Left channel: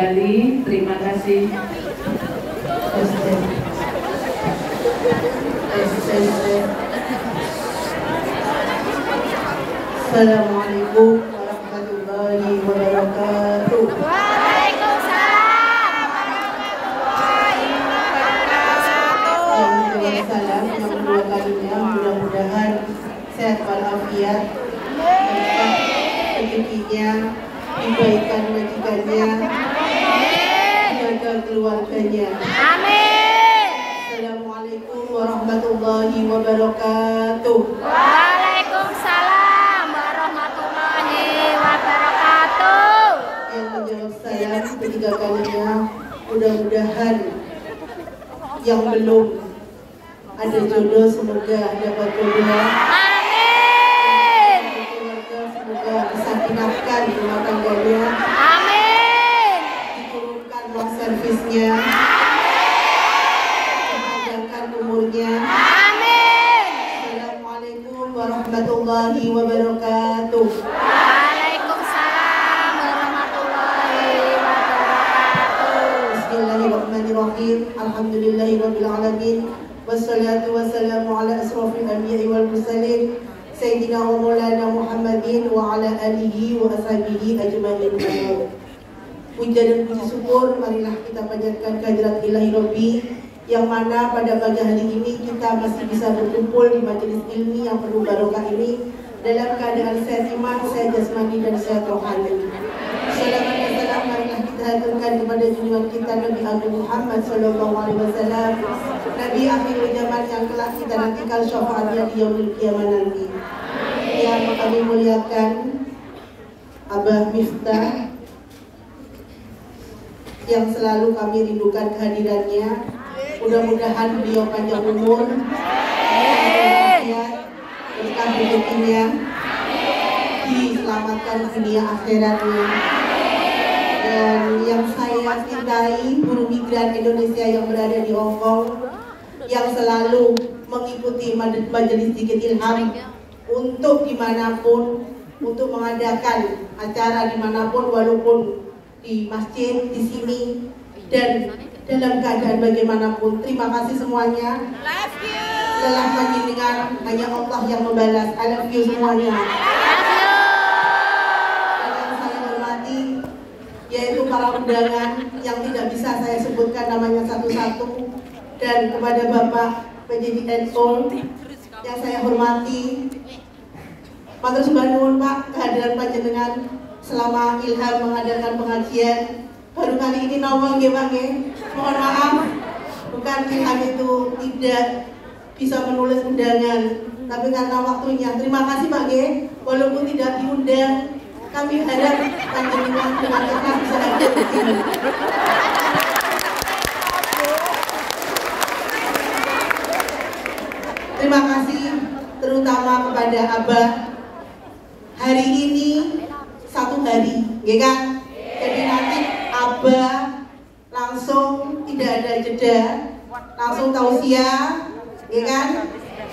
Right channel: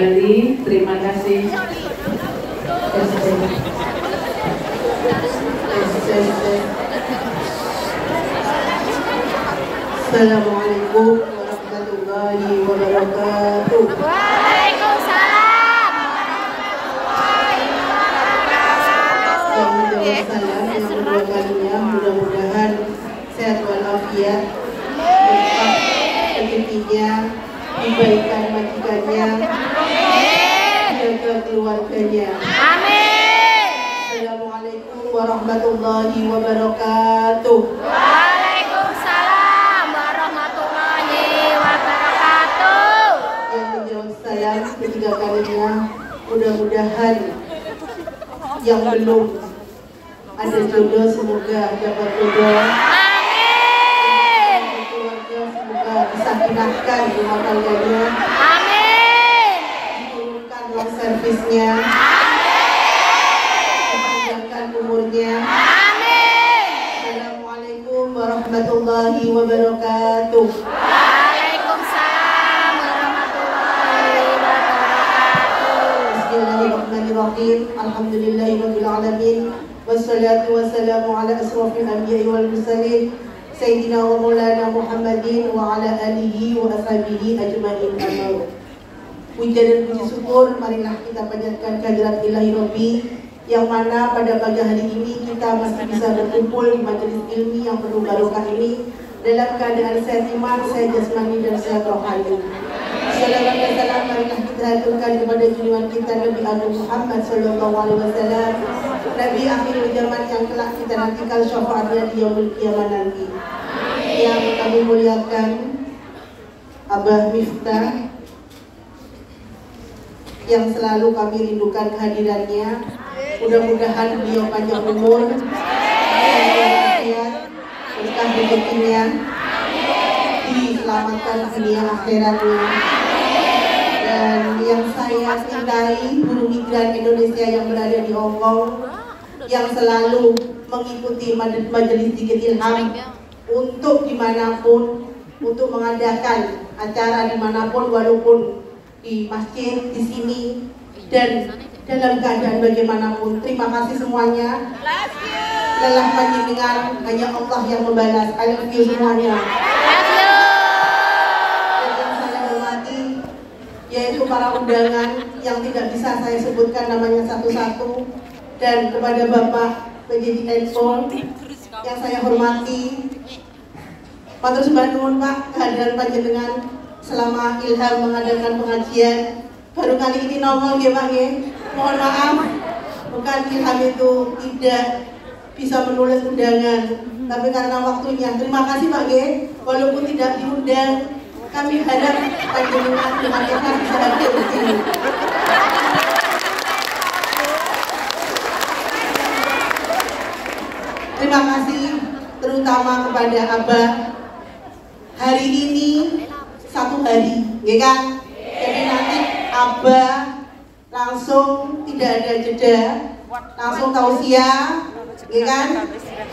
kembali. Terima kasih. Assalamualaikum warahmatullahi wabarakatuh. Waalaikumsalam warahmatullahi wabarakatuh. Yang salam yang kedua kalinya, mudah-mudahan sehat walafiat, berkah rezekinya, dibaikan majikannya, jaga keluarganya. Amin. Assalamualaikum warahmatullahi wabarakatuh. Waalaikumsalam warahmatullahi wabarakatuh. Yang menjawab salam ketiga kalinya, mudah-mudahan yang belum ada jodoh semoga dapat jodoh. Amin. Yang keluarga semoga disakinahkan rumah tangganya. Amin. Diturunkan long servisnya. Dipanjangkan umurnya. Amin. Assalamualaikum warahmatullahi wabarakatuh. Waalaikumsalam warahmatullahi wabarakatuh. Bismillahirrahmanirrahim. Alhamdulillahirabbil alamin. Wassalatu wassalamu ala asrofil anbiya'i wal mursalin Sayyidina wa maulana Muhammadin wa ala alihi wa ashabihi ajma'in. Puja dan puji syukur marilah kita panjatkan kehadirat Ilahi Rabbi, yang mana pada pagi hari ini kita masih bisa berkumpul di majelis ilmi yang penuh barokah ini dalam keadaan sehat iman, sehat jasmani dan sehat rohani. Salawat dan salam marilah kita haturkan kepada junjungan kita Nabi Agung Muhammad sallallahu alaihi wasallam, Nabi akhir zaman yang telah kita nantikan syafaatnya di yaumil qiyamah nanti. Yang kami muliakan Abah Miftah, yang selalu kami rindukan kehadirannya. Mudah-mudahan beliau panjang umur, sehat, berkah rezekinya, diselamatkan dunia akhiratnya. Dan yang saya cintai, buruh migran Indonesia yang berada di Hong Kong, yang selalu mengikuti majelis Zikir Ilham untuk dimanapun, untuk mengadakan acara dimanapun, walaupun di masjid, di sini, dan dalam keadaan bagaimanapun. Terima kasih semuanya. Lelah panjenengan, hanya Allah yang membalas. I love you semuanya. Yaitu para undangan yang tidak bisa saya sebutkan namanya satu-satu, dan kepada Bapak PJ Enpol yang saya hormati, matur sembah nuwun Pak kehadiran panjenengan selama Ilham mengadakan pengajian. Baru kali ini nongol nggih Pak nggih. Mohon maaf, bukan Ilham itu tidak bisa menulis undangan, tapi karena waktunya. Terima kasih Pak nggih, walaupun tidak diundang, kami harap panjenengan dengan ikhlas bisa hadir di sini. Terima kasih terutama kepada Abah. Hari ini satu hari, ya kan? Jadi nanti Abah langsung tidak ada jeda, langsung tausiah, ya kan?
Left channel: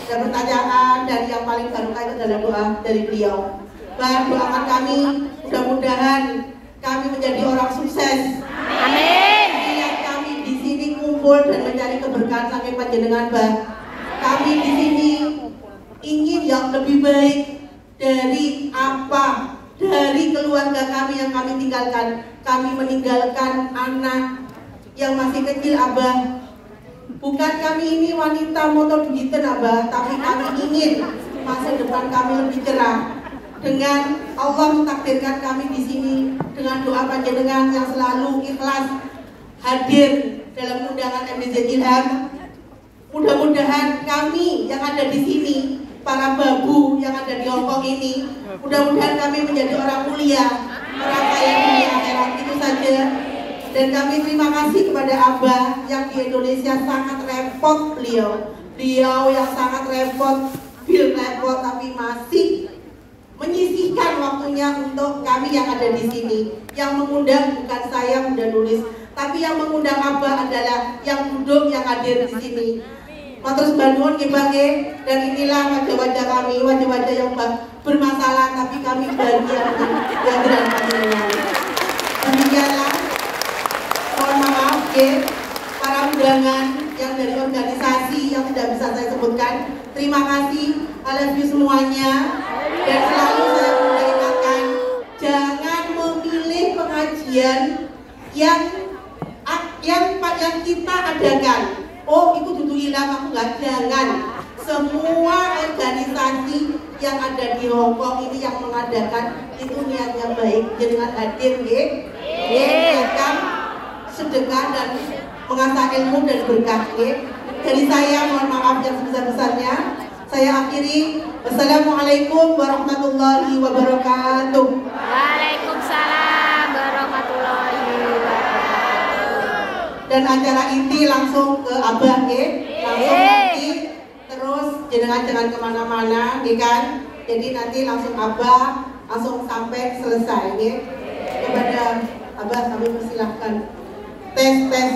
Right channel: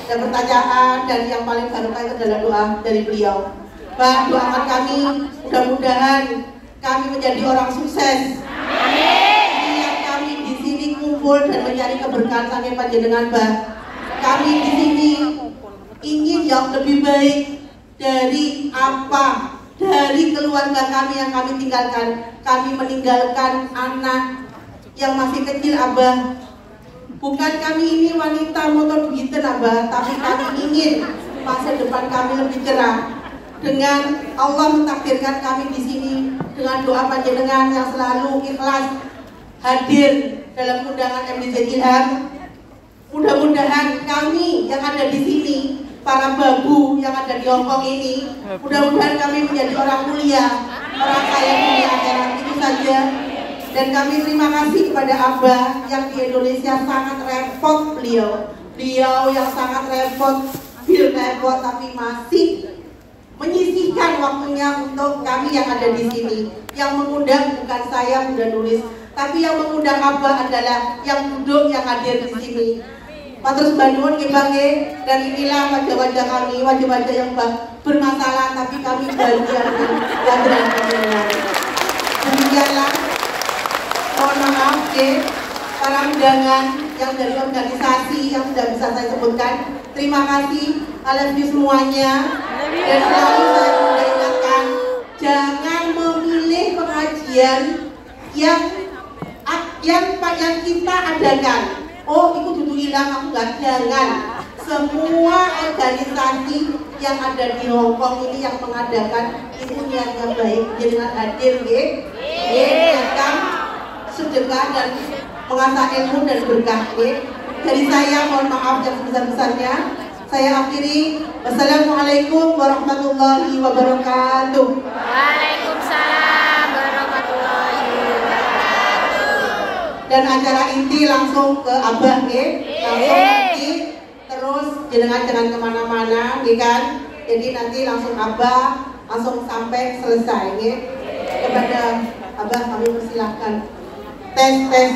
Dan pertanyaan, dan yang paling barokah itu adalah doa dari beliau. Bah, doakan kami, mudah-mudahan kami menjadi orang sukses. Amin. Biar kami di sini kumpul dan mencari keberkahan sampai panjenengan Bah. Kami di sini ingin yang lebih baik dari apa, dari keluarga kami yang kami tinggalkan. Kami meninggalkan anak yang masih kecil Abah. Bukan kami ini wanita motor begitu Abah, tapi kami ingin masa depan kami lebih cerah. Dengan Allah mentakdirkan kami di sini dengan doa panjenengan yang selalu ikhlas hadir dalam undangan MDZ Ilham. Mudah-mudahan kami yang ada di sini, para babu yang ada di Hongkong ini, mudah-mudahan kami menjadi orang mulia, orang kaya dunia akhirat. Itu saja. Dan kami terima kasih kepada Abah yang di Indonesia sangat repot beliau yang sangat repot, tapi masih menyisihkan waktunya untuk kami yang ada di sini. Yang mengundang bukan saya mudah nulis, tapi yang mengundang Abah adalah yang duduk, yang hadir di sini. Matur Bandung nggih, dan inilah wajah-wajah kami, wajah-wajah yang bermasalah, tapi kami bahagia dengan kehadiran panjenengan. Demikianlah maaf para undangan yang dari organisasi yang tidak bisa saya sebutkan. Terima kasih, I love you semuanya. Dan selalu saya mengingatkan, jangan memilih pengajian yang kita adakan. Oh, itu duduk hilang, aku nggak, jangan. Semua organisasi yang ada di Hongkong ini yang mengadakan itu niatnya baik, dengan hadir mengingatkan sedekah dan mengasah ilmu dan berkah. Dari saya mohon maaf yang sebesar-besarnya. Saya akhiri. Wassalamualaikum warahmatullahi wabarakatuh. Waalaikumsalam warahmatullahi wabarakatuh. Dan acara inti langsung ke Abah langsung inti, terus jangan kemana-mana kan. Jadi nanti langsung Abah langsung sampai selesai kepada Abah. Kami persilahkan. Tes tes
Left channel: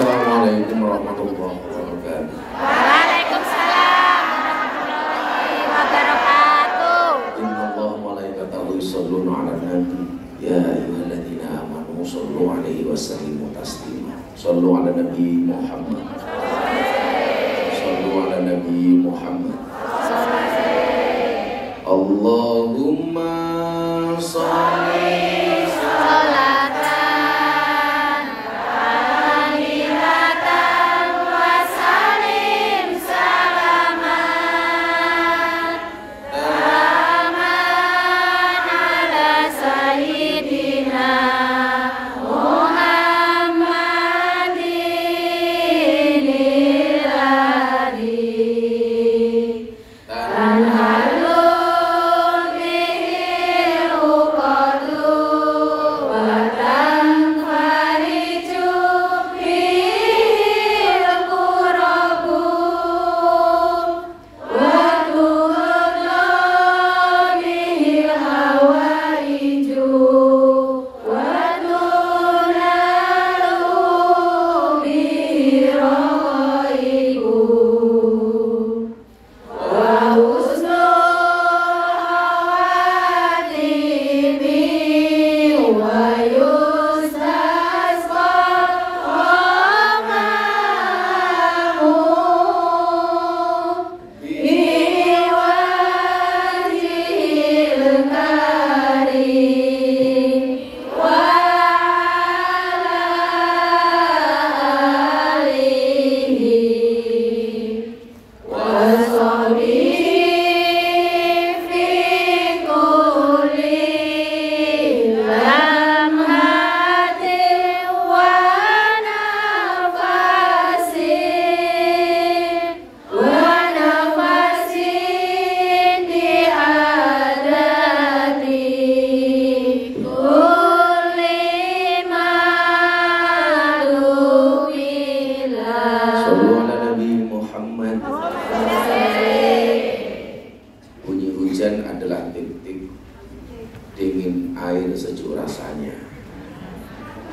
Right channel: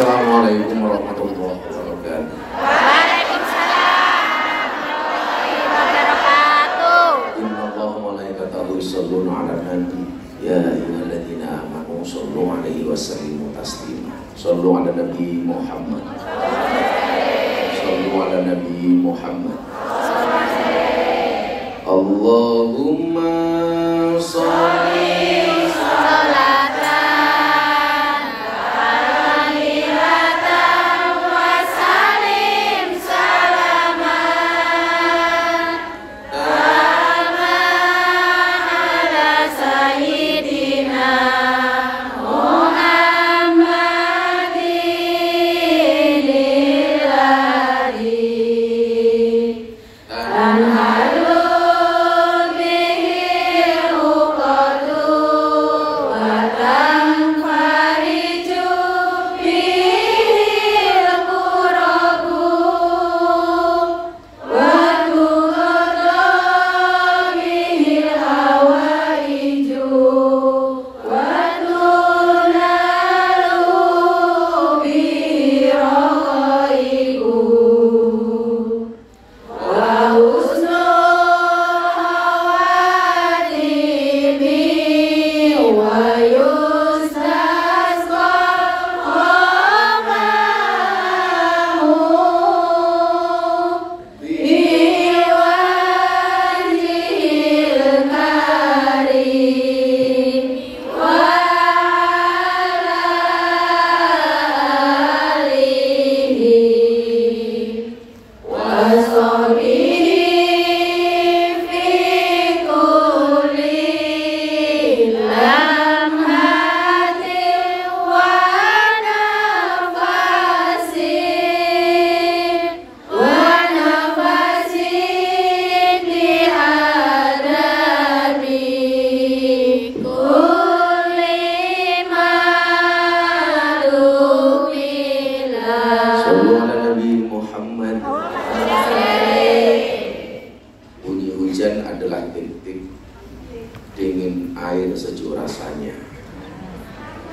Assalamualaikum warahmatullahi wabarakatuh. Waalaikumsalam warahmatullahi wabarakatuh. Innallaha wa malaikatahu yusholluna 'alan nabi ya ayyuhalladzina amanu shollu 'alaihi wa sallimu taslima. Shollu 'ala nabi Muhammad. Shollu 'ala nabi Muhammad. Allahumma sholli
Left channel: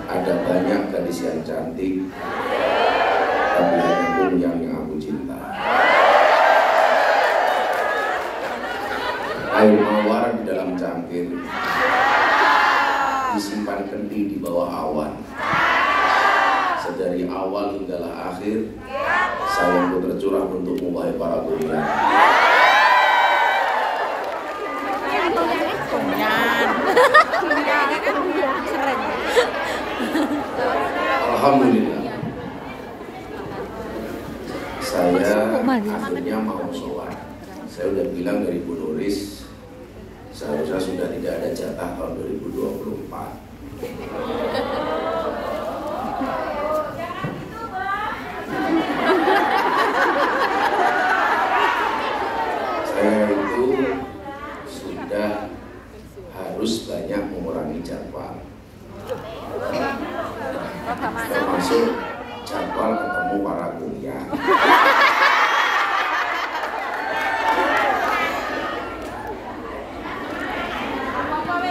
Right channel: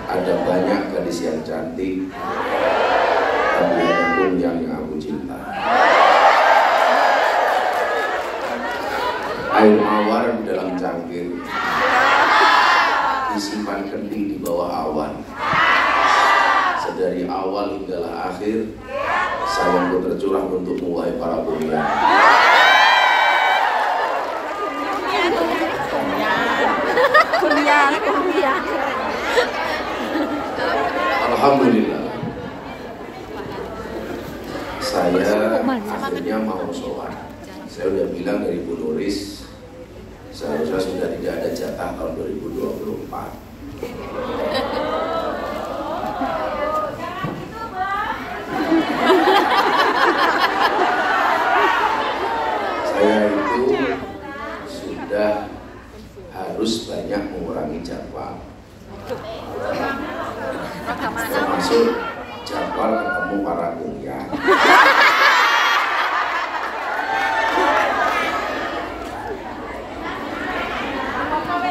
ada banyak gadis yang cantik, tapi ada pun yang aku cinta. Air mawar di dalam cangkir, disimpan kendi di bawah awan. Sedari awal hinggalah akhir, sayangku tercurah untukmu wahai para bulan. Alhamdulillah, saya akhirnya katanya mau sowan. Saya udah bilang dari Bu Nuris, seharusnya sudah tidak ada jatah tahun 2024. Saya itu sudah harus banyak mengurangi jadwal, termasuk jadwal ketemu para kuliah.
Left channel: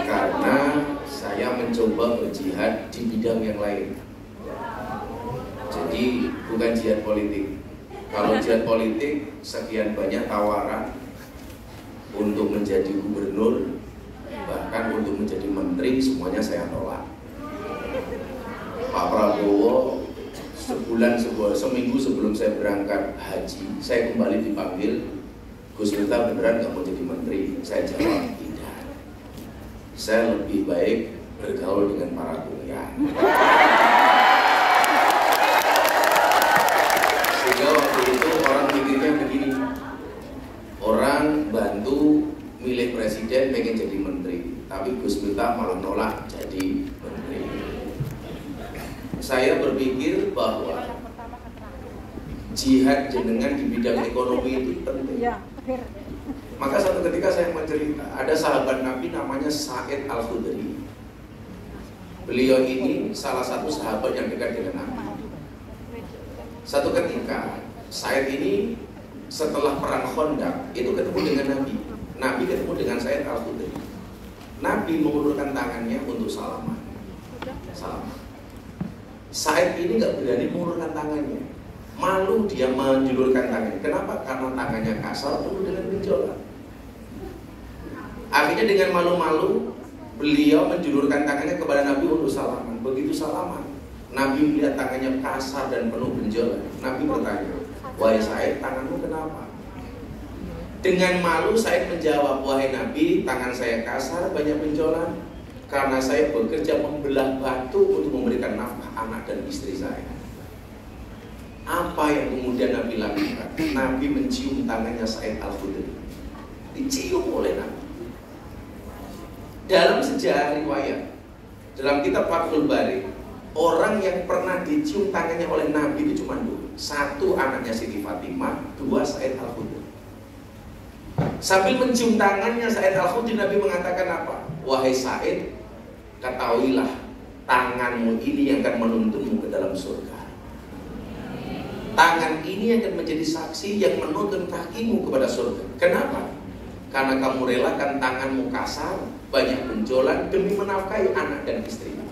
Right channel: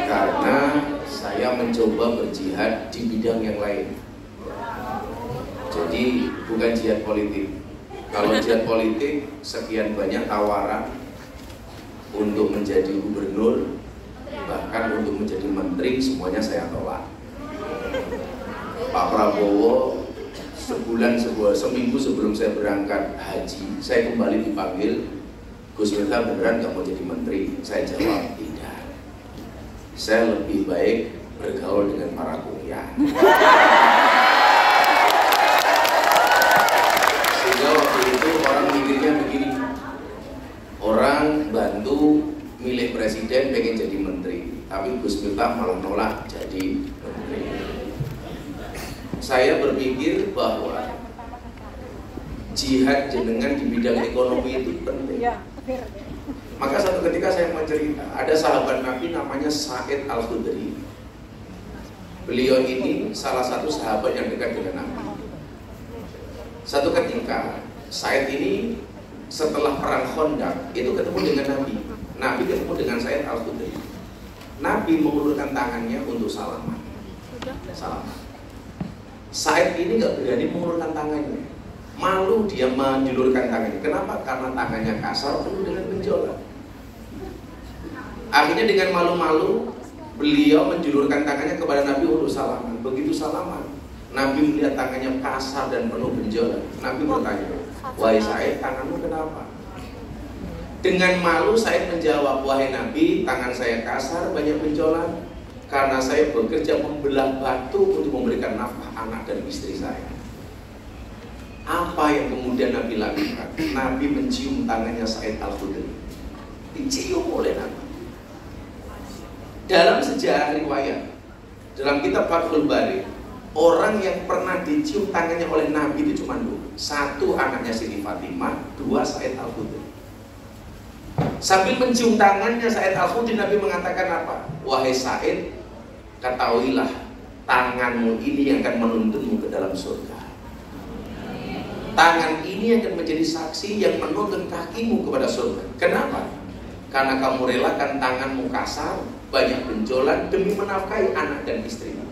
Karena saya mencoba berjihad di bidang yang lain. Jadi bukan jihad politik. Kalau jihad politik, sekian banyak tawaran untuk menjadi gubernur, bahkan untuk menjadi menteri, semuanya saya tolak. Pak Prabowo seminggu sebelum saya berangkat haji, saya kembali dipanggil, Gus Miftah beneran nggak mau jadi menteri? Saya jawab tidak. Saya lebih baik bergaul dengan para kuliah. Sehingga waktu itu orang mikirnya begini, orang bantu milih presiden pengen jadi menteri, tapi Gus Miftah malah nolak jadi menteri. Saya berpikir bahwa jihad jenengan di bidang ekonomi itu penting. Maka satu ketika saya mau cerita, ada sahabat Nabi namanya Sa'id Al-Khudri. Beliau ini salah satu sahabat yang dekat dengan Nabi. Satu ketika Sa'id ini setelah perang Khandaq itu ketemu dengan Nabi. Nabi ketemu dengan Sa'id Al-Khudri. Nabi mengulurkan tangannya untuk salaman. Sa'id ini nggak berani mengulurkan tangannya, malu dia menjulurkan tangannya. Kenapa? Karena tangannya kasar penuh dengan benjolan. Akhirnya dengan malu-malu beliau menjulurkan tangannya kepada Nabi untuk salaman. Begitu salaman, Nabi melihat tangannya kasar dan penuh benjolan. Nabi bertanya, "Wahai Sa'id, tanganmu kenapa?" Dengan malu Sa'id menjawab, "Wahai Nabi, tangan saya kasar, banyak benjolan karena saya bekerja membelah batu untuk memberikan nafkah anak dan istri saya." Apa yang kemudian Nabi lakukan? Nabi mencium tangannya Sa'id Al-Khudri. Dicium oleh Nabi. Dalam sejarah riwayat, dalam kitab Fathul Bari, orang yang pernah dicium tangannya oleh Nabi itu cuma dua. Satu anaknya Siti Fatimah, dua Sa'id Al-Khudri. Sambil mencium tangannya Sa'id Al-Khudri, Nabi mengatakan apa? "Wahai Sa'id, ketahuilah tanganmu ini yang akan menuntunmu ke dalam surga. Tangan ini akan menjadi saksi yang menuntun kakimu kepada surga. Kenapa? Karena kamu relakan tanganmu kasar, banyak benjolan demi menafkahi anak dan istrimu."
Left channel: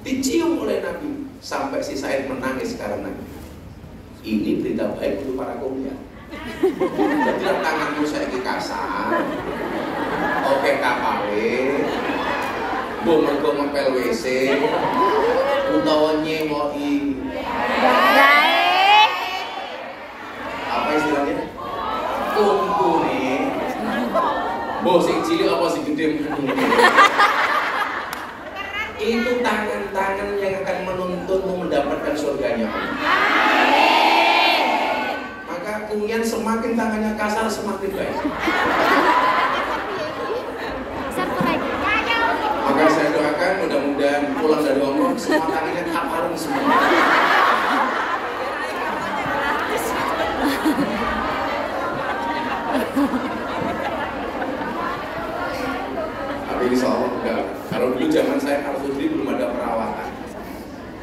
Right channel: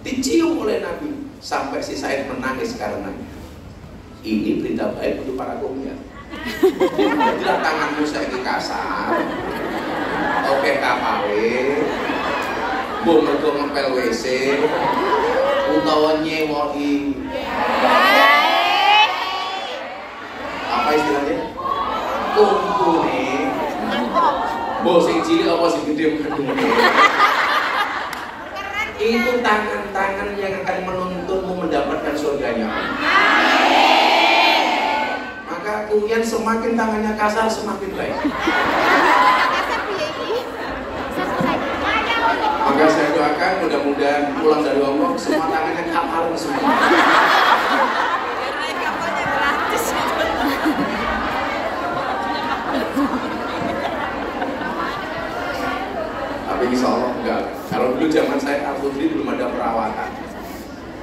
Dicium oleh Nabi sampai si Sa'id menangis karena ini berita baik untuk para kuliah. Jadilah tanganmu saiki kasar, oke kapale, mbok mergo ngepel WC, utawa nyemoki apa istilahnya? Kumpune. Mbok sing cilik apa sing gede mendung. Itu tangan-tangan yang akan menuntunmu mendapatkan surganya. Maka kemudian semakin tangannya kasar semakin baik. Maka saya doakan mudah-mudahan pulang dari Allah semua tangannya harum semua. Tapi insya Allah enggak. Kalau dulu zaman saya Al-Khudri belum ada perawatan.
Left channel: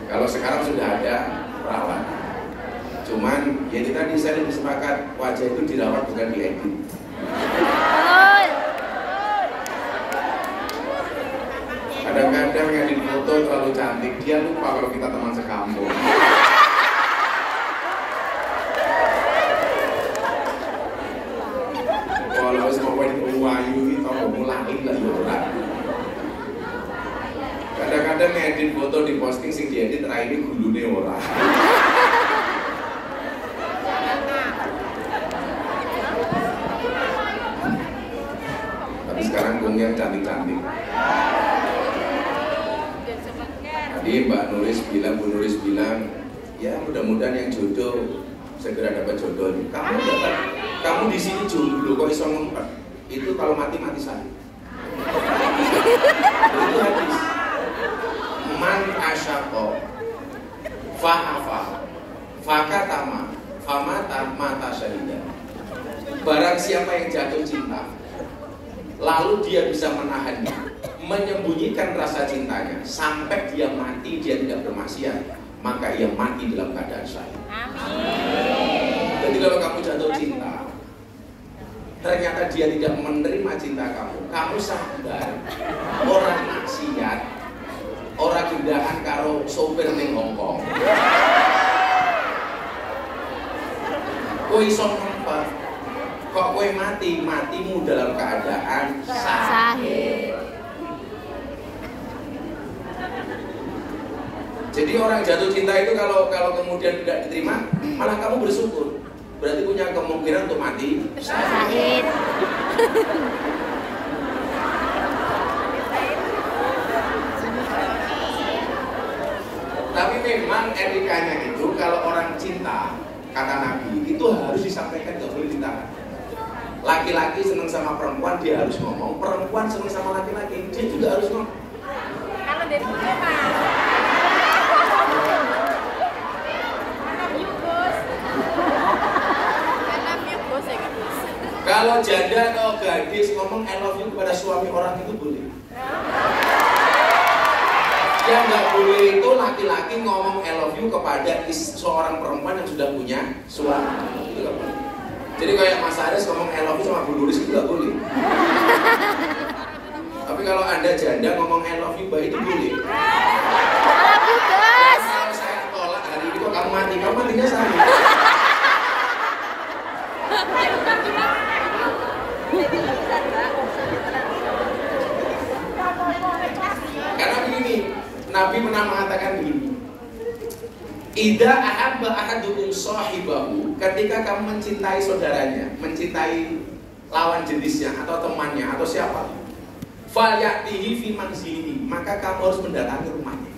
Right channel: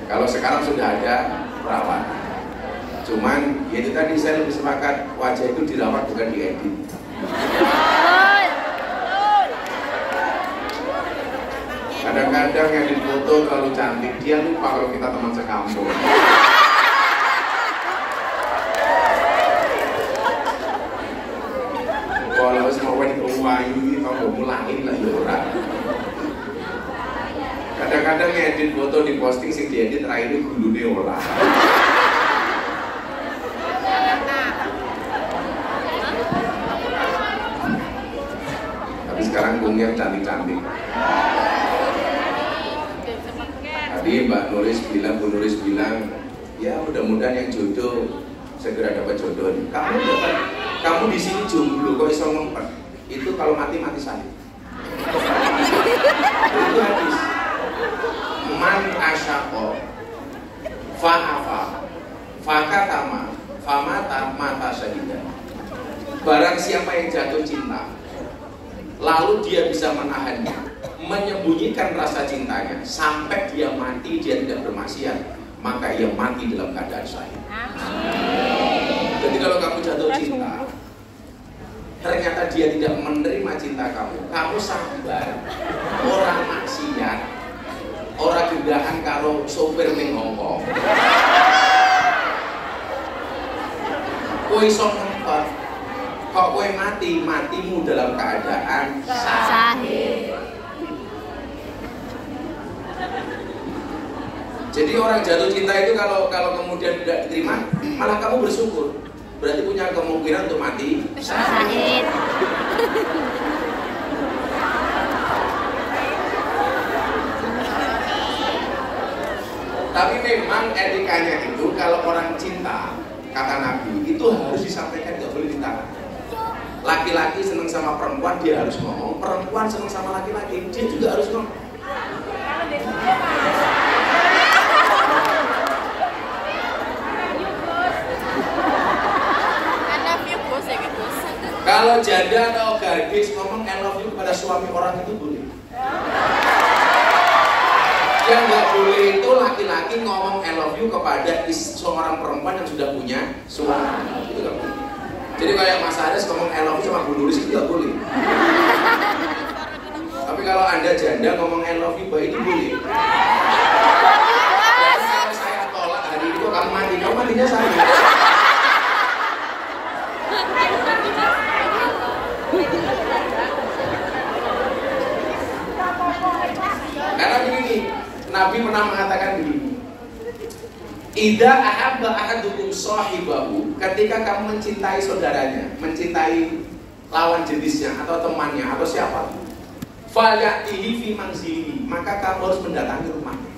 Kalau sekarang sudah ada perawatan. Cuman ya ini tadi saya lebih sepakat wajah itu dirawat bukan diedit. Kadang-kadang yang difoto terlalu cantik, dia lupa kalau kita teman sekampung. Kalau semua diuang ini kalau mulai lah ya orang. Kadang-kadang ngedit foto di posting sing diedit terakhir ini gulune ora. Tapi sekarang kuliah cantik-cantik. Tadi Mbak Nuris bilang, Bu Nuris bilang, ya mudah-mudahan yang jodoh segera dapat jodoh. Kamu dapat kamu di sini jomblo kok iso ngempet. Itu kalau mati syahid. Itu hadis. Man asyaqo fa'afa fakatama famata mata syahidan. Barang siapa yang jatuh cinta lalu dia bisa menahannya, menyembunyikan rasa cintanya sampai dia mati, dia tidak bermaksiat, maka ia mati dalam keadaan syahid. Jadi kalau kamu jatuh cinta ternyata dia tidak menerima cinta kamu, kamu sabar, orang maksiat, orang gendaan karo sopir ning Hongkong. Kowe iso ngempet, kok kowe matimu dalam keadaan syahid. Jadi orang jatuh cinta itu kalau kemudian tidak diterima, malah kamu bersyukur. Berarti punya kemungkinan untuk mati syahid. Tapi memang etikanya itu kalau orang cinta, kata Nabi, itu harus disampaikan, nggak boleh ditahan. Laki-laki seneng sama perempuan, dia harus ngomong. Perempuan seneng sama laki-laki, dia juga harus ngomong. Kalau janda atau gadis ngomong I love you kepada suami orang itu boleh. Yang nggak boleh itu laki-laki ngomong I love you kepada seorang perempuan yang sudah punya suami. Itu nggak boleh. Jadi kayak Mas Aris ngomong I love you sama Bu Nuris itu nggak boleh. Tapi kalau Anda janda ngomong I love you, itu boleh. Kalau saya tolak hari itu kamu matinya saya. Karena begini, Nabi pernah mengatakan begini, idza ahabba ahadukum sahibahu, ketika kamu mencintai saudaranya, mencintai lawan jenisnya atau temannya atau siapa, falyatihi fi manzilihi, maka kamu harus mendatangi rumahnya.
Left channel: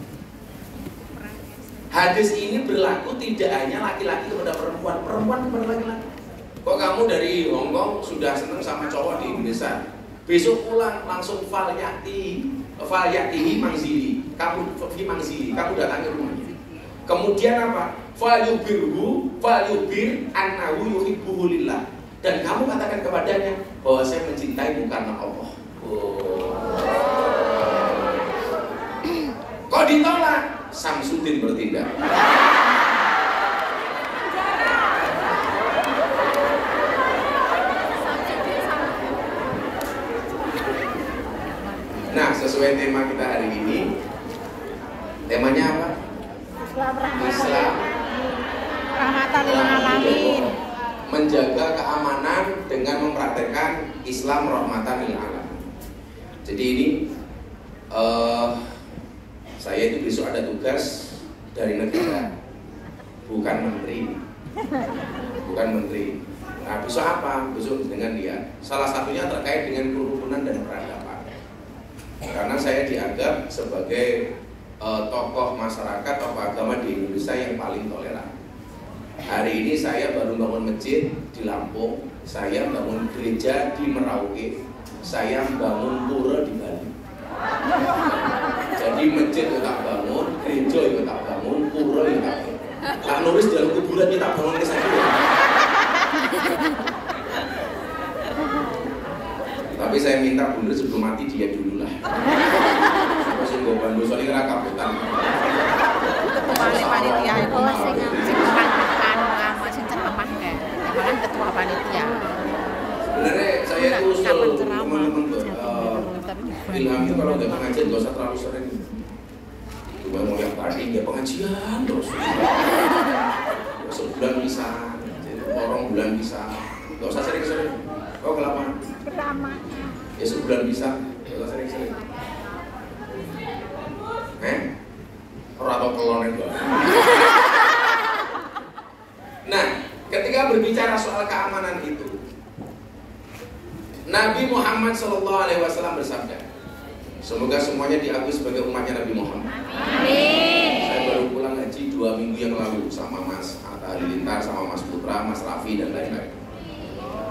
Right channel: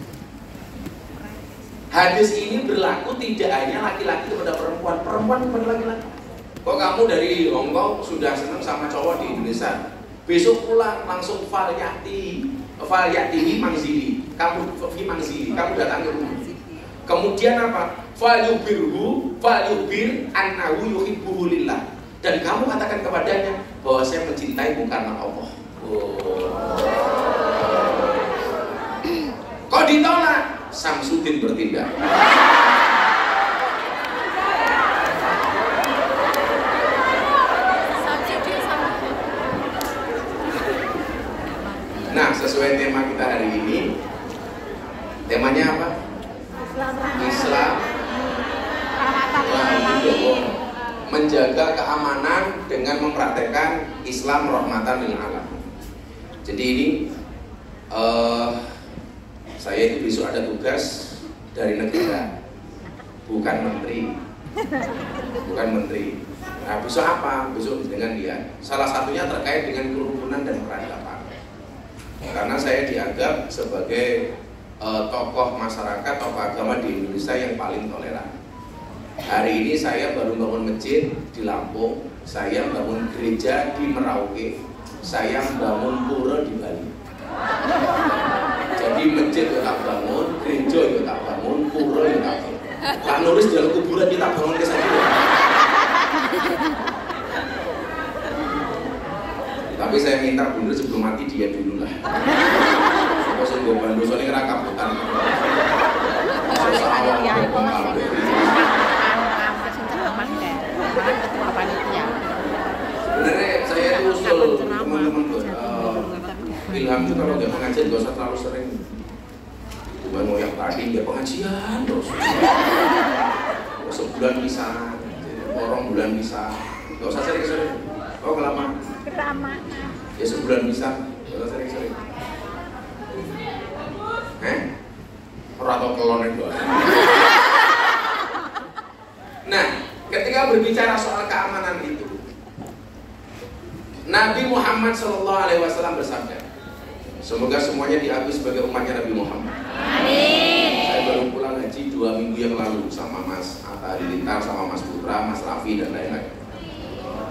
Hadis ini berlaku tidak hanya laki-laki kepada perempuan, perempuan kepada laki-laki. Kok kamu dari Hongkong sudah senang sama cowok di Indonesia, besok pulang langsung falyatihi manzili, kamu fi manzili, kamu datang ke rumah. Kemudian apa? Falyubir annahu yuhibbuhu lillah, dan kamu katakan kepadanya bahwa saya mencintaimu karena Allah. Kok ditolak? Samsudin bertindak. Nah, sesuai tema kita hari ini, temanya apa? Islam rahmatan lil alamin. Menjaga keamanan dengan mempraktekkan Islam rahmatan lil alamin. Jadi ini saya itu besok ada tugas dari negara, bukan menteri. Nah, besok apa? Besok dengan dia. Salah satunya terkait dengan kerukunan dan peradaban. Karena saya dianggap sebagai tokoh masyarakat, tokoh agama di Indonesia yang paling toleran. Hari ini saya baru bangun masjid di Lampung, saya bangun gereja di Merauke, saya bangun pura di Bali. Jadi masjid kita bangun, gereja kita bangun, pura kita bangun. Pak Nuris dalam kuburan kita bangun ke sana. Tapi saya minta Bu Nuris sebelum mati dia dulu lah. Pas gue bantu soalnya kira kabutan. Ketua panitia. Sebenarnya saya itu usul teman-teman tuh. Ilham itu kalau nggak pengajian nggak usah terlalu sering. Cuma mau yang tadi dia pengajian terus. Sebulan bisa, orang bulan bisa. Nggak usah sering-sering. Kau kelamaan. Ya sebulan bisa, nggak usah sering-sering. Orang atau kelonek doang. Nah, ketika berbicara soal keamanan itu, Nabi Muhammad SAW bersabda, semoga semuanya diakui sebagai umatnya Nabi Muhammad. Amin. Saya baru pulang haji 2 minggu yang lalu sama Mas Atta Halilintar, sama Mas Putra, Mas Raffi dan lain-lain.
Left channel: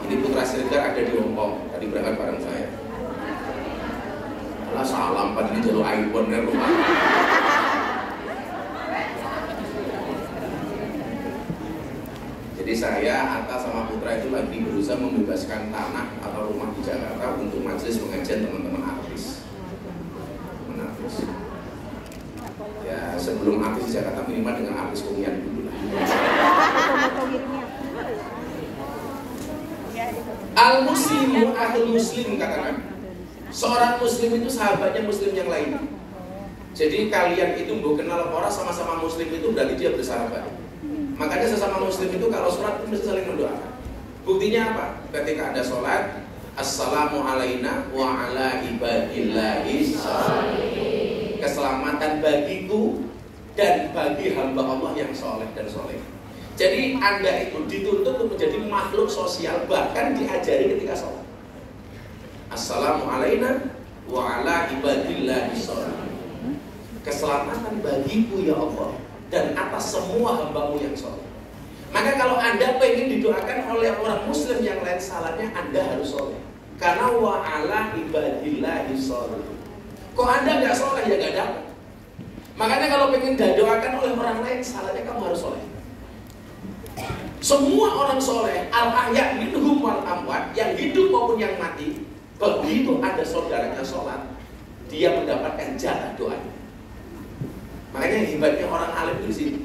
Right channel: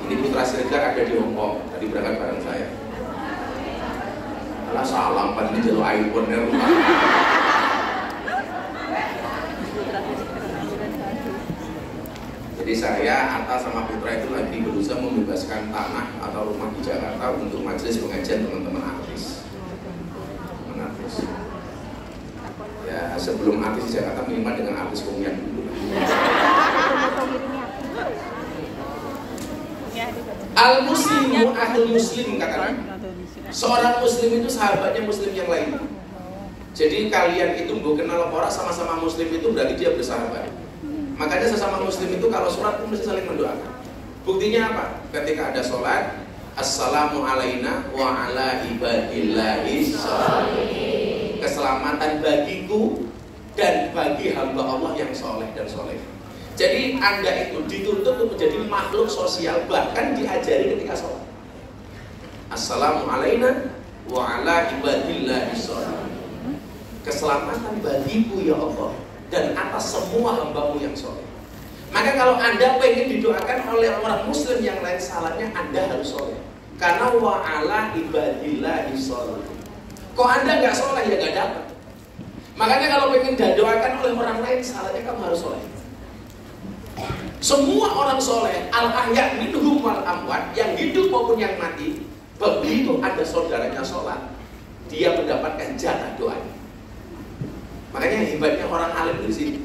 Ini Putra Siregar ada di Hongkong, tadi berangkat bareng saya. Lah salam kan di jalur iPhone ya rumah. Jadi saya, Atta sama Putra itu lagi berusaha membebaskan tanah atau rumah di Jakarta untuk majelis pengajian teman-teman artis. Ya sebelum artis di Jakarta minimal dengan artis Pungian dulu. Al-muslimu akhul muslim katakan. Seorang muslim itu sahabatnya muslim yang lain. Jadi kalian itu mau kenal orang sama-sama muslim itu berarti dia bersahabat. Makanya sesama muslim itu kalau sholat itu mesti saling mendoakan. Buktinya apa? Ketika ada sholat, assalamu alaina wa ala ibadillahi sholihin. Keselamatan bagiku dan bagi hamba Allah yang soleh dan soleh. Jadi Anda itu dituntut untuk menjadi makhluk sosial, bahkan diajari ketika sholat. Assalamu alaina wa ala ibadillahi sholihin. Keselamatan bagiku ya Allah dan atas semua hambamu yang soleh. Maka kalau Anda pengen didoakan oleh orang muslim yang lain, salahnya Anda harus soleh. Karena wa ala ibadillahi sholihin. Kok Anda nggak soleh ya nggak dapat. Makanya kalau pengen didoakan oleh orang lain, salahnya kamu harus soleh. Semua orang soleh, al-ahya minhum wal amwat, yang hidup maupun yang mati, begitu ada saudaranya sholat, dia mendapatkan jatah doanya. Makanya hebatnya orang alim di sini.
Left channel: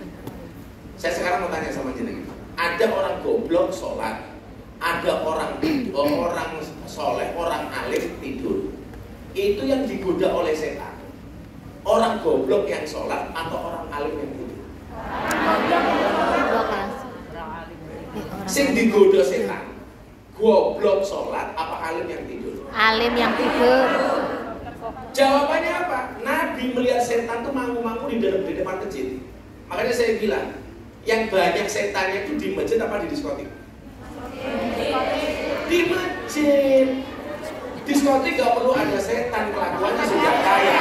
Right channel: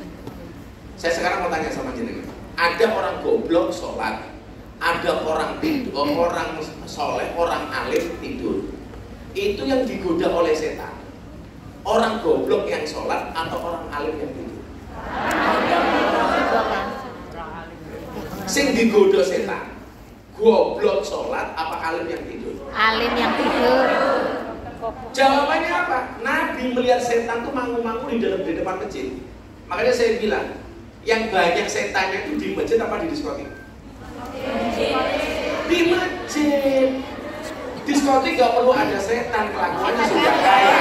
Saya sekarang mau tanya sama jenengan. Ada orang goblok sholat, ada orang soleh, orang alim tidur. Itu yang digoda oleh setan. Orang goblok yang sholat atau orang alim yang tidur? Sing digoda setan. Goblok sholat apa alim yang tidur? Alim yang tidur. Jawabannya apa? Nabi melihat setan tuh mangu-mangu di depan masjid. Makanya saya bilang, yang banyak setannya itu di masjid apa di diskotik? Di masjid. Diskotik gak perlu ada setan, kelakuannya sudah kaya.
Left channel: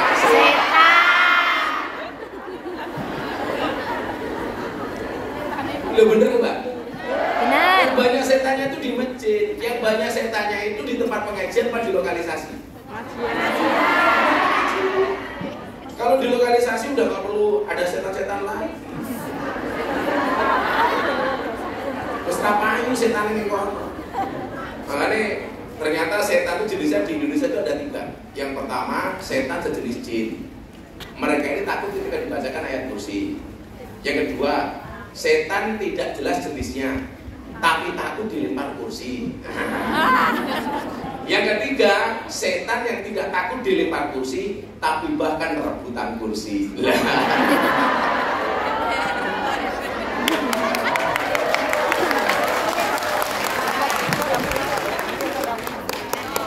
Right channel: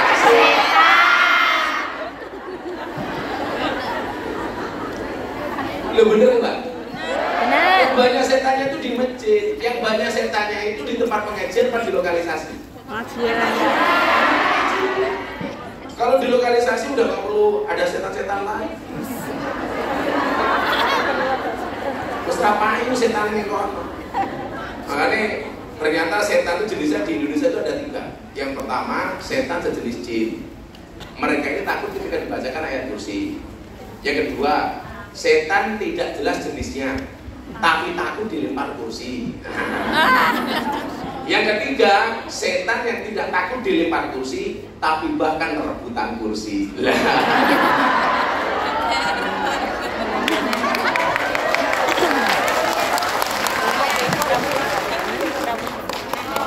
Lo bener nggak? Benar. Yang banyak setannya itu di masjid, yang banyak setannya itu di tempat pengajian apa di lokalisasi? Kalau di lokalisasi udah gak perlu ada setan-setan lain. Terus ngapain setan ini koran? Makanya ternyata setan itu jenisnya di Indonesia itu ada 3. Yang pertama, setan sejenis jin. Mereka ini takut ketika dibacakan ayat kursi. Yang kedua, setan tidak jelas jenisnya, tapi takut dilempar kursi. Yang ketiga, setan yang tidak takut dilempar kursi, tapi bahkan rebutan kursi.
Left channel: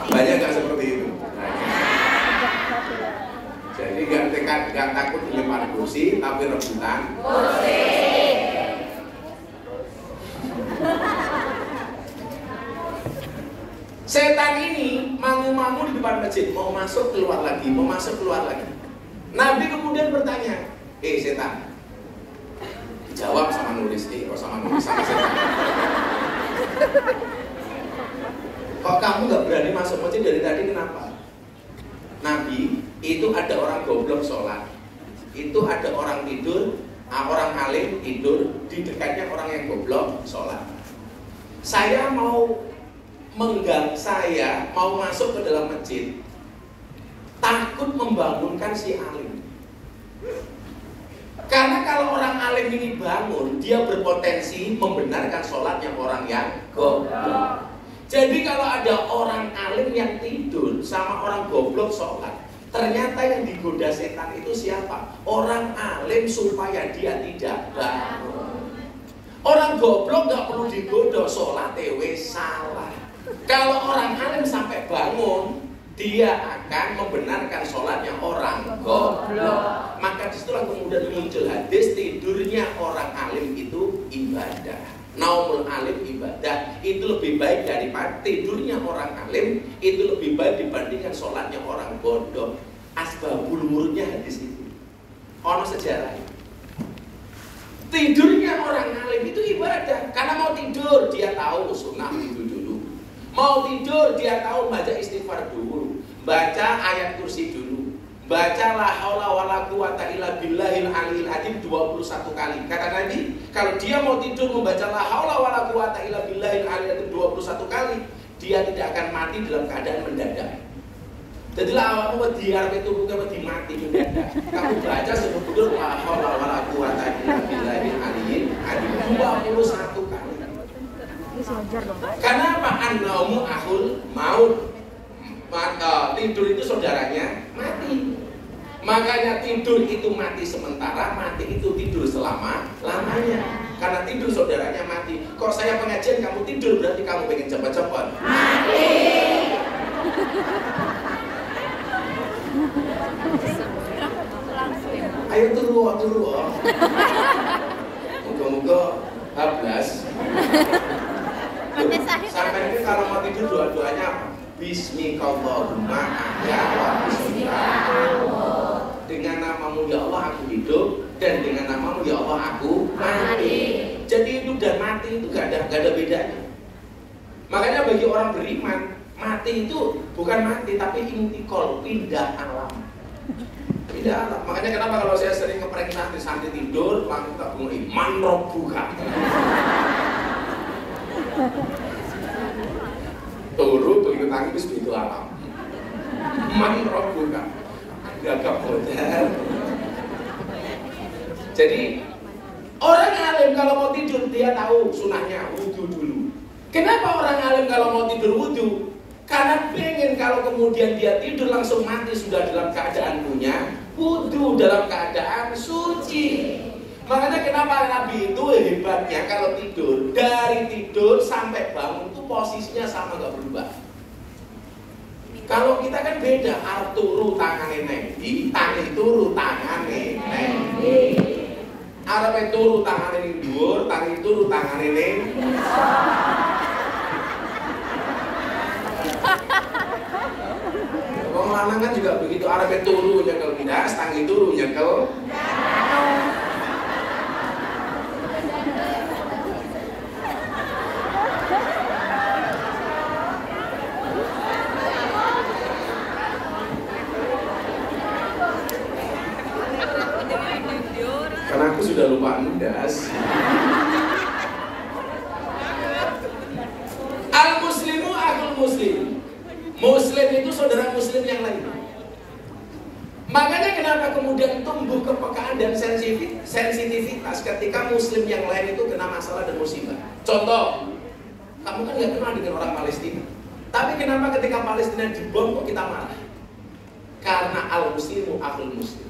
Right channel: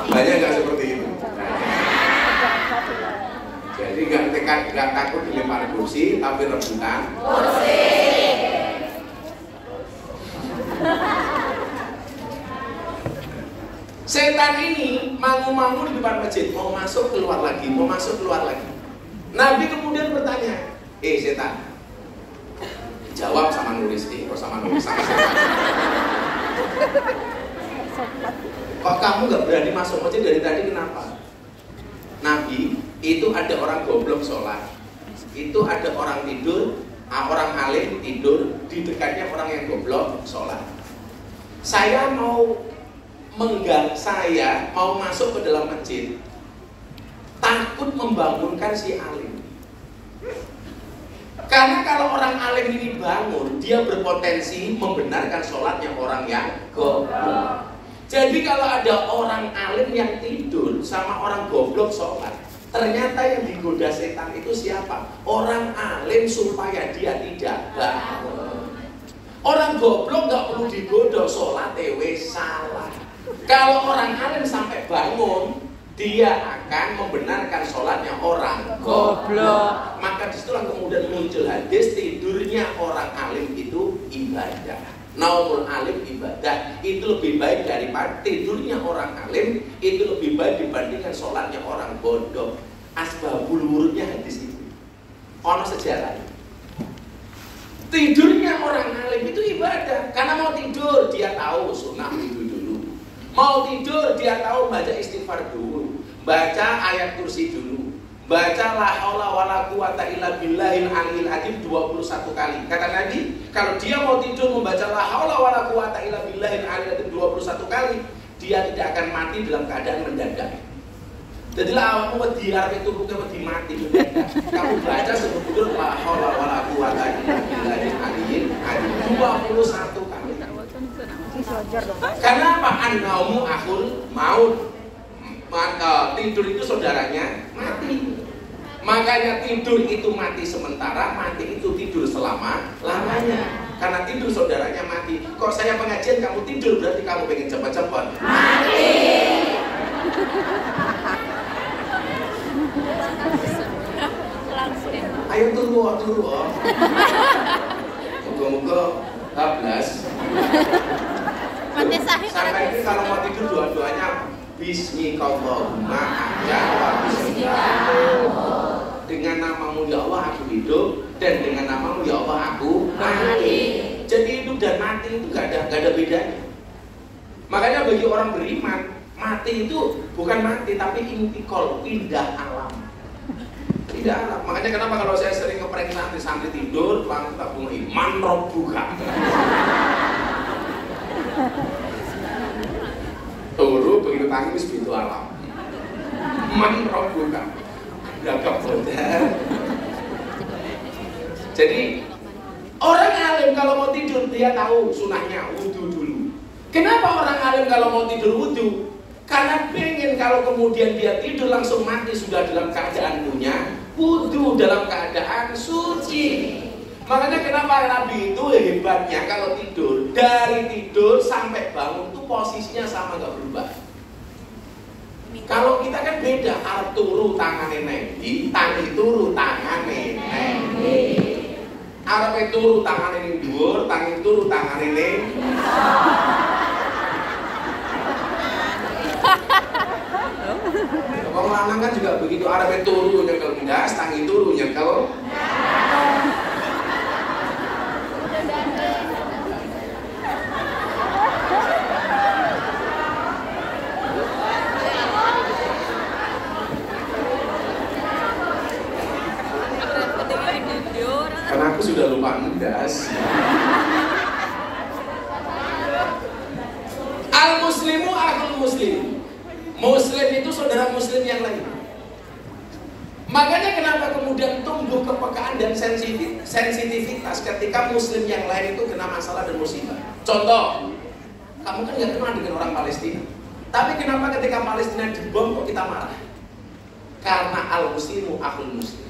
Banyak nggak seperti itu? Jadi nggak takut dilempar kursi, tapi rebutan kursi. Setan ini mangu-mangu di depan masjid, mau masuk keluar lagi, mau masuk keluar lagi. Nabi kemudian bertanya, setan, jawab sama nulis, sama nulis sama setan. Kok kamu gak berani masuk masjid dari tadi, kenapa? Nabi, itu ada orang goblok sholat, itu ada orang tidur, orang alim tidur, di dekatnya orang yang goblok sholat. Saya mau masuk ke dalam masjid, takut membangunkan si alim. Karena kalau orang alim ini bangun, dia berpotensi membenarkan sholatnya orang yang goblok. Jadi kalau ada orang alim yang tidur sama orang goblok sholat, ternyata yang digoda setan itu siapa? Orang alim supaya dia tidak bangun. Orang goblok gak perlu digoda, sholat salah. Kalau orang alim sampai bangun, dia akan membenarkan sholatnya orang goblok. Maka disitulah kemudian muncul hadis, tidurnya orang alim itu ibadah. Naumul alim ibadah. Itu lebih baik daripada tidurnya orang alim, itu lebih baik dibandingkan sholatnya orang bodoh. Asbabul wurudnya hadis itu ono sejarah. Tidurnya orang alim itu ibadah. Karena mau tidur, dia tahu sunnah itu dulu. Mau tidur dia tahu baca istighfar dulu, baca ayat kursi dulu, baca la haula wala quwata illa billahil aliyil azim 21 kali. Kata Nabi, kalau dia mau tidur membaca la haula wala quwata illa billahil aliyil azim 21 kali, dia tidak akan mati dalam keadaan mendadak. Jadilah awakmu wedi arep itu bukan wedi mati mendadak. Kamu baca sebelum tidur la haula wala quwata illa billahil aliyil azim 21 kali. Karena apa? An-naumu akhul maut. Tidur itu saudaranya mati. Makanya tidur itu mati sementara, mati itu tidur selama-lamanya. Karena tidur saudaranya mati. Kok saya pengajian kamu tidur berarti kamu pengen cepat-cepat mati. Ayo turu. Moga-moga hablas. Sampai ini kalau mau tidur dua-duanya Bismillahirrahmanirrahim. Dengan namamu ya Allah aku hidup, dan dengan namamu ya Allah aku mati. Jadi hidup dan mati itu gak ada bedanya. Makanya bagi orang beriman, mati itu bukan mati tapi intikal, pindah alam. Pindah alam. Makanya kenapa kalau saya sering ngeprank santri tidur, langsung tak bunyi man rabbuka. Turu begitu tangi wis pintu alam. Man rabbuka. Gagap hotel. Jadi orang alim kalau mau tidur dia tahu sunahnya wudu dulu. Kenapa orang alim kalau mau tidur wudu? Karena pengen kalau kemudian dia tidur langsung mati sudah dalam keadaan punya wudu, dalam keadaan suci. Makanya kenapa Nabi itu hebatnya kalau tidur, dari tidur sampai bangun itu posisinya sama gak berubah. Kalau kita kan beda, arep turu tangane Nabi, tangi turu tangane Nabi. Arep turu tangane ning dhuwur, tangi turu tangane ning. Wong lanang kan juga begitu, arep turu nyekel ndas, tangi turu nyekel. Karena aku sudah lupa ndas. Al-muslimu akhul muslim. Muslim itu saudara muslim yang lain. Makanya kenapa kemudian tumbuh kepekaan dan sensitivitas ketika muslim yang lain itu kena masalah dan musibah. Contoh, kamu kan gak kenal dengan orang Palestina, tapi kenapa ketika Palestina dibom kok kita marah? Karena al-muslimu akhul muslim.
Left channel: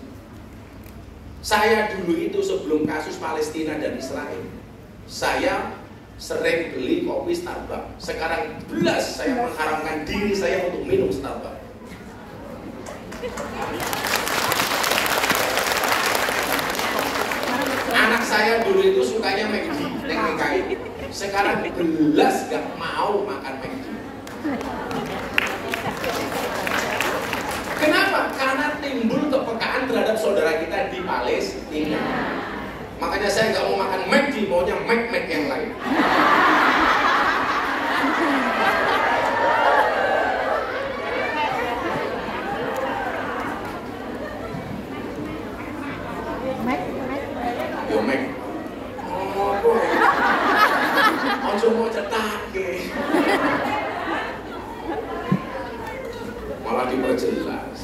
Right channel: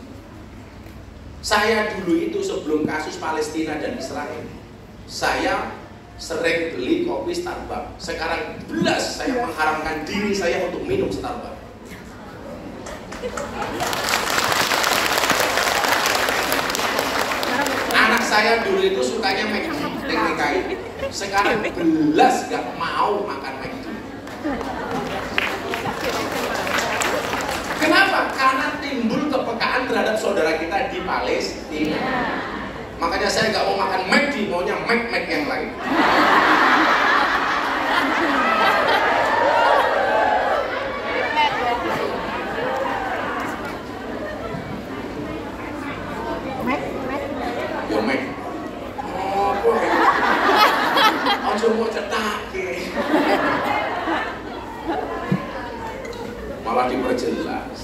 Saya dulu itu sebelum kasus Palestina dan Israel, saya sering beli kopi Starbucks. Sekarang belas saya mengharamkan diri saya untuk minum Starbucks. Anak saya dulu itu sukanya McD. Sekarang belas gak mau makan McD. Kenapa? Karena timbul kepekaan terhadap saudara kita di Palestina. Makanya saya nggak mau makan McD, maunya Mac yang lain. Yo Mac. Oh, boy. Ojo mau cetak. Malah diperjelas.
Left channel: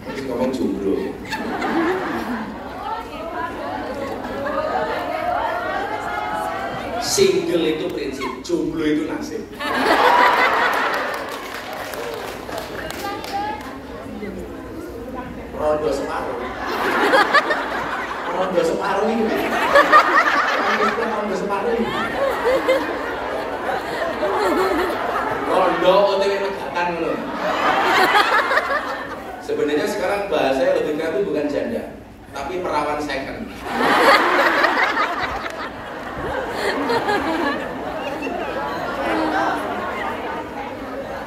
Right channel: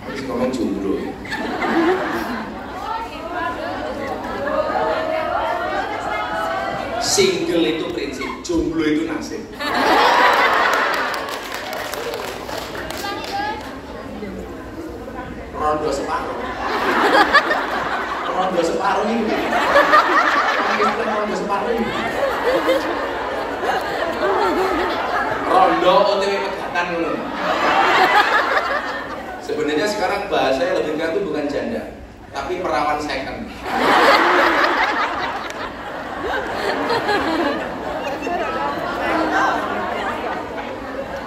Habis ngomong jomblo. Single itu prinsip, jomblo itu nasib. Rondo separuh. Rondo separuh ini. Rondo separuh ini. Rondo OTW Pegatan loh. Sebenarnya sekarang bahasanya lebih itu bukan janda, tapi perawan second.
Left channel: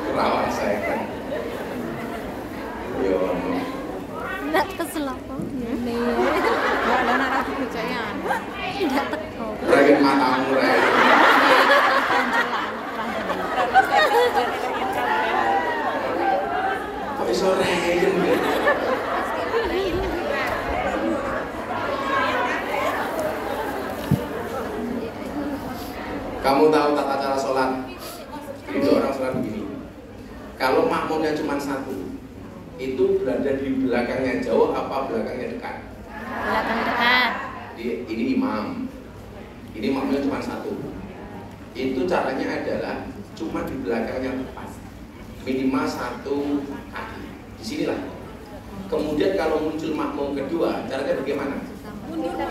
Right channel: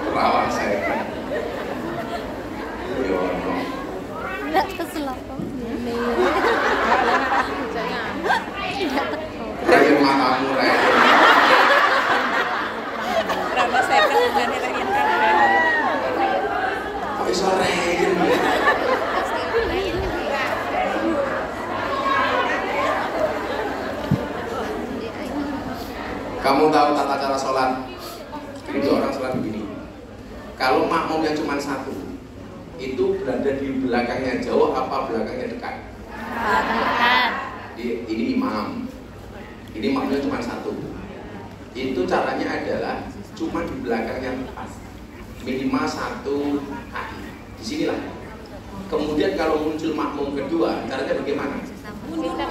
Perawan second. Enggak keselapang. Regen matamu, regen. sore. Kamu tahu tata cara sholat? Itu orang sholat begini. Kalau makmumnya cuma satu, itu berada di belakangnya jauh apa belakangnya dekat? Belakang dekat. Ini imam. Ini makmumnya cuma satu. Itu caranya adalah cuma di belakangnya tepat. Minimal 1 kaki. Di sinilah. Kemudian kalau muncul makmum kedua, caranya bagaimana?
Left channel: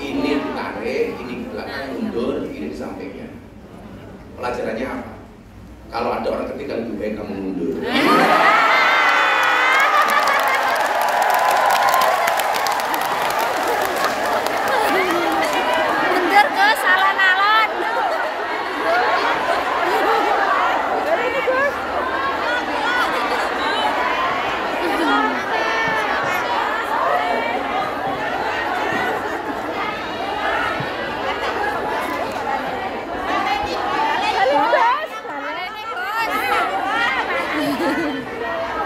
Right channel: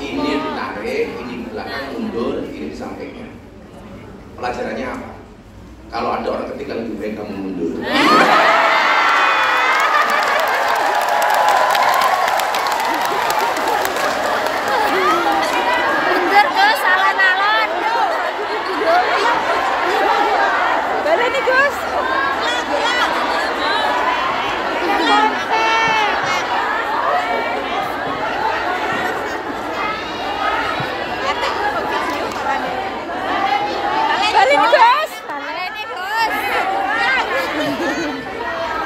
Ini ditarik, ini di belakang mundur, ini di sampingnya. Pelajarannya apa? Kalau ada orang ketiga lebih baik kamu mundur. Mundur ke salah nalon. Balik nih Gus.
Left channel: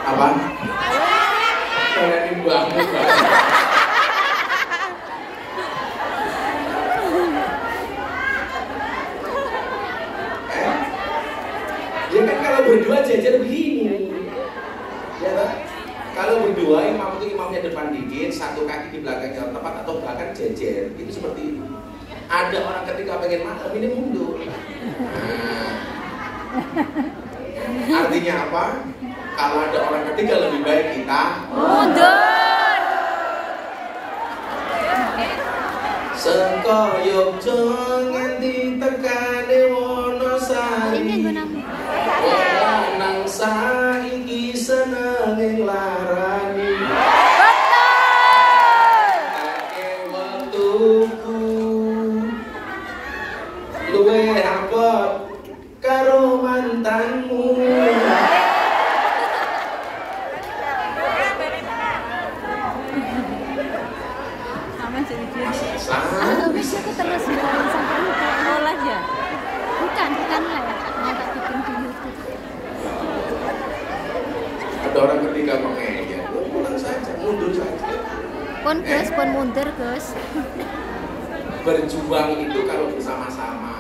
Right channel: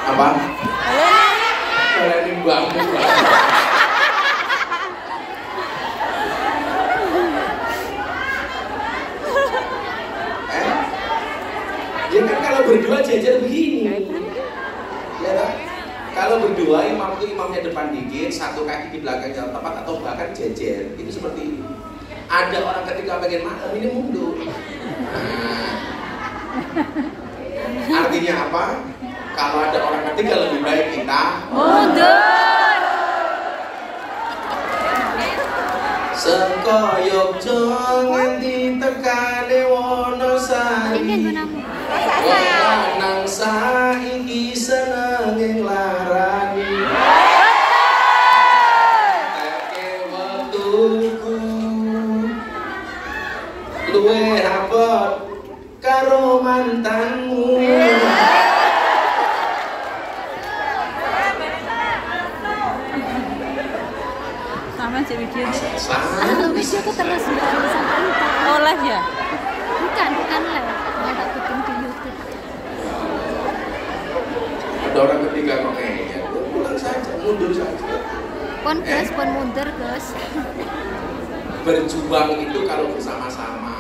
Apa? Kalian banget. Ya kan kalau berdua jajar begini. Ya kan? Kalau berdua imam itu imamnya depan dikit, 1 kaki di belakang yang tepat atau bahkan jajar. Itu seperti ini. Ada orang ketika pengen makmum ini mundur. Artinya apa? Kalau ada orang ketiga lebih baik kita Mundur. Sekoyok nganti tekane Wonosari. Lanang saiki seneng larani. Ake wektuku luwe abot karo mantanmu. Video aku terus sampai lupa. Mau live ya? Bukan live. Mau tak bikin di YouTube. Ada orang ketiga kok ngeyel, pulang saja, mundur saja. Pon Gus, pon mundur Gus. Berjuang itu kalau bersama-sama.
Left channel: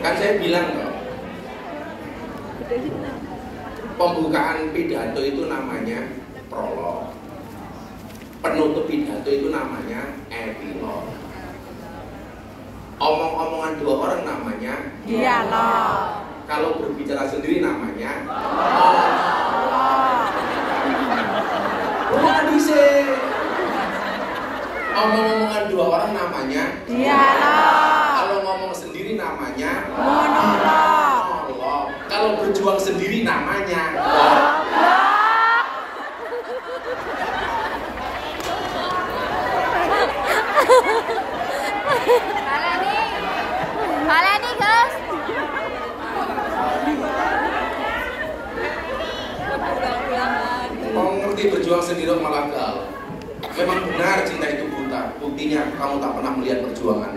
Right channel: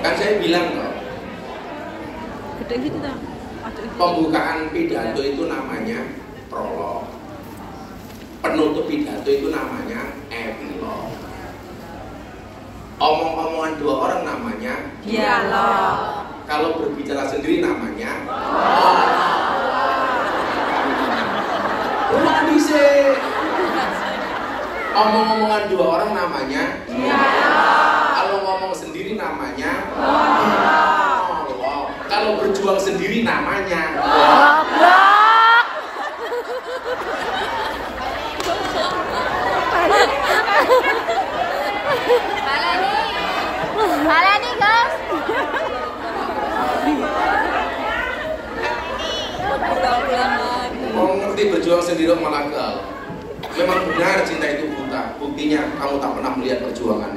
Kan saya bilang loh, pembukaan pidato itu namanya prolog. Penutup pidato itu namanya epilog. Omong-omongan 2 orang namanya dialog. Kalau berbicara sendiri namanya omong-omongan 2 orang namanya dialog. Kalau ngomong sendiri namanya monolog. Kalau berjuang sendiri namanya goblok. Malah nih Gus. Mau ngerti berjuang sendiri malah gagal. Memang benar cinta itu buta. Buktinya kamu tak pernah melihat perjuangan.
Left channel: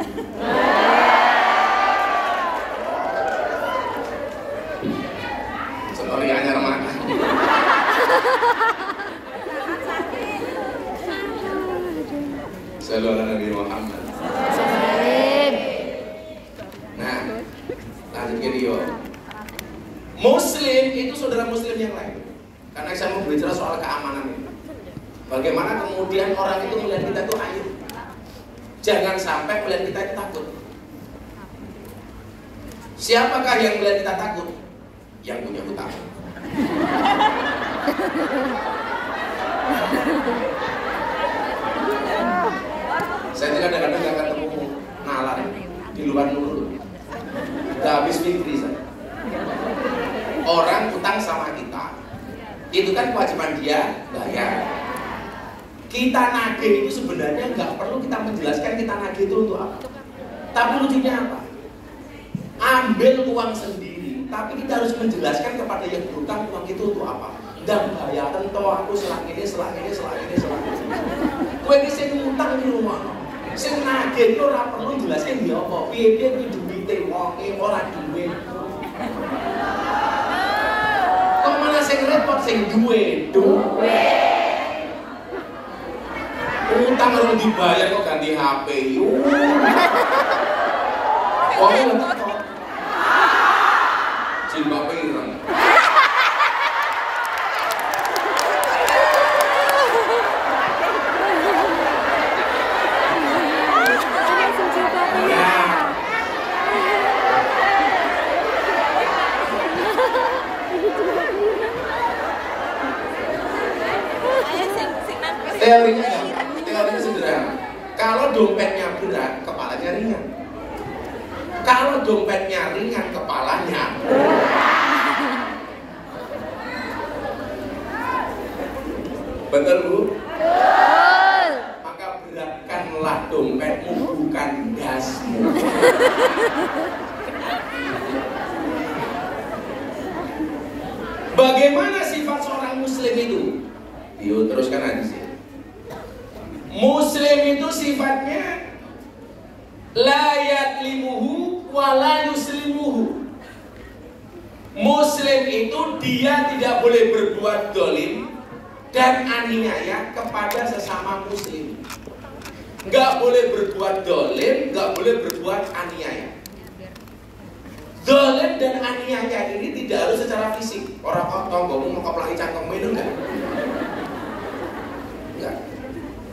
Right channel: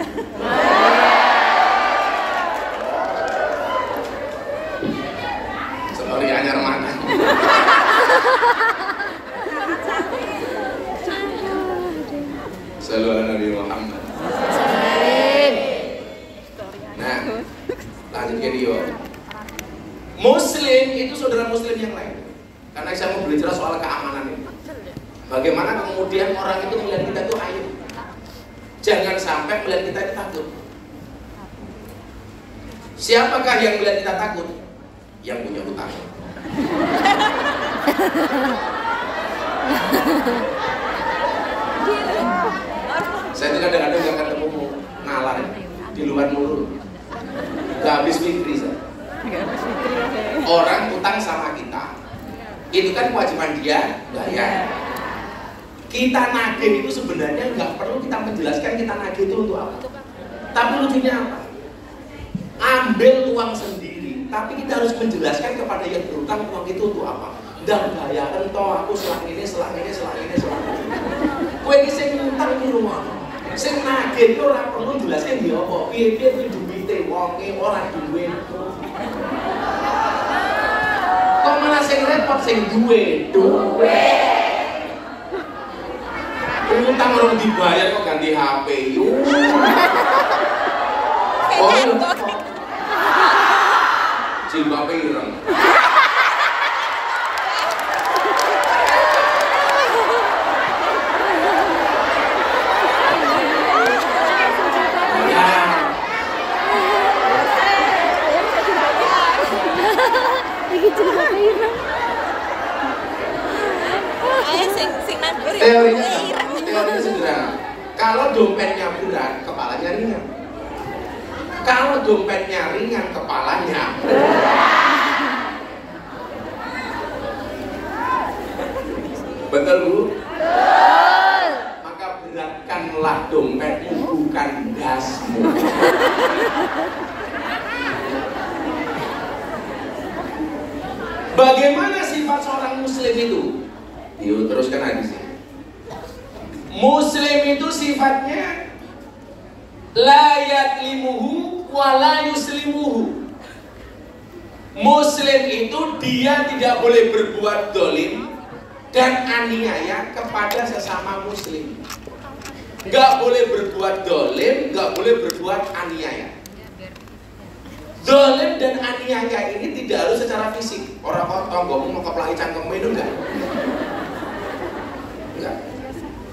Seperti anyar makan. Selalu ada Nabi Muhammad. Nah, lanjut ke dia. Muslim itu saudara Muslim yang lain. Karena saya mau berbicara soal keamanan ini. Bagaimana kemudian orang itu melihat kita itu aib. Jangan sampai melihat kita itu takut. Siapakah yang melihat kita takut? Yang punya hutang. Saya kadang-kadang gak ketemu ngalah di luar mulut. Gak habis mikir saya. Orang utang sama kita, itu kan kewajiban dia bayar. Kita nagih itu sebenarnya nggak perlu kita menjelaskan kita nagih itu untuk apa. Tapi lucunya apa? Ambil uang sendiri, tapi kita harus menjelaskan kepada yang berutang uang itu untuk apa. Dan bayaran toh aku selang ini. Kowe iki sing utang di rumah. Sing nagih itu ora perlu jelaskan dia apa. Piye-piye kuwi duwite wonge ora duwe. Kok malah sing repot sing duwe utang orang dibayar kok ganti HP jilbab ireng. Teorinya sederhana. Kalau dompetnya berat, kepalanya ringan. Kalau dompetnya ringan, kepalanya betul Bu? Maka beratkanlah dompetmu, bukan dasmu. Bagaimana sifat seorang muslim itu? Yuk teruskan lagi sih. Muslim itu sifatnya la yatlimuhu wa la yuslimuhu. Muslim itu dia tidak boleh berbuat dolim dan aniaya kepada sesama muslim. Gak boleh berbuat dolim, gak boleh berbuat aniaya. Dolim dan aniaya ini tidak harus secara fisik. Orang tonggomu mau keplahi cangkemmu itu enggak.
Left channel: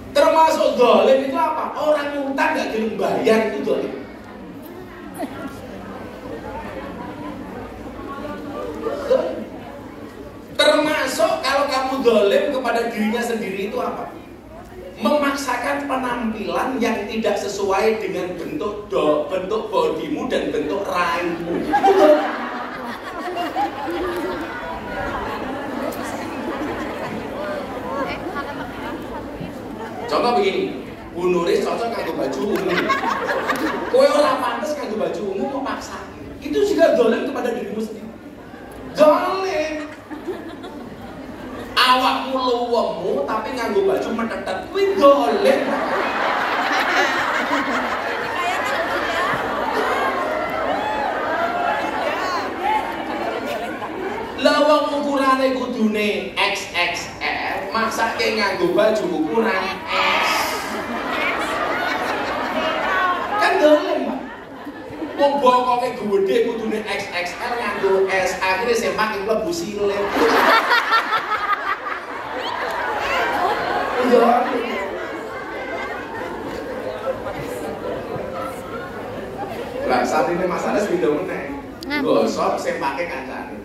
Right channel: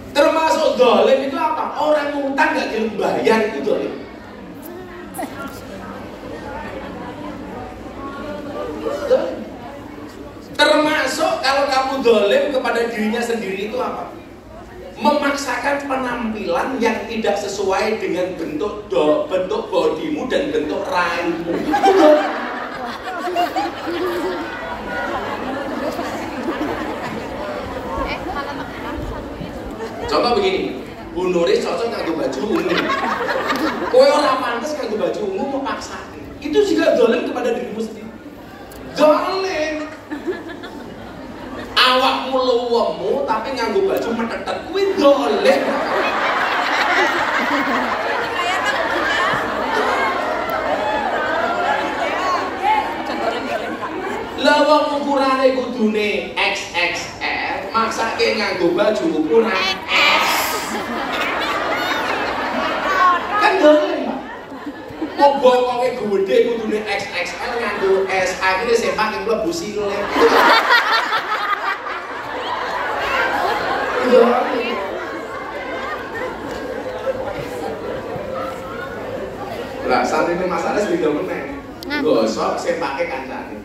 Termasuk dolim itu apa? Orang ngutang gak dibayar itu dolim. Termasuk kalau kamu dolim kepada dirinya sendiri itu apa? Memaksakan penampilan yang tidak sesuai dengan bentuk bodimu dan bentuk rahimmu. Contoh begini, Bu Nuris cocok nganggo baju ungu. Kowe ora pantes nganggo baju ungu mau paksa. Itu juga dolim kepada dirimu sendiri. Dolim. Awakmu luwemu tapi nganggo baju metetet kuwi dolim. Lah wong ukurane kudune XXL, maksake nganggo baju ukuran S. Kan dolim. Wong bokoke gede kudune XXL nganggo S, akhire sepak iki mlebu silem. Lah saat ini masalah beda meneh. Gosok sepake kancane.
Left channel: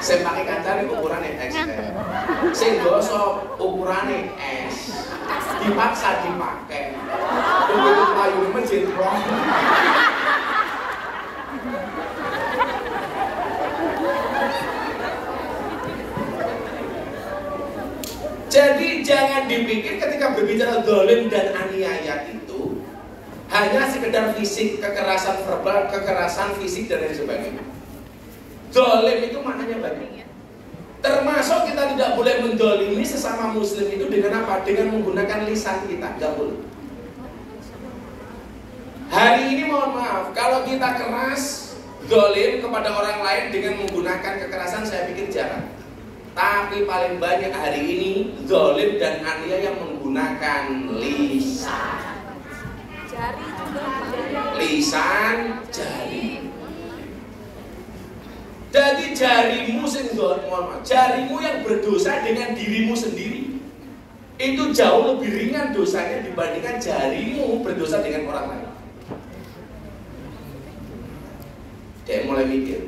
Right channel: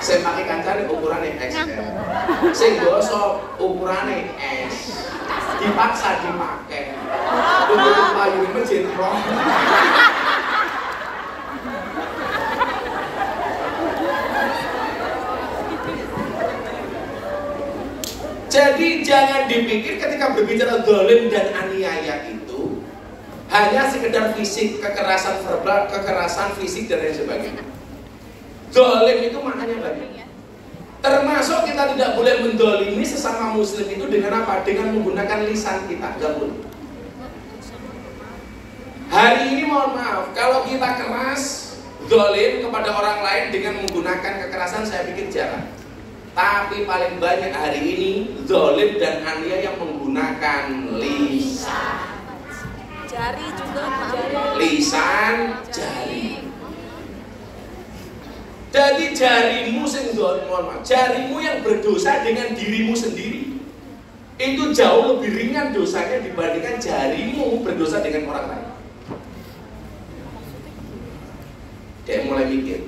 Sepake kancane ukurane XL. Sing gosok ukurane S. Dipaksa dipakai. Untuk payu mesin kok. Jadi jangan dipikir ketika berbicara dolim dan aniaya itu hanya sekedar fisik, kekerasan verbal, kekerasan fisik dan lain sebagainya. Dolim itu maknanya banyak. Termasuk kita tidak boleh mendolimi sesama muslim itu dengan apa? Dengan menggunakan lisan kita, gak boleh. Hari ini mohon maaf, kalau kita keras dolim kepada orang lain dengan menggunakan kekerasan, saya pikir jarang. Tapi paling banyak hari ini dolim dan aniaya yang menggunakan lisan. Jari juga, lisan, jari. Jadi jarimu jarimu yang berdosa dengan dirimu sendiri itu jauh lebih ringan dosanya dibandingkan jarimu berdosa dengan orang lain. Kayak mulai mikir.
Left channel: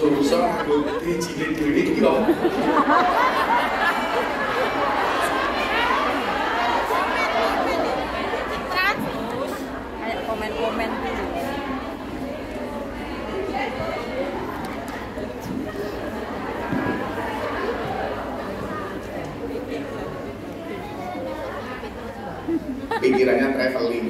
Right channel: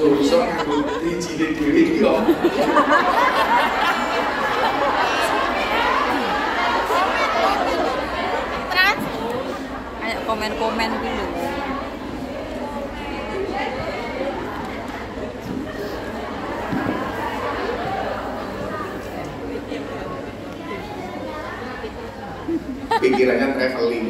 Dosa nganggo dijine dhewe iki kok. Kayak komen-komen dulu. Pikirannya traveling.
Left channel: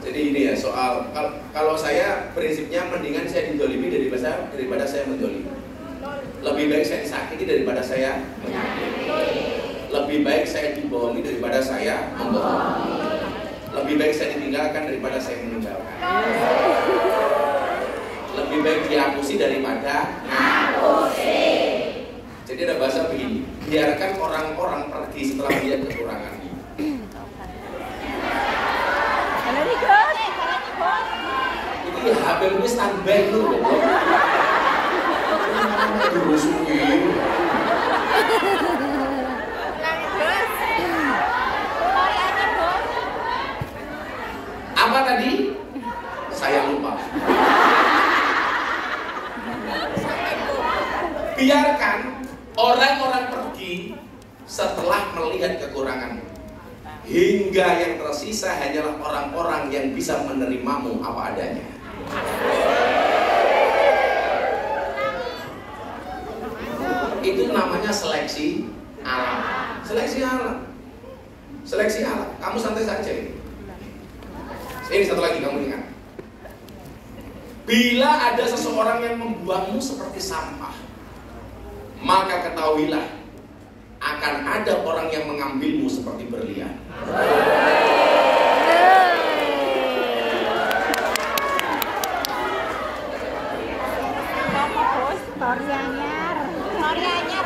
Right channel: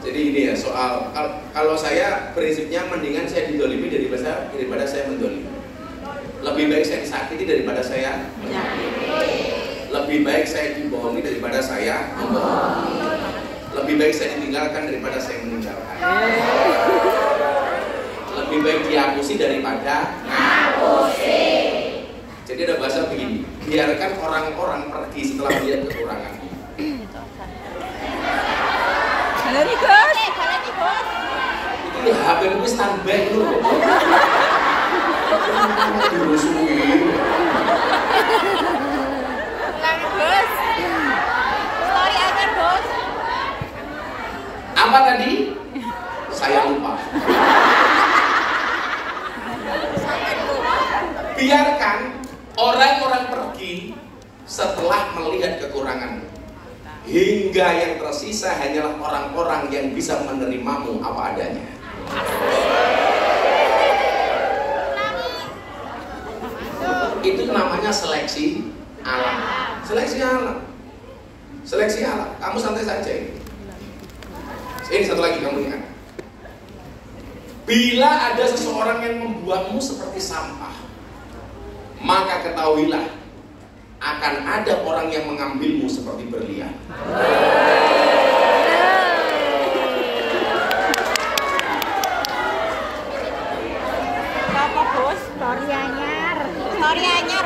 Jadi ini ya soal kalau saya prinsipnya mendingan saya didolimi daripada saya mendolimi. Lebih baik saya sakiti daripada saya menyakiti. Lebih baik saya dibohongi daripada saya membohongi. Lebih baik saya ditinggalkan daripada saya meninggalkan. Lebih baik baik dihapusi daripada ngapusi. Jadi ada bahasa begini, biarkan orang-orang pergi setelah lihat kekurangannya. Itu ya HP lu standby lu. Apa tadi? Saya lupa. Biarkan orang-orang pergi setelah melihat kekurangan, hingga yang tersisa hanyalah orang-orang yang bisa menerimamu apa adanya. Itu namanya seleksi alam. Seleksi alam. Seleksi alam. Kamu santai saja ini. Ini satu lagi kamu lihat. Bila ada seseorang yang membuatmu seperti sampah, maka ketahuilah akan ada orang yang mengambilmu seperti berlian. Story anyar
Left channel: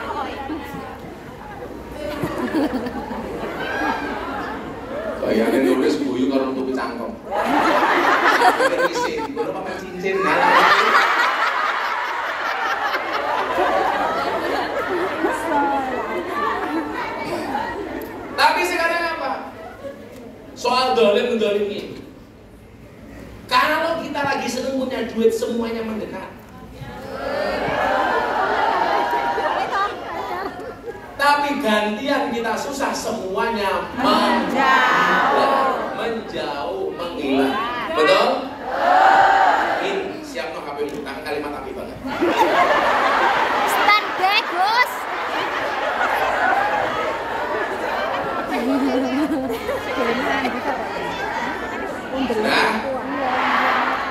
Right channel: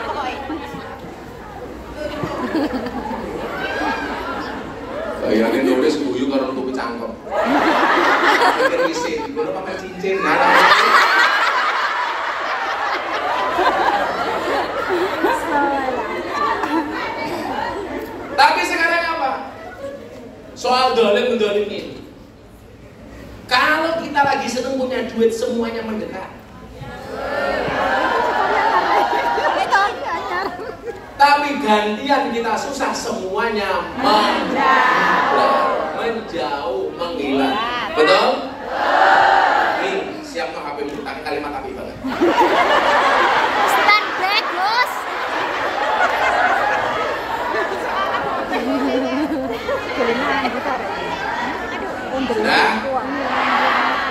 boy. Kayaknya nulis guyu kalau untuk cangkem. Terisi, udah pakai cincin, Tapi sekarang apa? Soal dolim ini. Kalau kita lagi seneng punya duit, semuanya mendekat. Tapi gantian kita susah, semuanya menjauh, menghilang. Betul? Ini siap no HP dulu, tapi kalimat api banget. Stand bagus. Kelemahan gitar. Nah,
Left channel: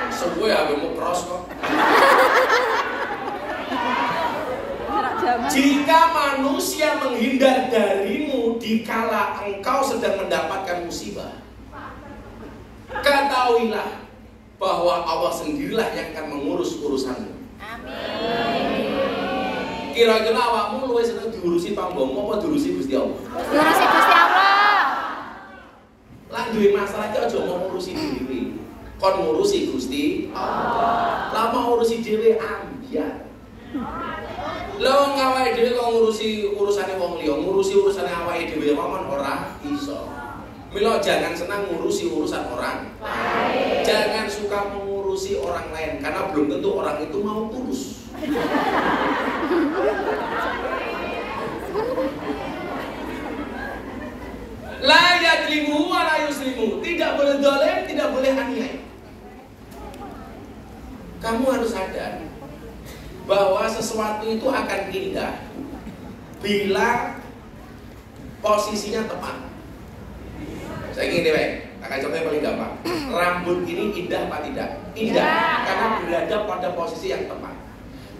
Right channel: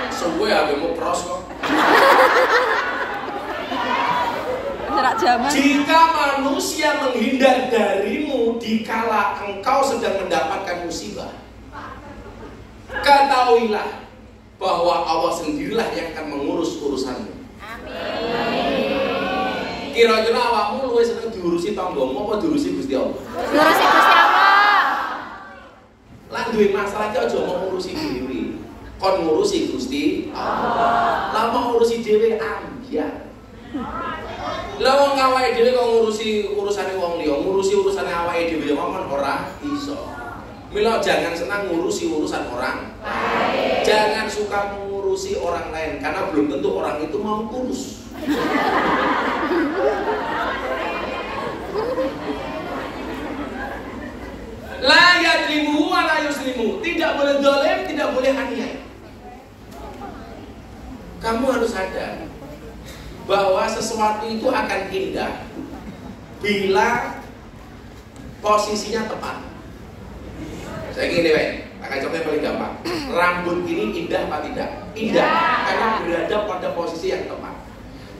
semua HPmu cross kok. Jika manusia menghindar darimu dikala engkau sedang mendapatkan musibah, ketahuilah bahwa Allah sendirilah yang akan mengurus urusanmu. Kira-kira awakmu luwih seneng diurusi tanggomu apa diurusi Gusti Allah? Diurusi Gusti Allah. Lan duwe masalah iki aja mau ngurusi dhewe. Kon ngurusi Gusti Allah. Lah mau ngurusi dhewe ambyar. Lah wong awake dhewe kok ngurusi urusane wong liya, ngurusi urusane awake dhewe mawon ora iso. Mila jangan senang ngurusi urusan orang lain. Jangan suka mengurusi orang lain karena belum tentu orang itu mau urus. La yadlimu wa la yuslimu. Tidak boleh zalim, tidak boleh aniaya. Kamu harus sadar bahwa sesuatu itu akan indah bila posisinya tepat. Saya gini deh, akan coba yang paling gampang. Rambut ini indah apa tidak? Indah, karena berada pada posisi yang tepat.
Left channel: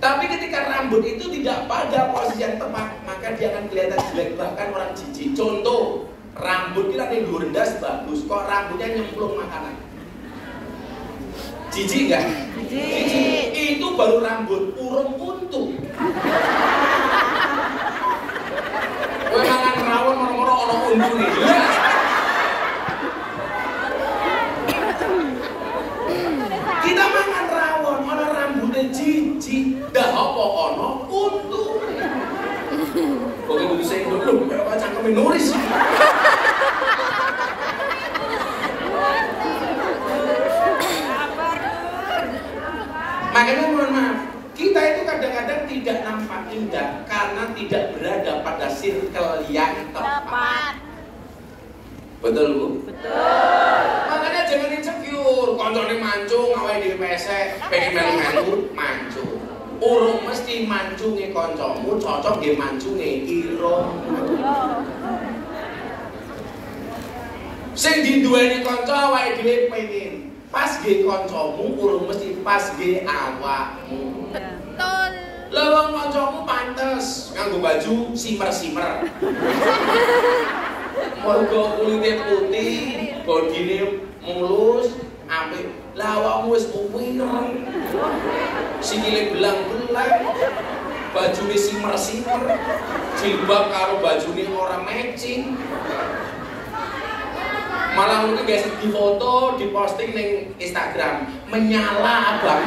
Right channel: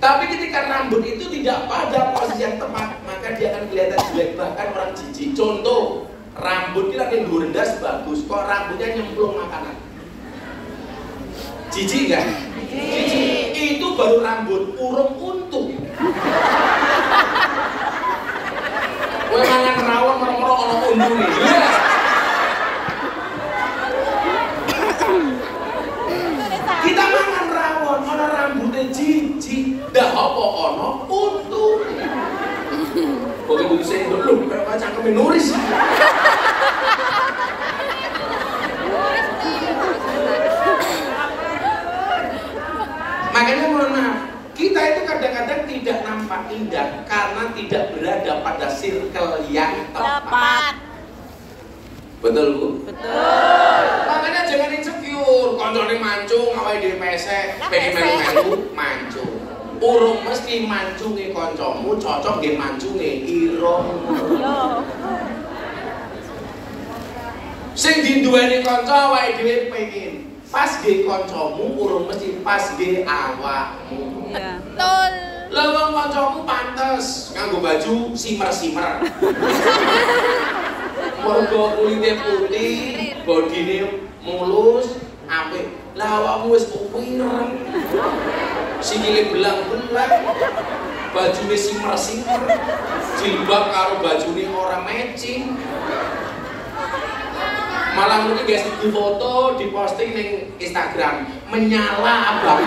Tapi ketika rambut itu tidak pada posisi yang tepat, maka dia akan kelihatan jelek, bahkan orang jijik. Contoh, rambut kita yang rendas bagus, kok rambutnya nyemplung makanan. Jijik kan? Jijik. Itu baru rambut, urung untung. Kowe mangan rawon orang-orang ana untunge. Iya. Kita mangan rawon ana rambutnya jijik, dah apa ana untunge. Kok iku bisa dulu kaya cangkeme nuris. Makanya mohon maaf, kita itu kadang-kadang tidak nampak indah karena tidak berada pada circle yang tepat. Betul Bu? Betul. Makanya jangan insecure, koncone mancung, awake dhewe pesek, pengen melu-melu mancung. Urung mesti mancunge kancamu cocok nggih mancunge irungmu. Sing diduweni kanca awake dhewe pengen pas ge kancamu urung mesti pas ge awakmu. Betul. Lah wong kancamu pantes nganggo baju simer-simer. Mergo kulite putih, bodine mulus, apik. Lah awakmu wis kuwireng. sikile belang-belang, bajune simer-simer, jilbab karo bajune ora matching. Malah ini guys di foto, di posting di Instagram menyala abang.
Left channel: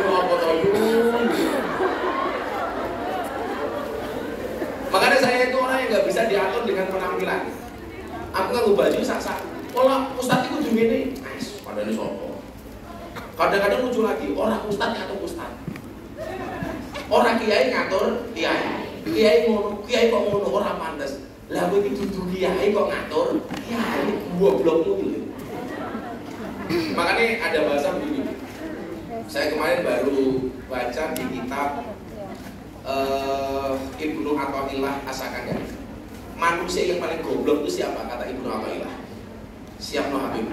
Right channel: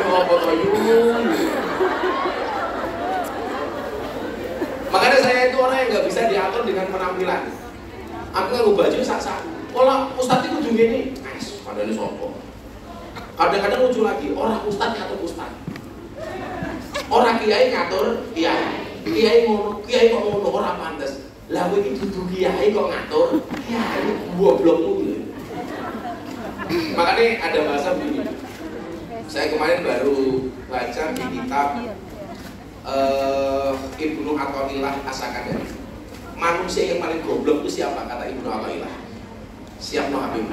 Mau foto yun. Makanya saya itu orang yang nggak bisa diatur dengan penampilan. Aku nggak baju sak-sak. Olah ustadz itu ujung gini, pada ini sopo. Kadang-kadang lucu lagi, orang ustadz atau ustadz. Orang kiai ngatur kiai. Kiai kok ngono ora pantes. Lah kowe iki dudu kiai kok ngatur. Kiai goblokmu gitu. Makanya ada bahasa begini. Saya kemarin baru baca di kitab Ibnu Athaillah As-Sakandari. Manusia yang paling goblok itu siapa kata Ibnu Athaillah? Siap no Habib.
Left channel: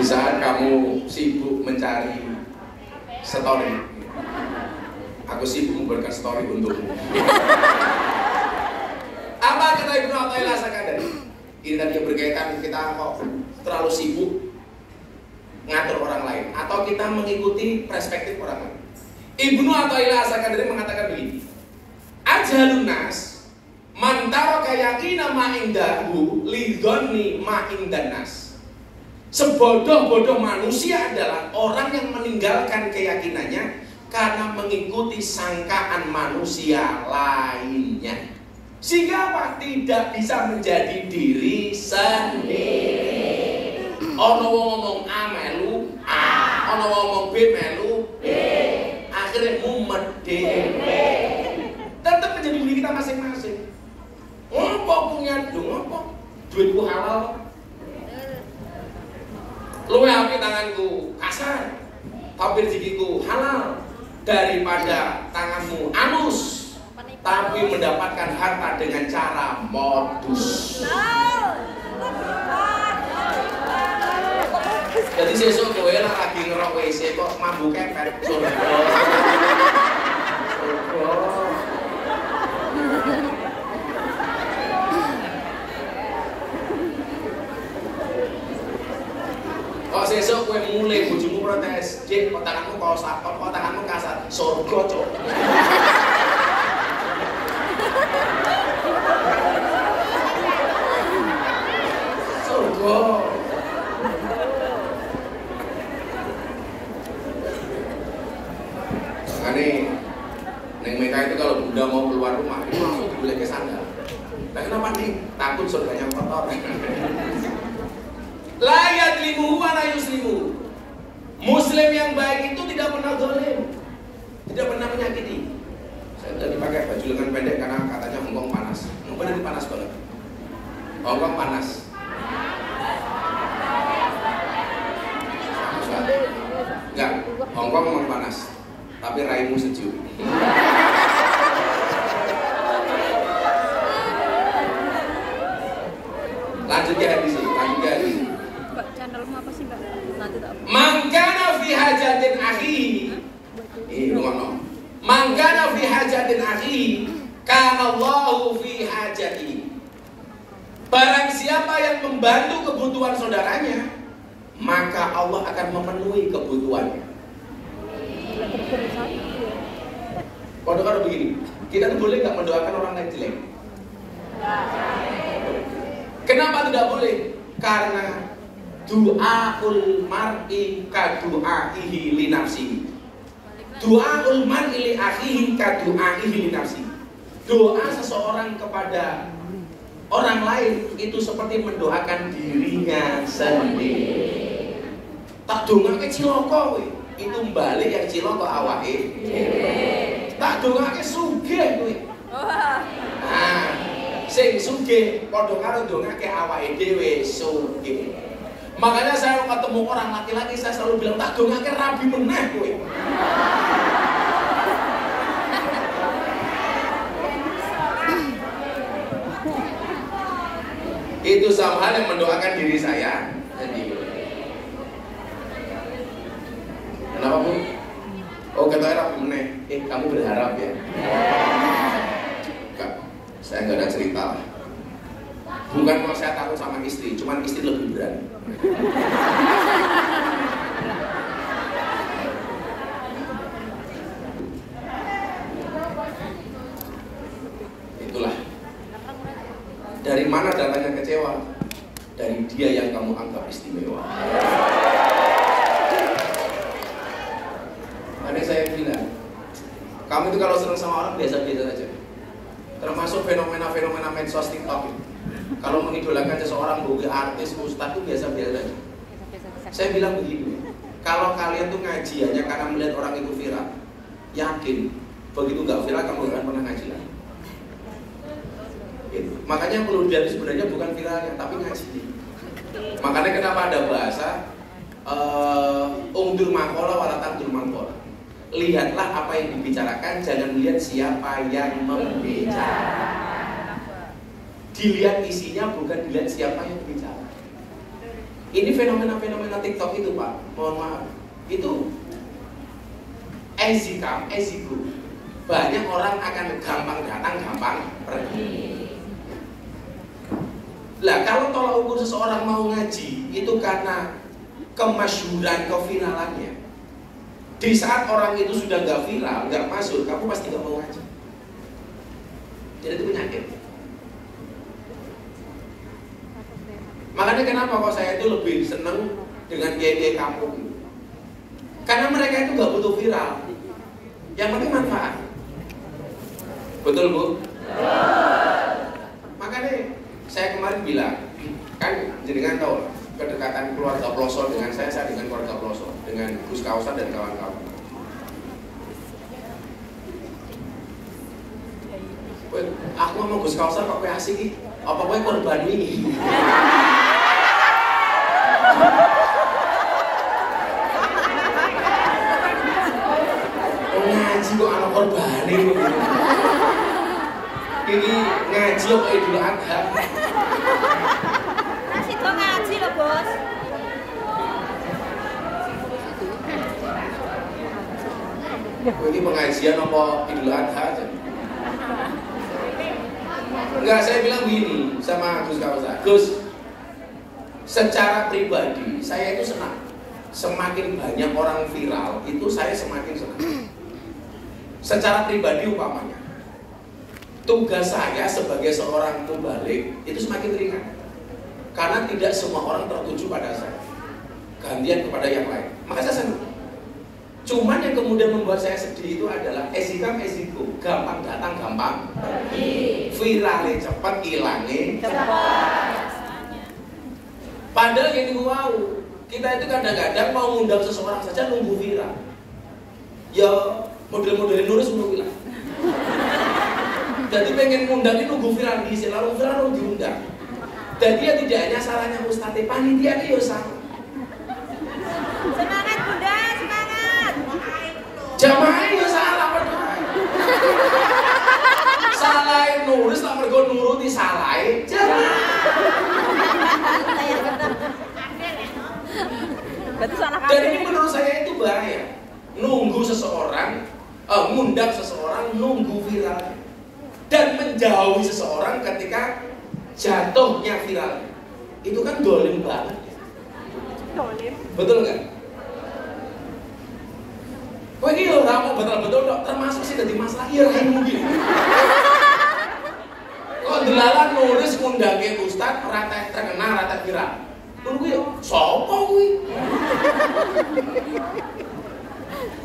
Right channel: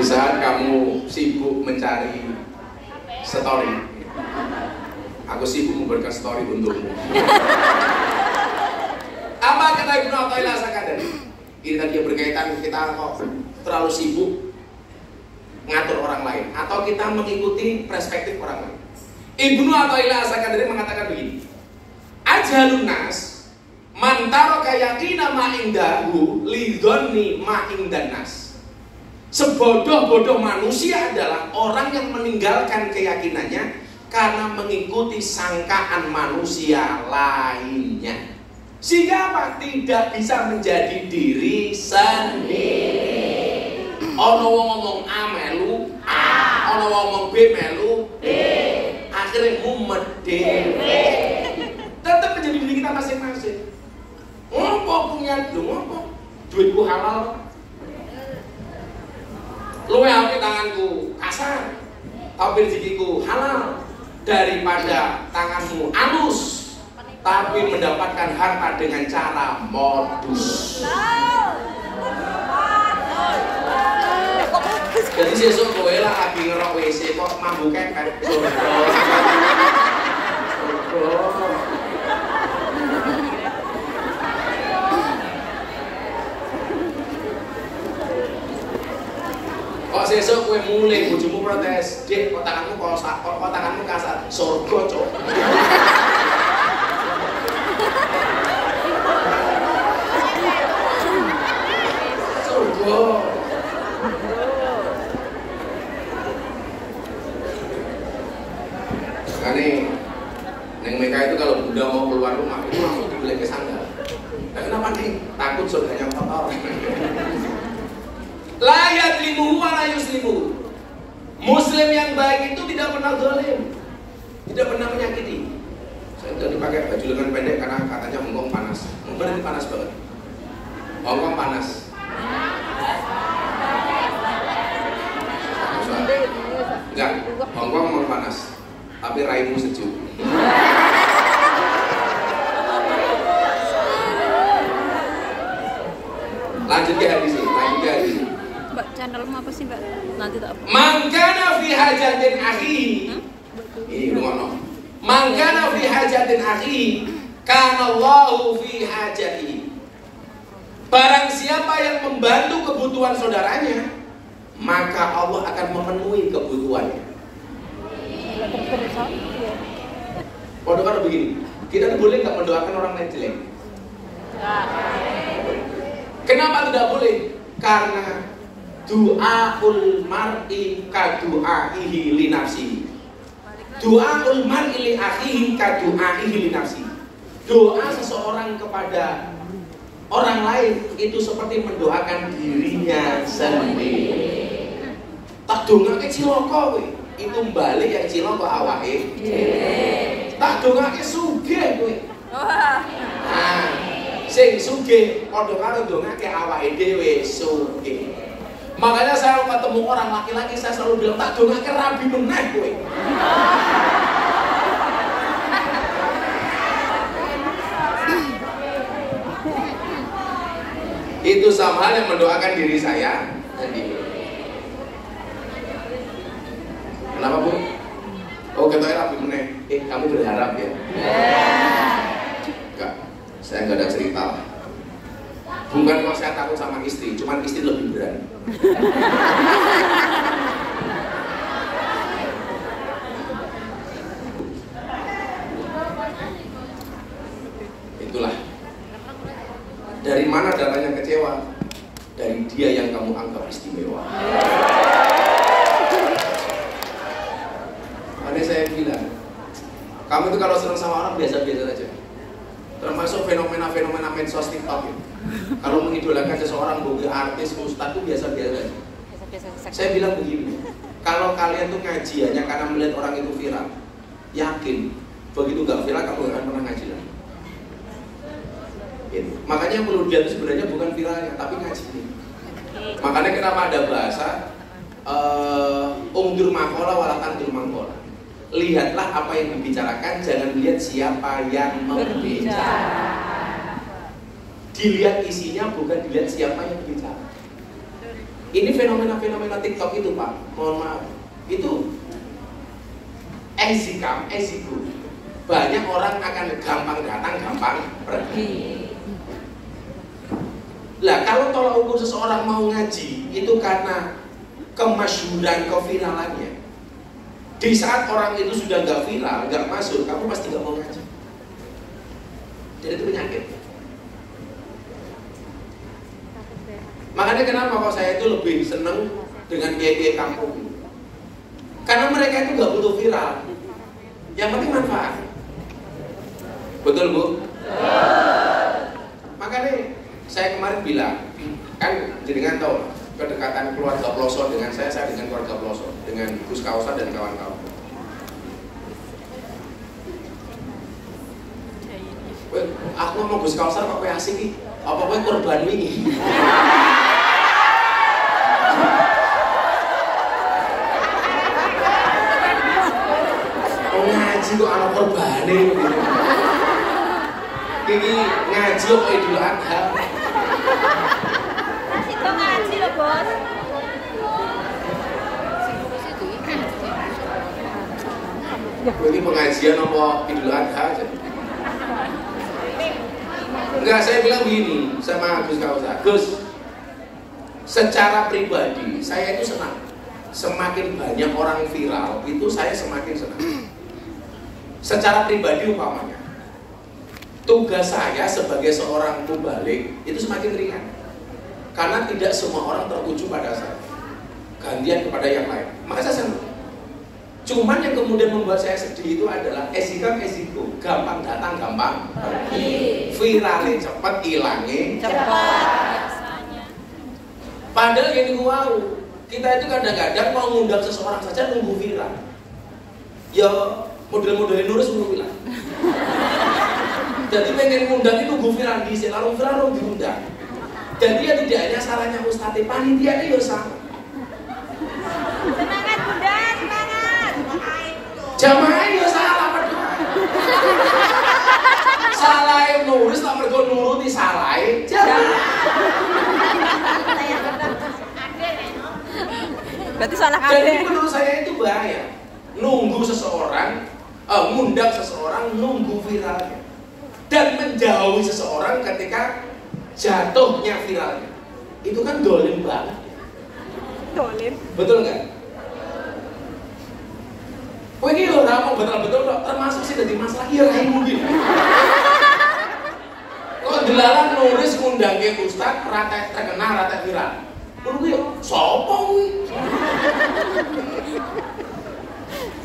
Di saat kamu sibuk mencari story, aku sibuk memberikan story untukmu. Apa kata Ibnu Athaillah As-Sakandari? Ini tadi berkaitan kita kok terlalu sibuk ngatur orang lain atau kita mengikuti perspektif orang lain. Ibnu Athaillah As-Sakandari mengatakan begini, ajalun nas man taraka yaqina ma indahu lidhanni ma indan nas. Sebodoh-bodoh manusia adalah orang yang meninggalkan keyakinannya karena mengikuti sangkaan manusia lainnya. Sehingga apa? Tidak bisa menjadi diri sendiri. Ono wong ngomong A melu A, ono wong ngomong B melu B. Akhirnya mumet dhewe. Tetap menjadi diri kita masing-masing. Ngopo punya ngopo? Duitku halal. Luwe api tanganku kasar, tapi rezekiku halal daripada tanganmu halus, tapi mendapatkan harta dengan cara modus. Jadi sesuk kowe lah lagi ngerok WC kok mambu kepet. Kok sesuk kowe mulai bojomu protes, "Dik, kok tanganmu kok sakot, kok tanganmu kasar." Surga, Cuk. Surga. Makanya neng mereka itu kalau udah mau keluar rumah itu langsung dibeli ke sandal. Nah, kenapa nih? Takut surganya kotor. La yadlimuhu wa la yuslimu. Muslim yang baik itu tidak pernah zalim, tidak pernah menyakiti. Saya tadi pakai baju lengan pendek karena katanya Hongkong panas. Benar ini panas banget. Hongkong panas. Enggak, Hongkong memang panas. Tapi raimu sejuk. Lanjut ya hadis ini, lanjut ya hadis ini. Mbak, channelmu apa sih, Mbak? Nanti tak. Mangkana fi hajatin akhihi. Ini ngono. Mangkana fi hajatin akhihi, kana Allahu fi hajatihi. Barang siapa yang membantu kebutuhan saudaranya, maka Allah akan memenuhi kebutuhannya. Pada kalau begini, kita boleh nggak mendoakan orang lain jelek? Kenapa tidak boleh? Karena du'aul mar'i kadu'aihi li nafsihi. Du'aul mar'i li akhihi kadu'aihi li nafsihi. Doa seseorang kepada orang lain itu seperti mendoakan dirinya sendiri. Tak dongake cilaka kowe, itu balik yang cilaka awake. Tak dongake sugih kowe. Nah, sing sugih padha karo dongake awake dhewe sugih. Makanya saya ketemu orang laki-laki saya selalu bilang tak dongake rabi meneh kowe. Itu sama hal yang mendoakan diri saya sendiri. Kenapa Bu? Oh kata era Bu Meneh, kamu berharap ya? Enggak, saya nggak ada cerita. Bukan mau saya takut sama istri, cuman istri lebih berani. Itulah. Dari mana datangnya kecewa? Dari dia yang kamu anggap istimewa. Tadi saya bilang, kamu itu kalau senang sama orang biasa-biasa saja. Termasuk fenomena-fenomena medsos TikTok itu. Kalau mengidolakan seseorang, boga artis, ustadz itu biasa-biasa saja. Saya bilang begini, kalau kalian tuh ngaji hanya karena melihat orang itu viral, yakin begitu gak viral kamu gak akan pernah ngaji lagi. Gitu. Makanya yang perlu lihat itu sebenarnya bukan viralnya, tapi ngaji. Makanya kenapa ada bahasa ungdur makola walatan dur mangkola. Lihatlah apa yang dibicarakan, jangan lihat siapa yang membicara. Dilihat isinya, bukan dilihat siapa yang bicara. Ini fenomena-fenomena TikTok itu Pak, mohon maaf, itu as you go. Banyak orang akan gampang datang, gampang pergi. Lah kalau tolak ukur seseorang mau ngaji itu karena kemasyhuran, keviralannya. Di saat orang itu sudah gak viral, gak masuk, kamu pasti gak mau ngaji. Jadi itu penyakit. Makanya kenapa kok saya itu lebih seneng dengan kiai-kiai kampung? Karena mereka itu gak butuh viral. Yang penting manfaat. Betul Bu? Makanya saya kemarin bilang, kan jenengan tahu kedekatan keluarga Ploso dengan saya dengan keluarga Ploso, dengan Gus Kausar dan kawan-kawan. Aku ngomong Gus Kausar kok kayak asik nih, apa kowe korban ini? Oh ngaji kok anak korban ini? Ini ngaji kok Idul Adha? Itu ngaji loh bos. Ini pengajian apa Idul Adha aja? Enggak, saya bilang gini sama Gus Kausar, Gus, secara pribadi saya itu senang. Semakin banyak orang viral itu saya semakin senang. Secara pribadi umpamanya, tugas saya sebagai seorang mubalik itu semakin ringan. Karena tidak semua orang tertuju pada saya, gantian kepada yang lain. Maka saya senang. Cuman yang kemudian membuat saya sedih itu adalah esiko, gampang datang, gampang pergi. Viralnya cepat, hilangnya cepat. Padahal yang wow, kita itu kadang-kadang mau ngundang seseorang saja nunggu viral. Ya model-modelin lurus nunggu viral. Jadi pengen ngundang itu nunggu viral di selalu viral diundang. Jadi ya tidak hanya salahnya Ustadz, panitia itu sama. Semangat Bunda, semangat. Jamaah itu salah berdua. Salahin nulis tak mergo nuruti salahin jamaah. Berarti salah Dan ini menurut saya itu bahaya. Nunggu seseorang, ngundang seseorang nunggu viral dan menjauhi seseorang ketika jatuhnya viral. Itu kan dolim banget. dolim. Betul nggak? Oh ini loh, mau betul-betul termasuk sih dari masalah iya mungkin. Kok delalan nulis ngundang ke Ustadz rata terkenal rata viral. Menurut gue, sopo gue?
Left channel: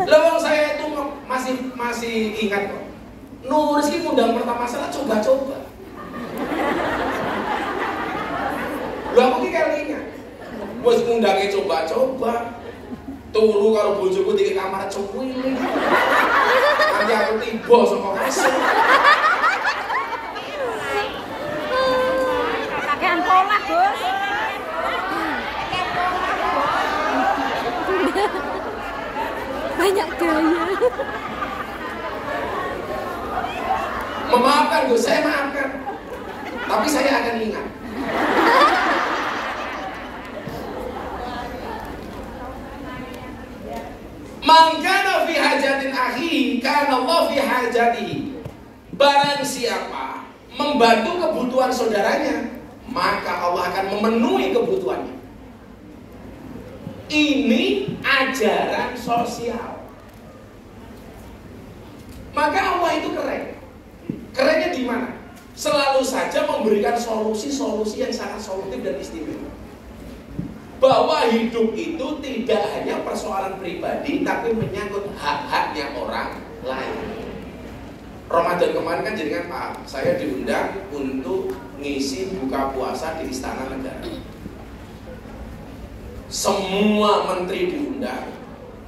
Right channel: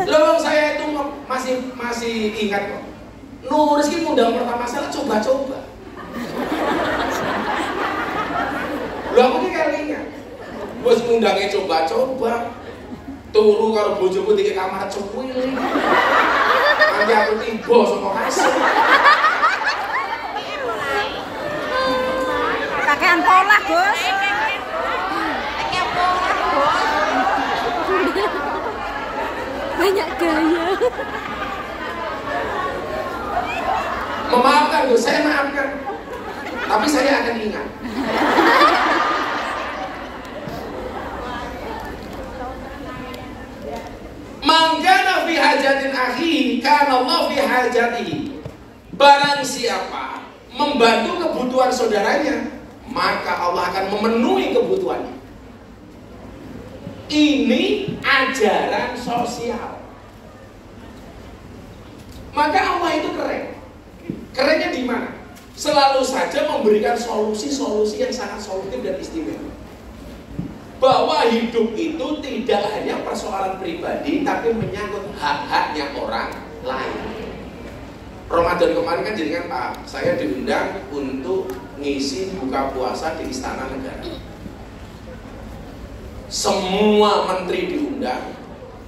Lawang saya itu masih ingat kok. Nulis ini ngundang pertama salah coba-coba. Lah aku ki kalinya. Wis ngundange coba-coba. Turu karo bojoku di kamar cukuil. Nanti aku tiba sama kasur. Pakaian pola, Bos. Banyak gaya. Memaafkan, Gus, saya maafkan. Tapi saya akan ingat. Allah fi hajatihi. Barang siapa membantu kebutuhan saudaranya, maka Allah akan memenuhi kebutuhannya. Ini ajaran sosial. Maka Allah itu keren. Kerennya di mana? Selalu saja memberikan solusi-solusi yang sangat solutif dan istimewa. Bahwa hidup itu tidak hanya persoalan pribadi, tapi menyangkut hak-haknya orang lain. Ramadan kemarin kan jadi kan Pak, saya diundang untuk ngisi buka puasa di Istana Negara. Semua menteri diundang,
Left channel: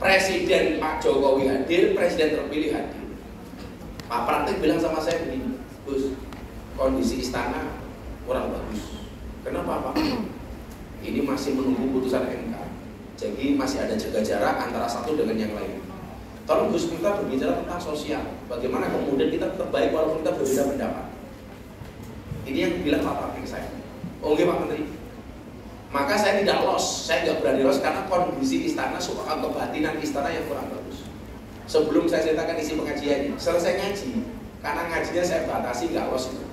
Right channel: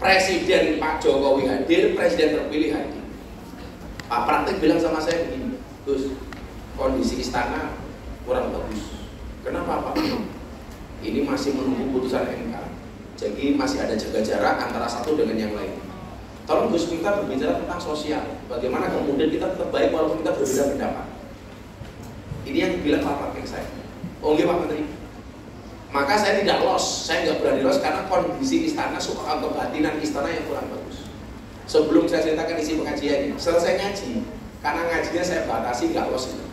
Presiden Pak Jokowi hadir, Presiden terpilih hadir. Pak Praktik bilang sama saya begini, Gus, kondisi istana kurang bagus. Kenapa Pak? Ini masih menunggu putusan MK. Jadi masih ada jaga jarak antara satu dengan yang lain. Tolong Gus, kita berbicara tentang sosial. Bagaimana kemudian kita tetap baik walaupun kita berbeda pendapat. Ini yang bilang Pak Praktik saya. Oh nggih Pak Menteri. Maka saya tidak saya nggak berani karena kondisi istana, soal kebatinan istana yang kurang bagus. Sebelum saya ceritakan isi pengajiannya, selesai ngaji, karena ngajinya saya batasi nggak itu.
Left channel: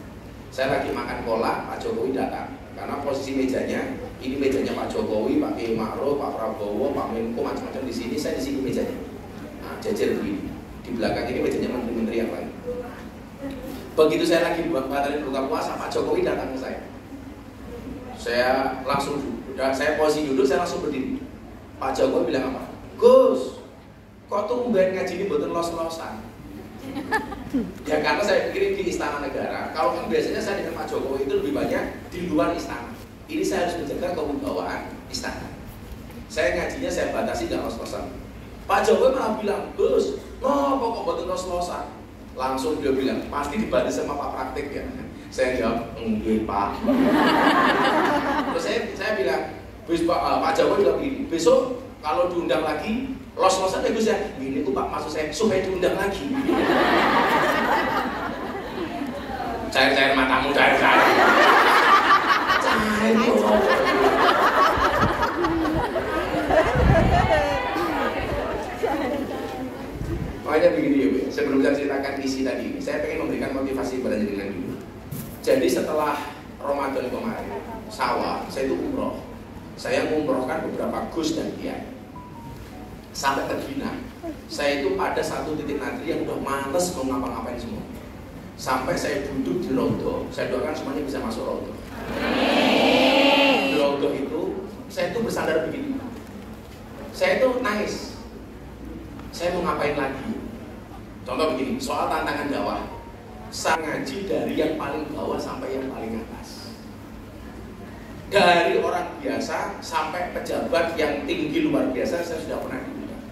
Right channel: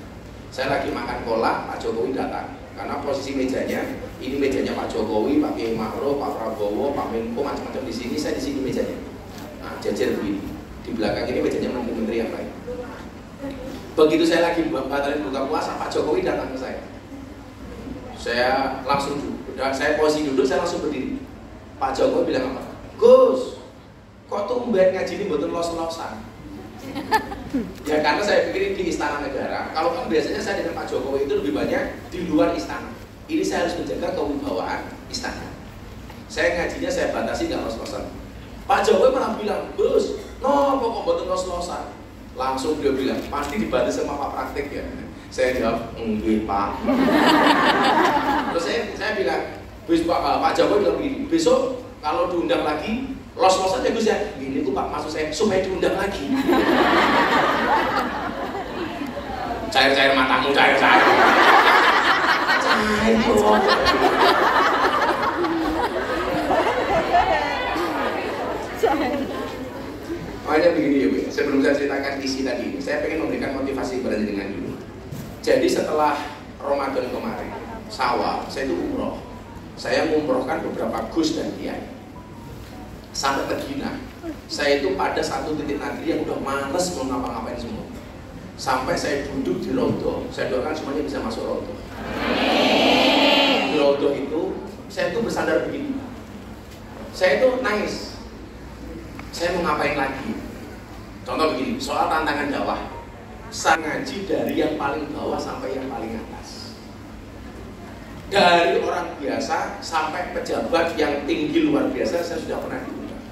Saya lagi makan kolak, Pak Jokowi datang. Karena posisi mejanya, ini mejanya Pak Jokowi, Pak Kiai Ma'ruf, Pak Prabowo, Pak Menko, macam-macam di sini, saya di sini mejanya. Nah, jajar begini. Di belakang ini mejanya menteri-menteri yang lain. Begitu saya lagi batalin buka puasa, Pak Jokowi datang ke saya. Saya langsung duduk, saya posisi duduk, saya langsung berdiri. Pak Jokowi bilang apa? Gus, kok tumben ngaji ini betul los-losan? Ya karena saya pikir di Istana Negara, kalau kan biasanya saya dengan Pak Jokowi itu lebih banyak di luar istana. Ini saya harus menjaga kewibawaan istana. Saya ngajinya saya batasi nggak los-losan. Pak Jokowi malah bilang, Gus, no kok betul los-losan? Langsung dia bilang, pasti dibatasi sama Pak Praktik ya. Saya jawab, enggak Pak. Terus saya bilang, Pak Jokowi bilang begini, besok kalau diundang lagi, los-losan ya Gus ya. Gini tuh Pak, maksud saya supaya diundang lagi. Cair-cair matamu, cair-cair. Cair dong. Makanya begini ya Bu, sebelum saya ceritakan isi tadi, saya pengen memberikan motivasi kepada jenengan dulu. Jadi setelah Ramadan kemarin, saya itu umroh. Saya mengumrohkan beberapa gus dan kiai. Sampai tergina. Saya itu ada satu titik nanti yang udah males mau ngapa-ngapain semua. Sampai saya duduk di Rodo, saya doakan semuanya bisa masuk Rodo. Di Rodo itu, saya itu bersandar begini. Saya itu nangis. Saya mau ngapain lagi? Contoh begini, soal tantangan dakwah. Saya ngaji dari yang paling bawah sampai yang paling atas. Dari orang biasa sampai pejabat yang tinggi luar biasa, saya sudah pernah diundang.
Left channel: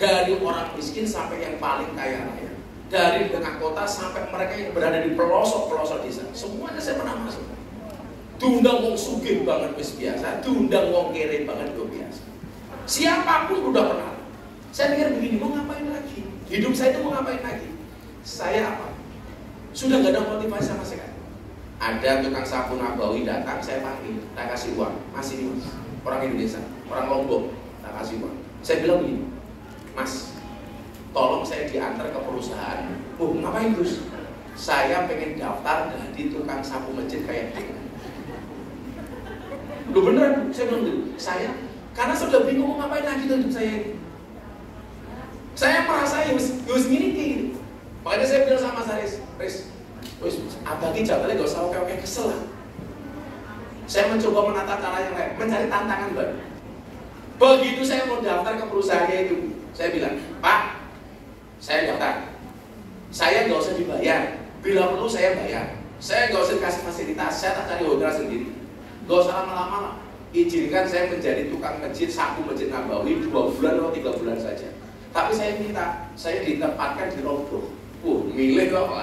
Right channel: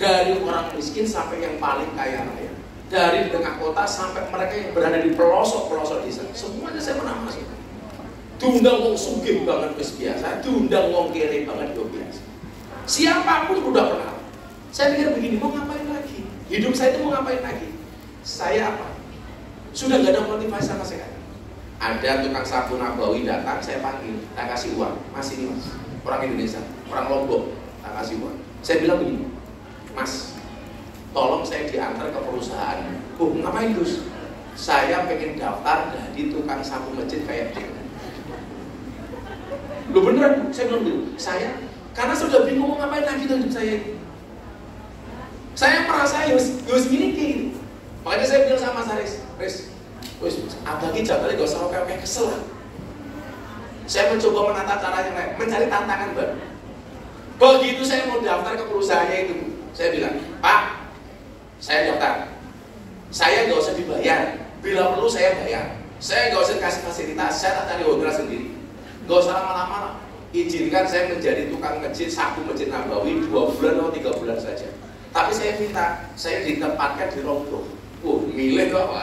Dari orang miskin sampai yang paling kaya raya. Dari tengah kota sampai mereka yang berada di pelosok-pelosok desa. Semuanya saya pernah masuk. Diundang wong sugih banget bis biasa, diundang wong kere banget biasa. Siapapun udah pernah. Saya pikir begini, mau ngapain lagi? Hidup saya itu mau ngapain lagi? Saya apa? Sudah gak ada motivasi sama sekali. Ada tukang sapu Nabawi datang, saya panggil, tak kasih uang. Mas ini Mas, orang Indonesia, orang Lombok, tak kasih uang. Saya bilang begini, Mas, tolong saya diantar ke perusahaan. Oh, ngapain Gus? Saya pengen daftar jadi tukang sapu masjid kayak gitu. Loh beneran, saya bilang dulu, saya karena saya sudah bingung mau ngapain lagi untuk saya ini. Saya merasa harus miliki. Makanya saya bilang sama Saris, wis abadi jabalnya gak usah kayak kesel. Saya mencoba menata cara yang lain, mencari tantangan baru. Begitu saya mau daftar ke perusahaannya itu, saya bilang, Pak, saya daftar. Saya gak usah dibayar, bila perlu saya bayar. Saya gak usah kasih fasilitas, saya tak cari hotel sendiri. Gak usah lama-lama. Izinkan saya menjadi tukang masjid, sapu masjid Nabawi 2 bulan atau 3 bulan saja. Tapi saya minta, saya ditempatkan di Rodo. Milih kok,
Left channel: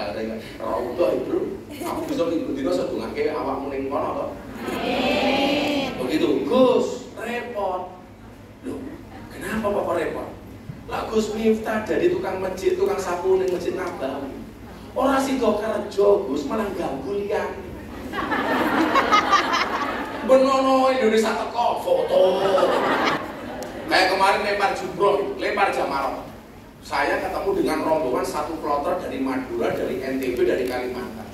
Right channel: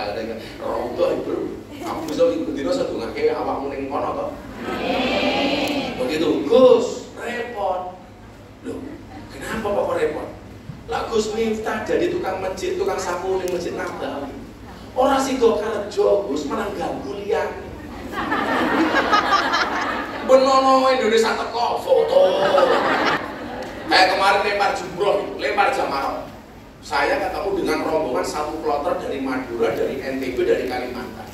Rodo itu. Aku bisa ikut-ikut sedungan kayak awak muling kono kok. Begitu, Gus, repot. Loh, kenapa kok repot? Lah Gus Miftah jadi tukang masjid, tukang sapu di masjid Nabawi. Orang sih kok kerja, Gus, malah ganggu liang. Benono Indonesia teko foto. Kayak kemarin lempar jumroh, lempar jamaah. Saya ketemu dengan rombongan satu kloter dari Madura, dari NTB, dari Kalimantan.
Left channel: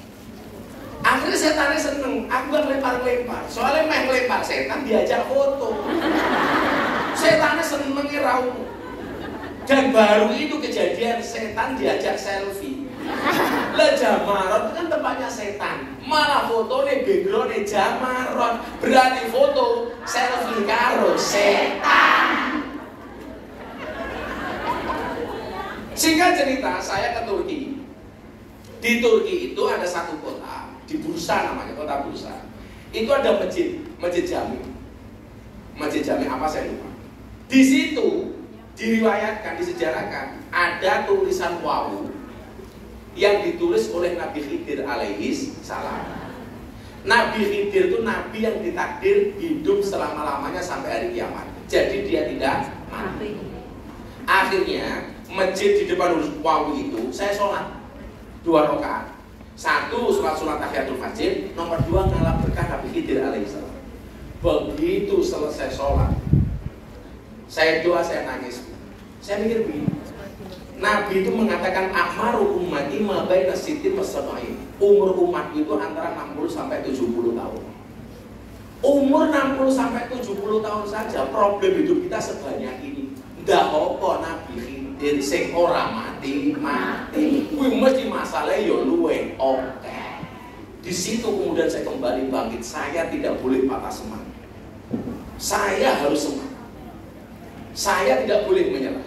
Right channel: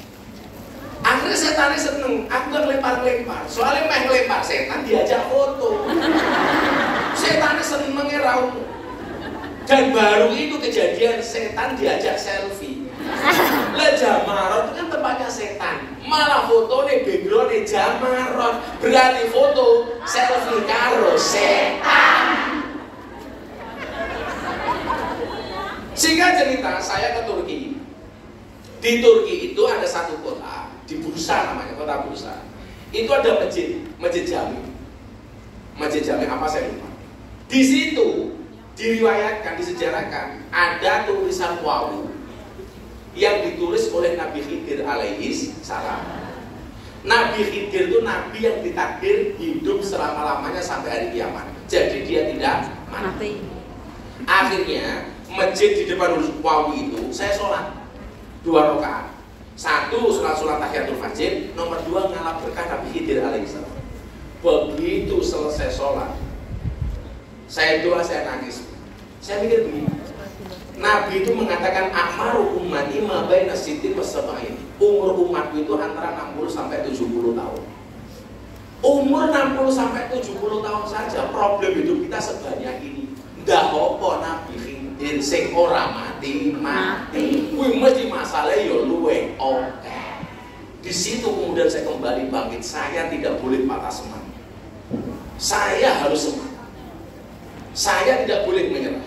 Akhirnya setannya seneng, aku gak ngelempar-ngelempar. Soalnya main ngelempar setan diajak foto. Setannya seneng mengerau. Dan baru itu kejadian setan diajak selfie. Lah Jamarot itu kan tempatnya setan. Malah foto nih background nih Jamarot. Berarti foto selfie karo setan. Singkat cerita, saya ke Turki. Di Turki itu ada satu kota, di Bursa namanya, kota Bursa. Itu ada masjid Jami. Masjid Jami apa saya lupa. Di situ diriwayatkan, disejarahkan ada tulisan wawu yang ditulis oleh Nabi Khidir alaihi salam. Nabi Khidir itu nabi yang ditakdir hidup selama-lamanya sampai hari kiamat. Jadi dia tidak mati. Akhirnya masjid di depan wawu itu saya sholat 2 rakaat. 1 sholat tahiyatul fajr, nomor 2 ngalap berkah Nabi Khidir alaihissalam. Begitu selesai sholat, saya doa, saya nangis. Saya mikir begini, Nabi itu mengatakan akmaru ummati ma baina sittin wa sab'in. Umur umat itu antara 60 sampai 70 tahun. Umur 60 sampai 70 tahun saja problem hidup kita sebanyak ini. Ndak apa Nabi Khidir sing ora mati. Kuwi mesti masalah ya luwe oke. Di situ kemudian saya kembali bangkit. Saya tidak boleh patah semangat. Saya harus semangat. Saya tidak boleh menyerah.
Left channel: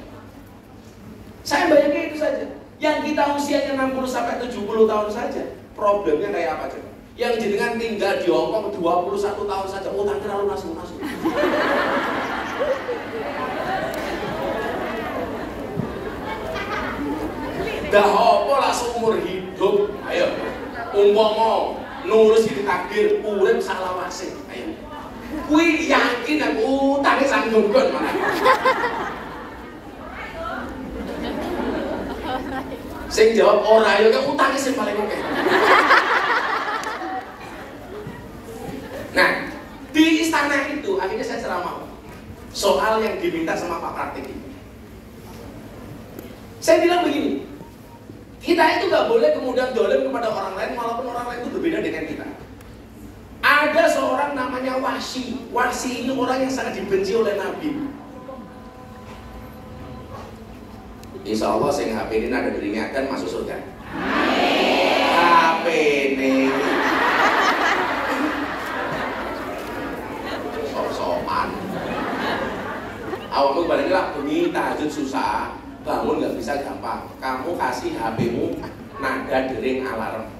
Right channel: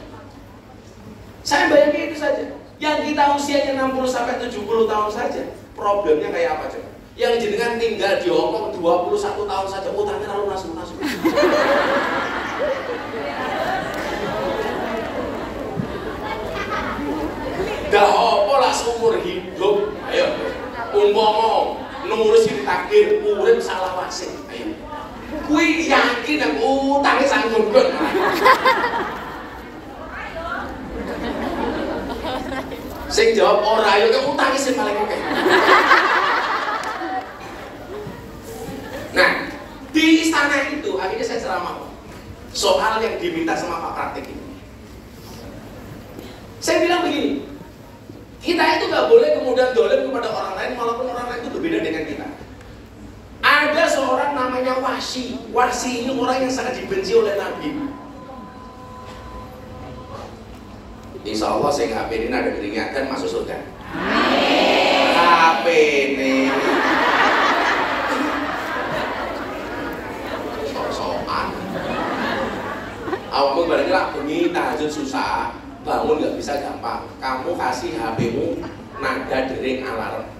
Saya bayangin itu saja. Yang kita usianya 60 sampai 70 tahun saja, problemnya kayak apa coba? Yang jenengan tinggal di Hongkong 21 tahun saja, utangnya lalu langsung. Gak apa lah seumur hidup. Ayo, umpama nurus iki takdir urip salawase. Ayo. Kuwi yakin aku utangnya sanggup kok. Sing jawab ora ya kok utangnya sing paling akeh. Nah, di istana itu akhirnya saya ceramah soal yang diminta sama Pak Praktik ini. Saya bilang begini, kita itu nggak boleh kemudian dolim kepada orang lain walaupun orang lain itu berbeda dengan kita. Ada seorang namanya Wahsy. Wahsy ini orang yang sangat dibenci oleh Nabi. Insya Allah saya HP ini ada diingatkan masuk surga. HP ini sok-sokan. Awakmu barangnya lah bengi tahajud susah, bangun nggak bisa gampang. Kamu kasih HP-mu nada dering alarm.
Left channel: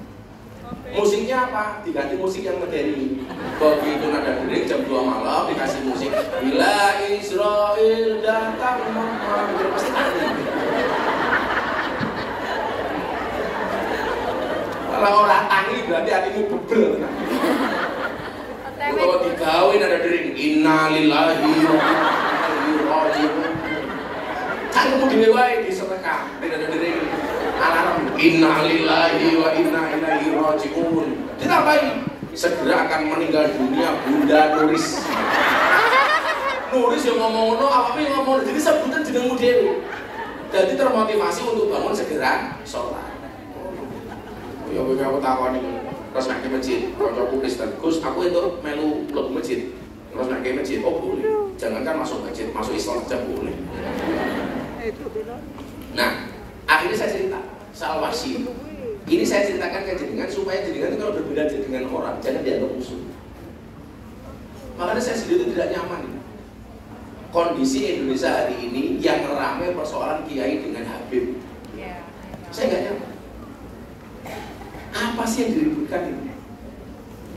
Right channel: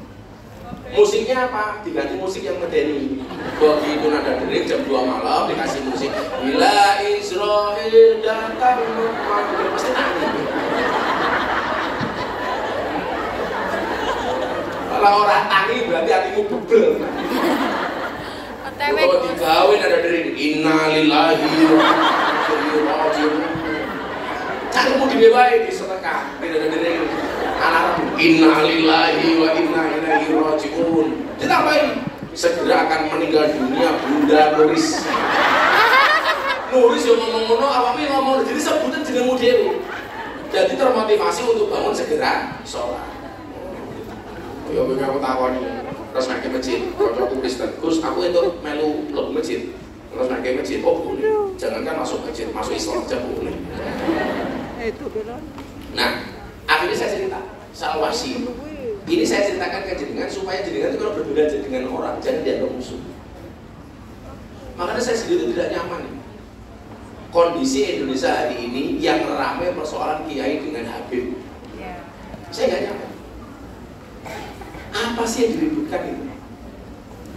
Musiknya apa? Diganti musik yang medeni. Begitu nada dering jam 2 malam dikasih musik Bila Israel datang Muhammad. Pasti aneh. Kalau orang tangi berarti hatimu bebel. Kalau digawin ada dering innalillahi wa inna ilaihi raji'un. Kamu dibewahi di sedekah tidak ada dering alarm innalillahi wa inna ilaihi raji'un. Ditambahin segera akan meninggal dunia Bunda Nuris. Nuris yang ngomong-ngomong awaknya ngomong jadi sebutan jenengmu dhewe. Jadi termotivasi untuk bangun segera sholat. Ya aku takon terus nak ke masjid. Kalau aku Kristen, Gus aku itu melu lebih masjid. Terus nak ke masjid, oh boleh. Jangankan masuk masjid, masuk Islam saja boleh. Nah, akhirnya saya cerita soal Wahsy. Ini saya ceritakan ke jenengan supaya jenengan itu kalau berbeda dengan orang jangan dianggap musuh. Makanya saya sendiri itu tidak nyaman. Kondisi Indonesia hari ini yang ramai persoalan kiai dengan Habib. Saya nggak nyaman. Apa sih yang diributkan ini?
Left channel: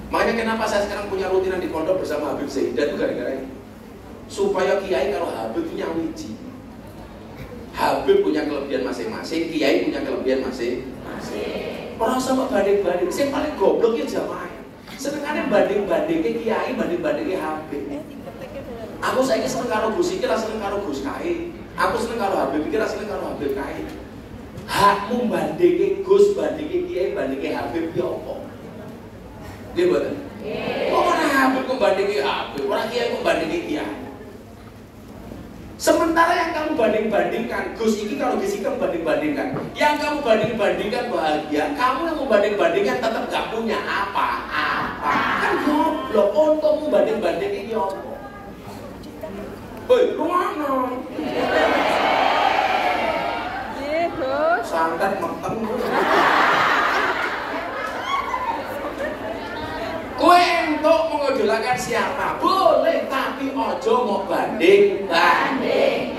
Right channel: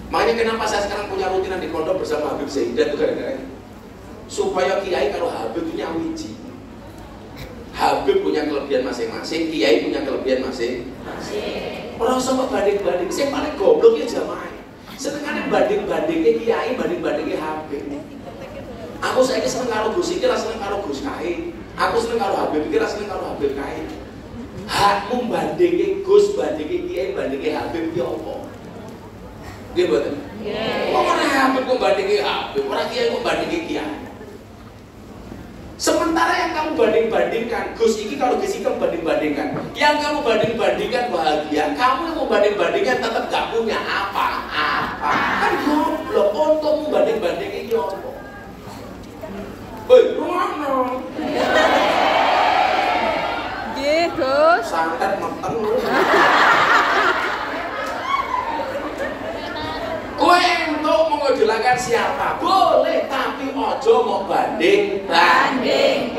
Makanya kenapa saya sekarang punya rutinan di pondok bersama Habib Zaidan itu gara-gara ini. Supaya kiai kalau Habib punya wiji. Habib punya kelebihan masing-masing, kiai punya kelebihan masing-masing. Orang sama banding-banding, saya paling goblok ya jamaah. Sedangkan banding-bandingnya kiai, banding-bandingnya Habib. Aku saya seneng karo Gus iki, seneng karo Gus Kai. Aku seneng karo Habib iki, seneng karo Habib Kai. Hakmu bandingke Gus, bandingke kiai, bandingke Habib ki apa? Nggih mboten? Nggih. Ora Habib kok bandingke Habib, ora kiai kok bandingke kiai. Sementara Sementara yang kamu banding-bandingkan, Gus ini kalau Gus itu banding-bandingkan, yang kamu banding-bandingkan bahagia, kamu yang membanding-bandingkan tetap gak punya apa-apa. Kan goblok, untuk membanding-bandingin ini apa? Woi, lu mana? Nggih, Gus. Santet meteng lu. Kowe untuk mengidolakan siapa? Boleh, tapi ojo mau banding-banding.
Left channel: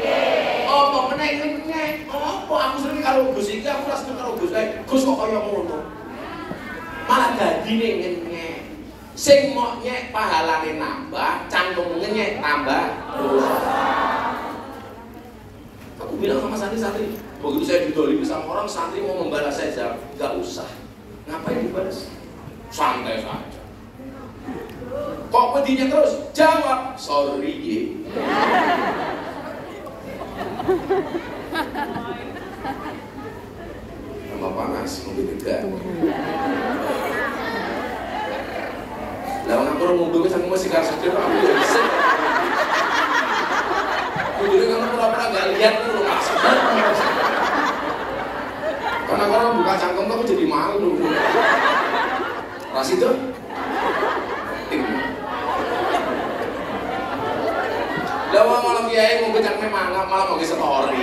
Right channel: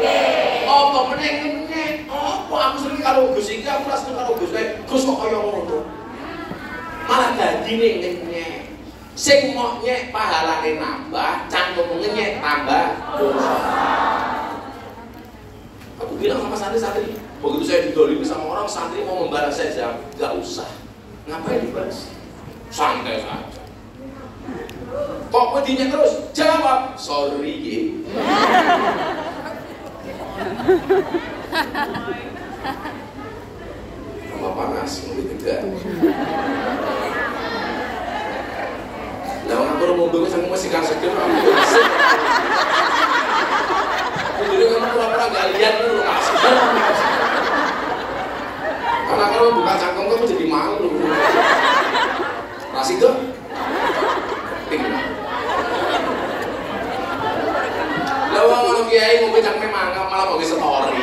Apa meneh nyek? Apa aku sering karo Gus iki, aku rasa karo Gus Gus kok kaya ngono. Malah dadine ngenyek. Sing mok nyek pahalane nambah, cangkem ngenyek tambah dosa. Aku bilang sama santri-santri, begitu saya didolimi sama orang, santri mau membalas saya jawab, gak usah. Ngapain dibalas? Santai saja. Kok pedinya terus? Jawab, sorry. Rumah panas, mobil tegak. Lalu aku mobil ke sana masih kasih dia, aku bersih. Mobilnya kamu pernah gak lihat lu kasih. Karena kalau buka cangkong kamu jadi malu. Ras itu. Lalu kalau kiai mobil cangkongnya mangap malah pakai story.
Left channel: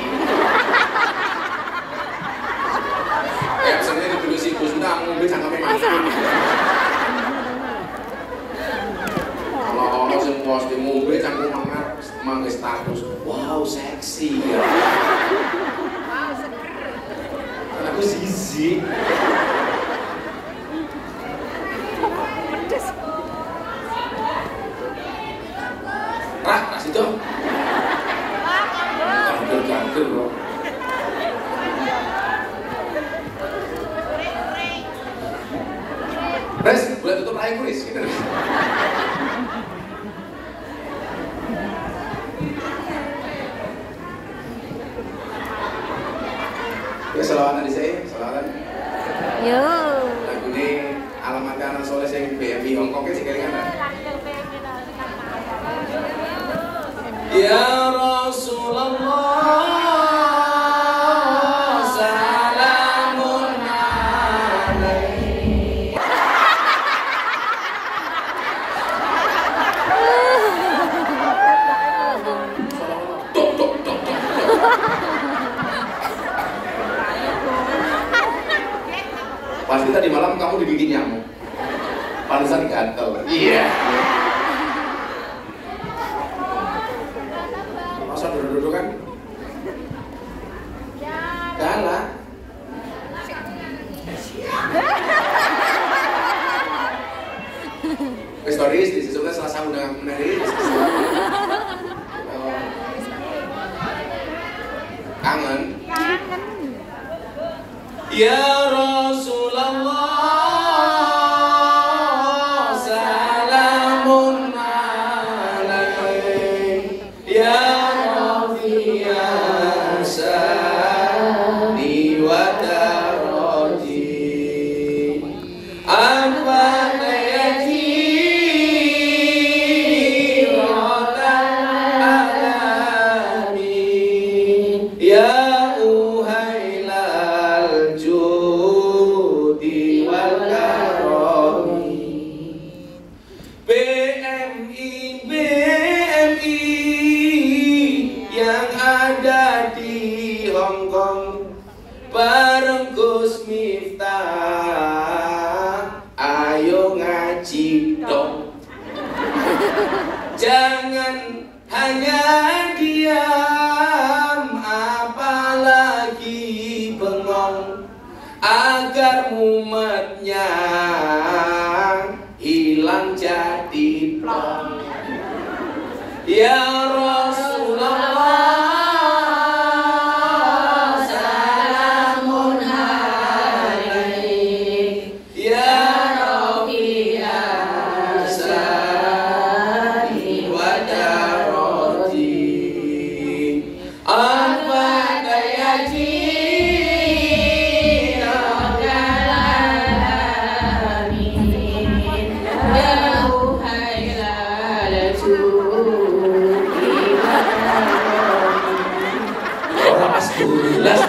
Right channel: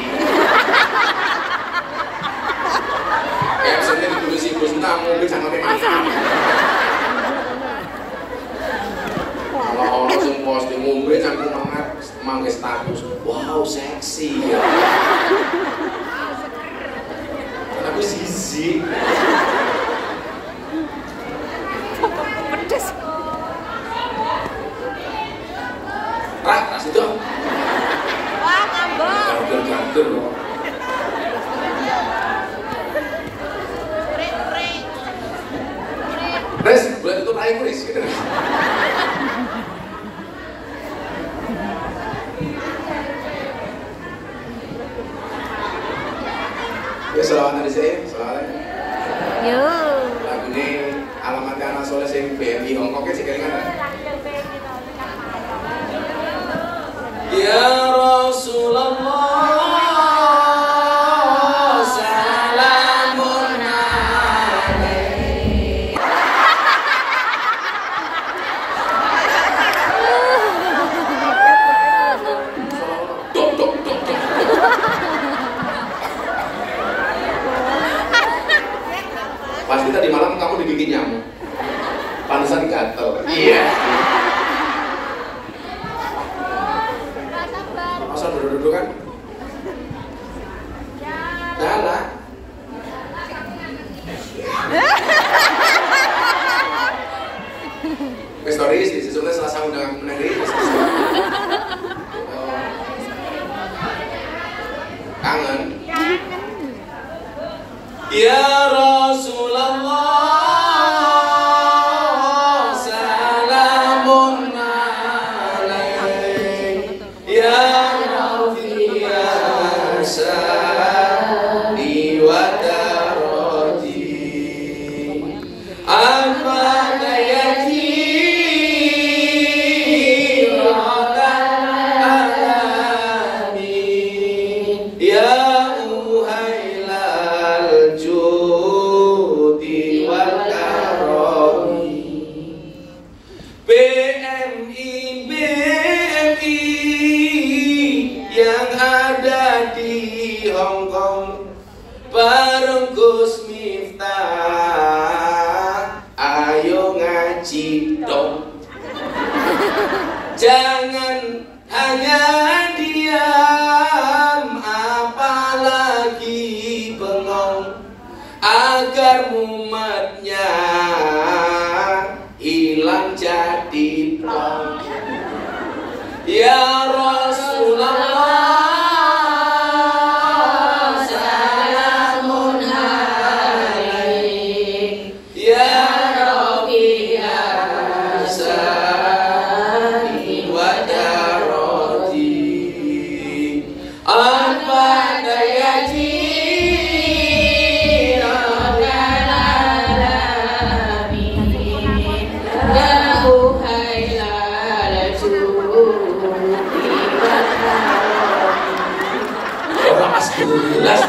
Kayak misalnya ditulis si Gus tentang mobil cangkongnya mangap. Kalau yang posting mobil cangkong mangap, pakai status, wow seksi. Karena aku sisi. Pedes. Ras itu. Gagal loh. Res, bulan itu naik Res gitu. Ya selawatan di saya, selawatan. Yo. Lagu ini alamat kanan soleh sing BMI Hongkong sih kali kan. Ya Rasulullah salamun alaik. Tok. Pasti tadi malam kamu dibikin nyamuk. Pantesan gatel. Iya. Masa duduk-duduk kan? Dalah. Stories di sesungguhnya Selasa udah menarik. Kangen. Ya Rasulullah salamun alaik ya Rafi'an sani wa daraji amman yatim alamin ya bareng Gus Miftah, ayo ngaji dong. Jangan hanya diam, apalagi bengong, agar mumetnya hilang jadi plong. Ya Rasulullah Jelas.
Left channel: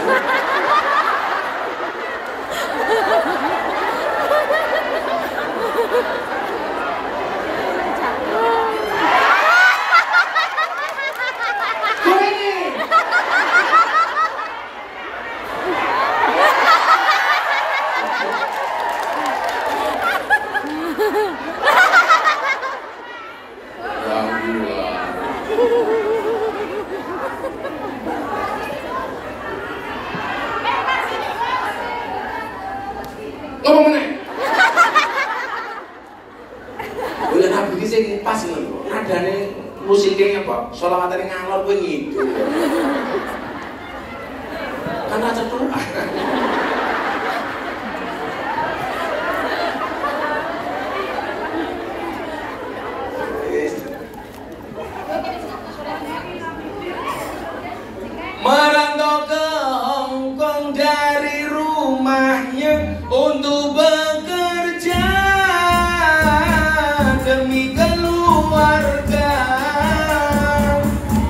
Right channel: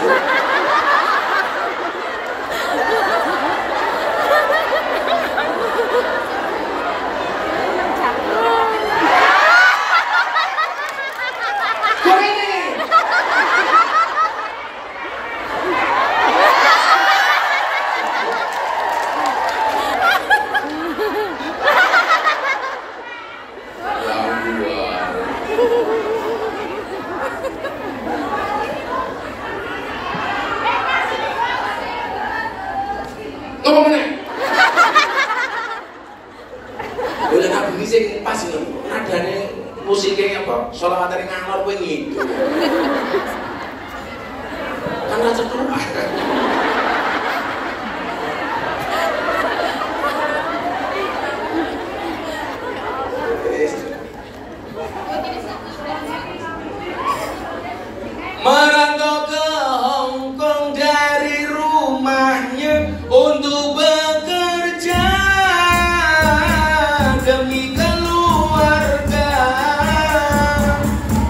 Apa meneh? Boleh nabi iki sing pas ngono. Nadane musiknya apa? Sholawatane ngalor kowe ngidul. Kan ra cethu. Merantau ke Hong Kong dari rumahnya untuk bekerja demi keluarga.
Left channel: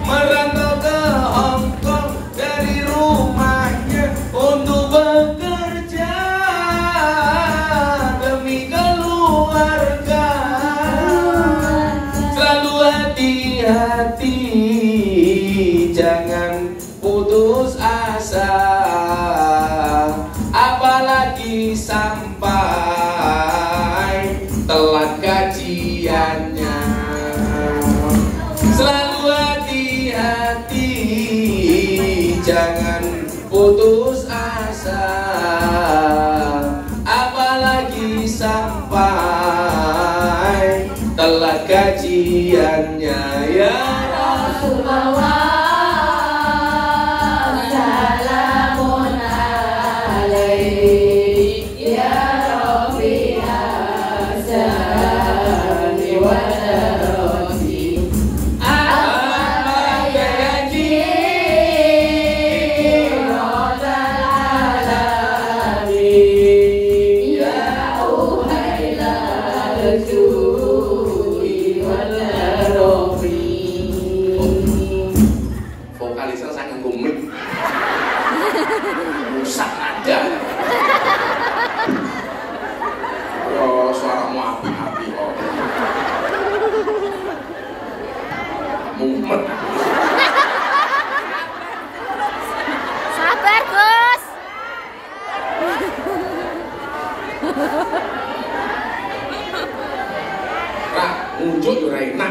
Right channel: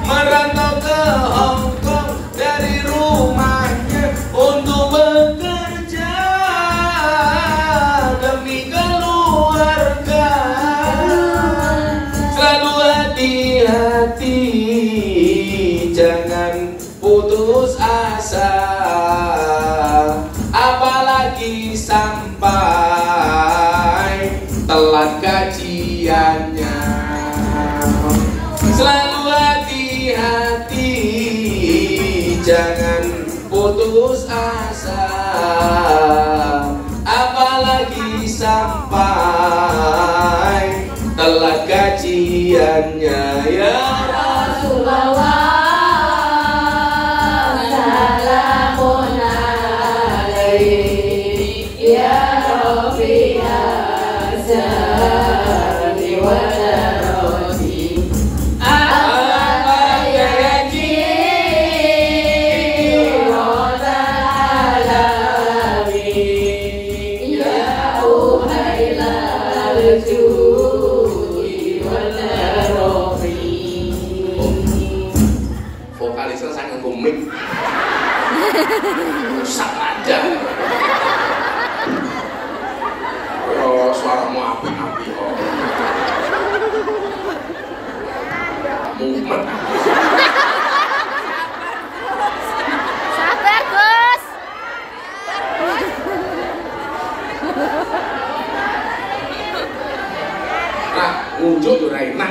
Merantau ke Hong Kong dari rumahnya untuk bekerja demi keluarga. Selalu hati-hati, jangan putus asa, apalagi sampai telat gajiannya. Selalu hati-hati, jangan putus asa, apalagi sampai telat gajiannya. Ya Rasulullah, vokalisnya sangat komik, rusak aja. Oh, suaramu api-api kok. Mumet. Sabar, Gus. Nah, ngunjuk yo ra enak.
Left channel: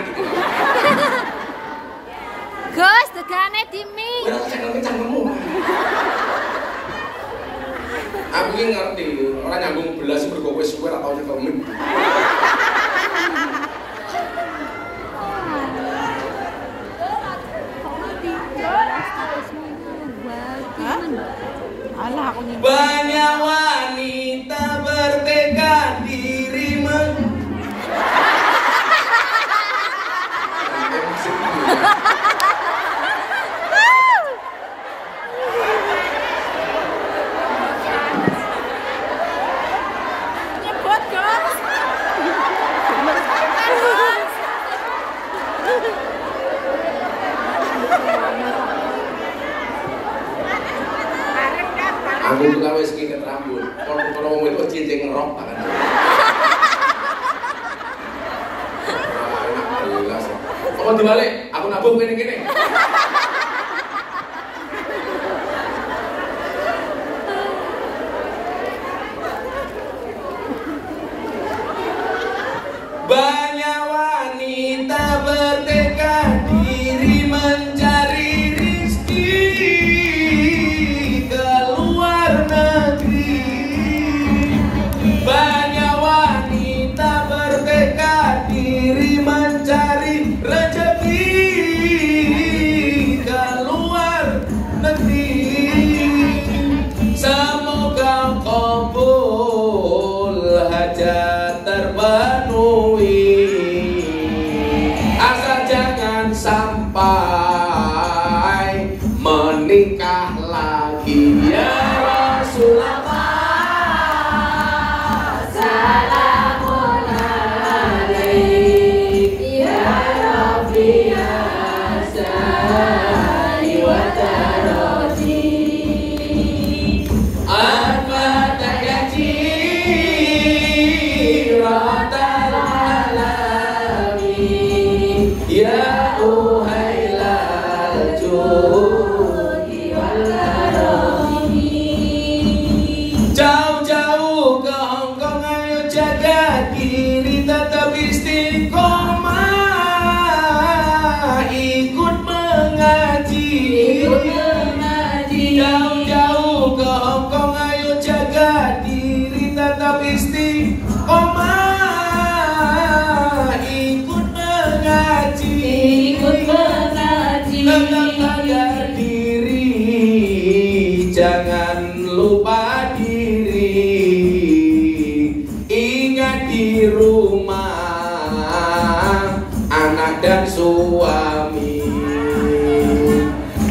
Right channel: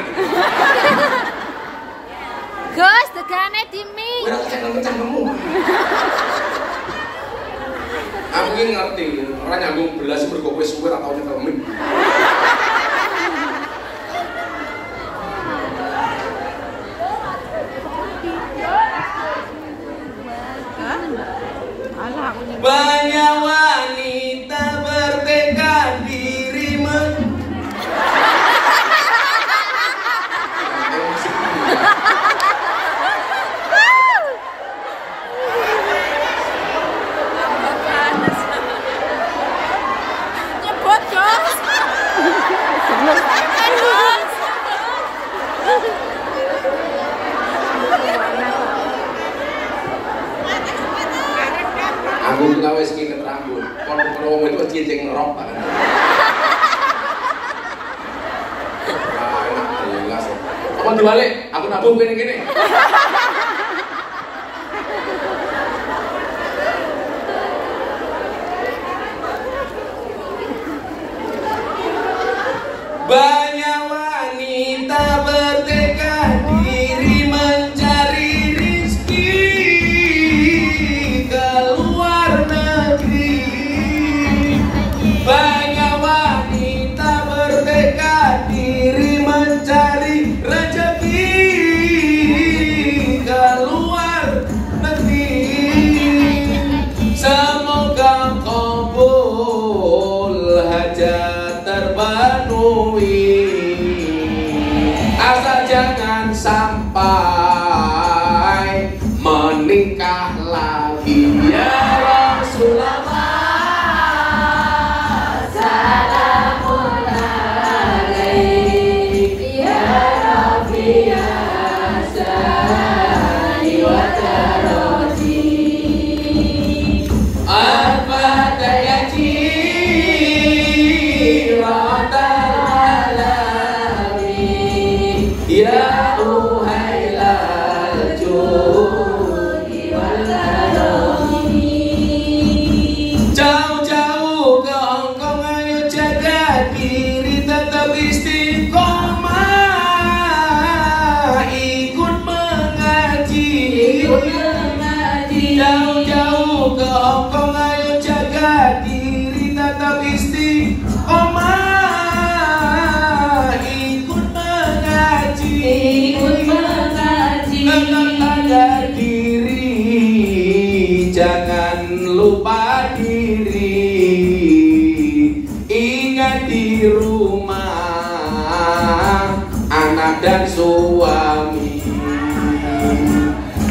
Gus, tegane dimi. Ora kencang-kencang kamu. Aku ini ngerti, orang nyambung belas mergo kowe suwe ra tau nyekel mic. Banyak wanita bertekad diri aku juga wis ngiket rambut. Kalau wong itu cincin ngerok kan. Enak jelas. Apa dibalik? Aku nabuh gini-gini. Banyak wanita bertekad diri mencari rezeki ke luar negeri. Banyak wanita bertekad diri mencari rezeki ke Ya uhailal judi wal karami. Jauh-jauh ke Hongkong, ayo jaga diri tetap istiqomah, ikut mengaji. Jauh-jauh ke Hongkong, ayo jaga diri tetap istiqomah, ikut mengaji. Tetap jaga diri, jangan lupa diri. Ingat di rumah anak dan suami.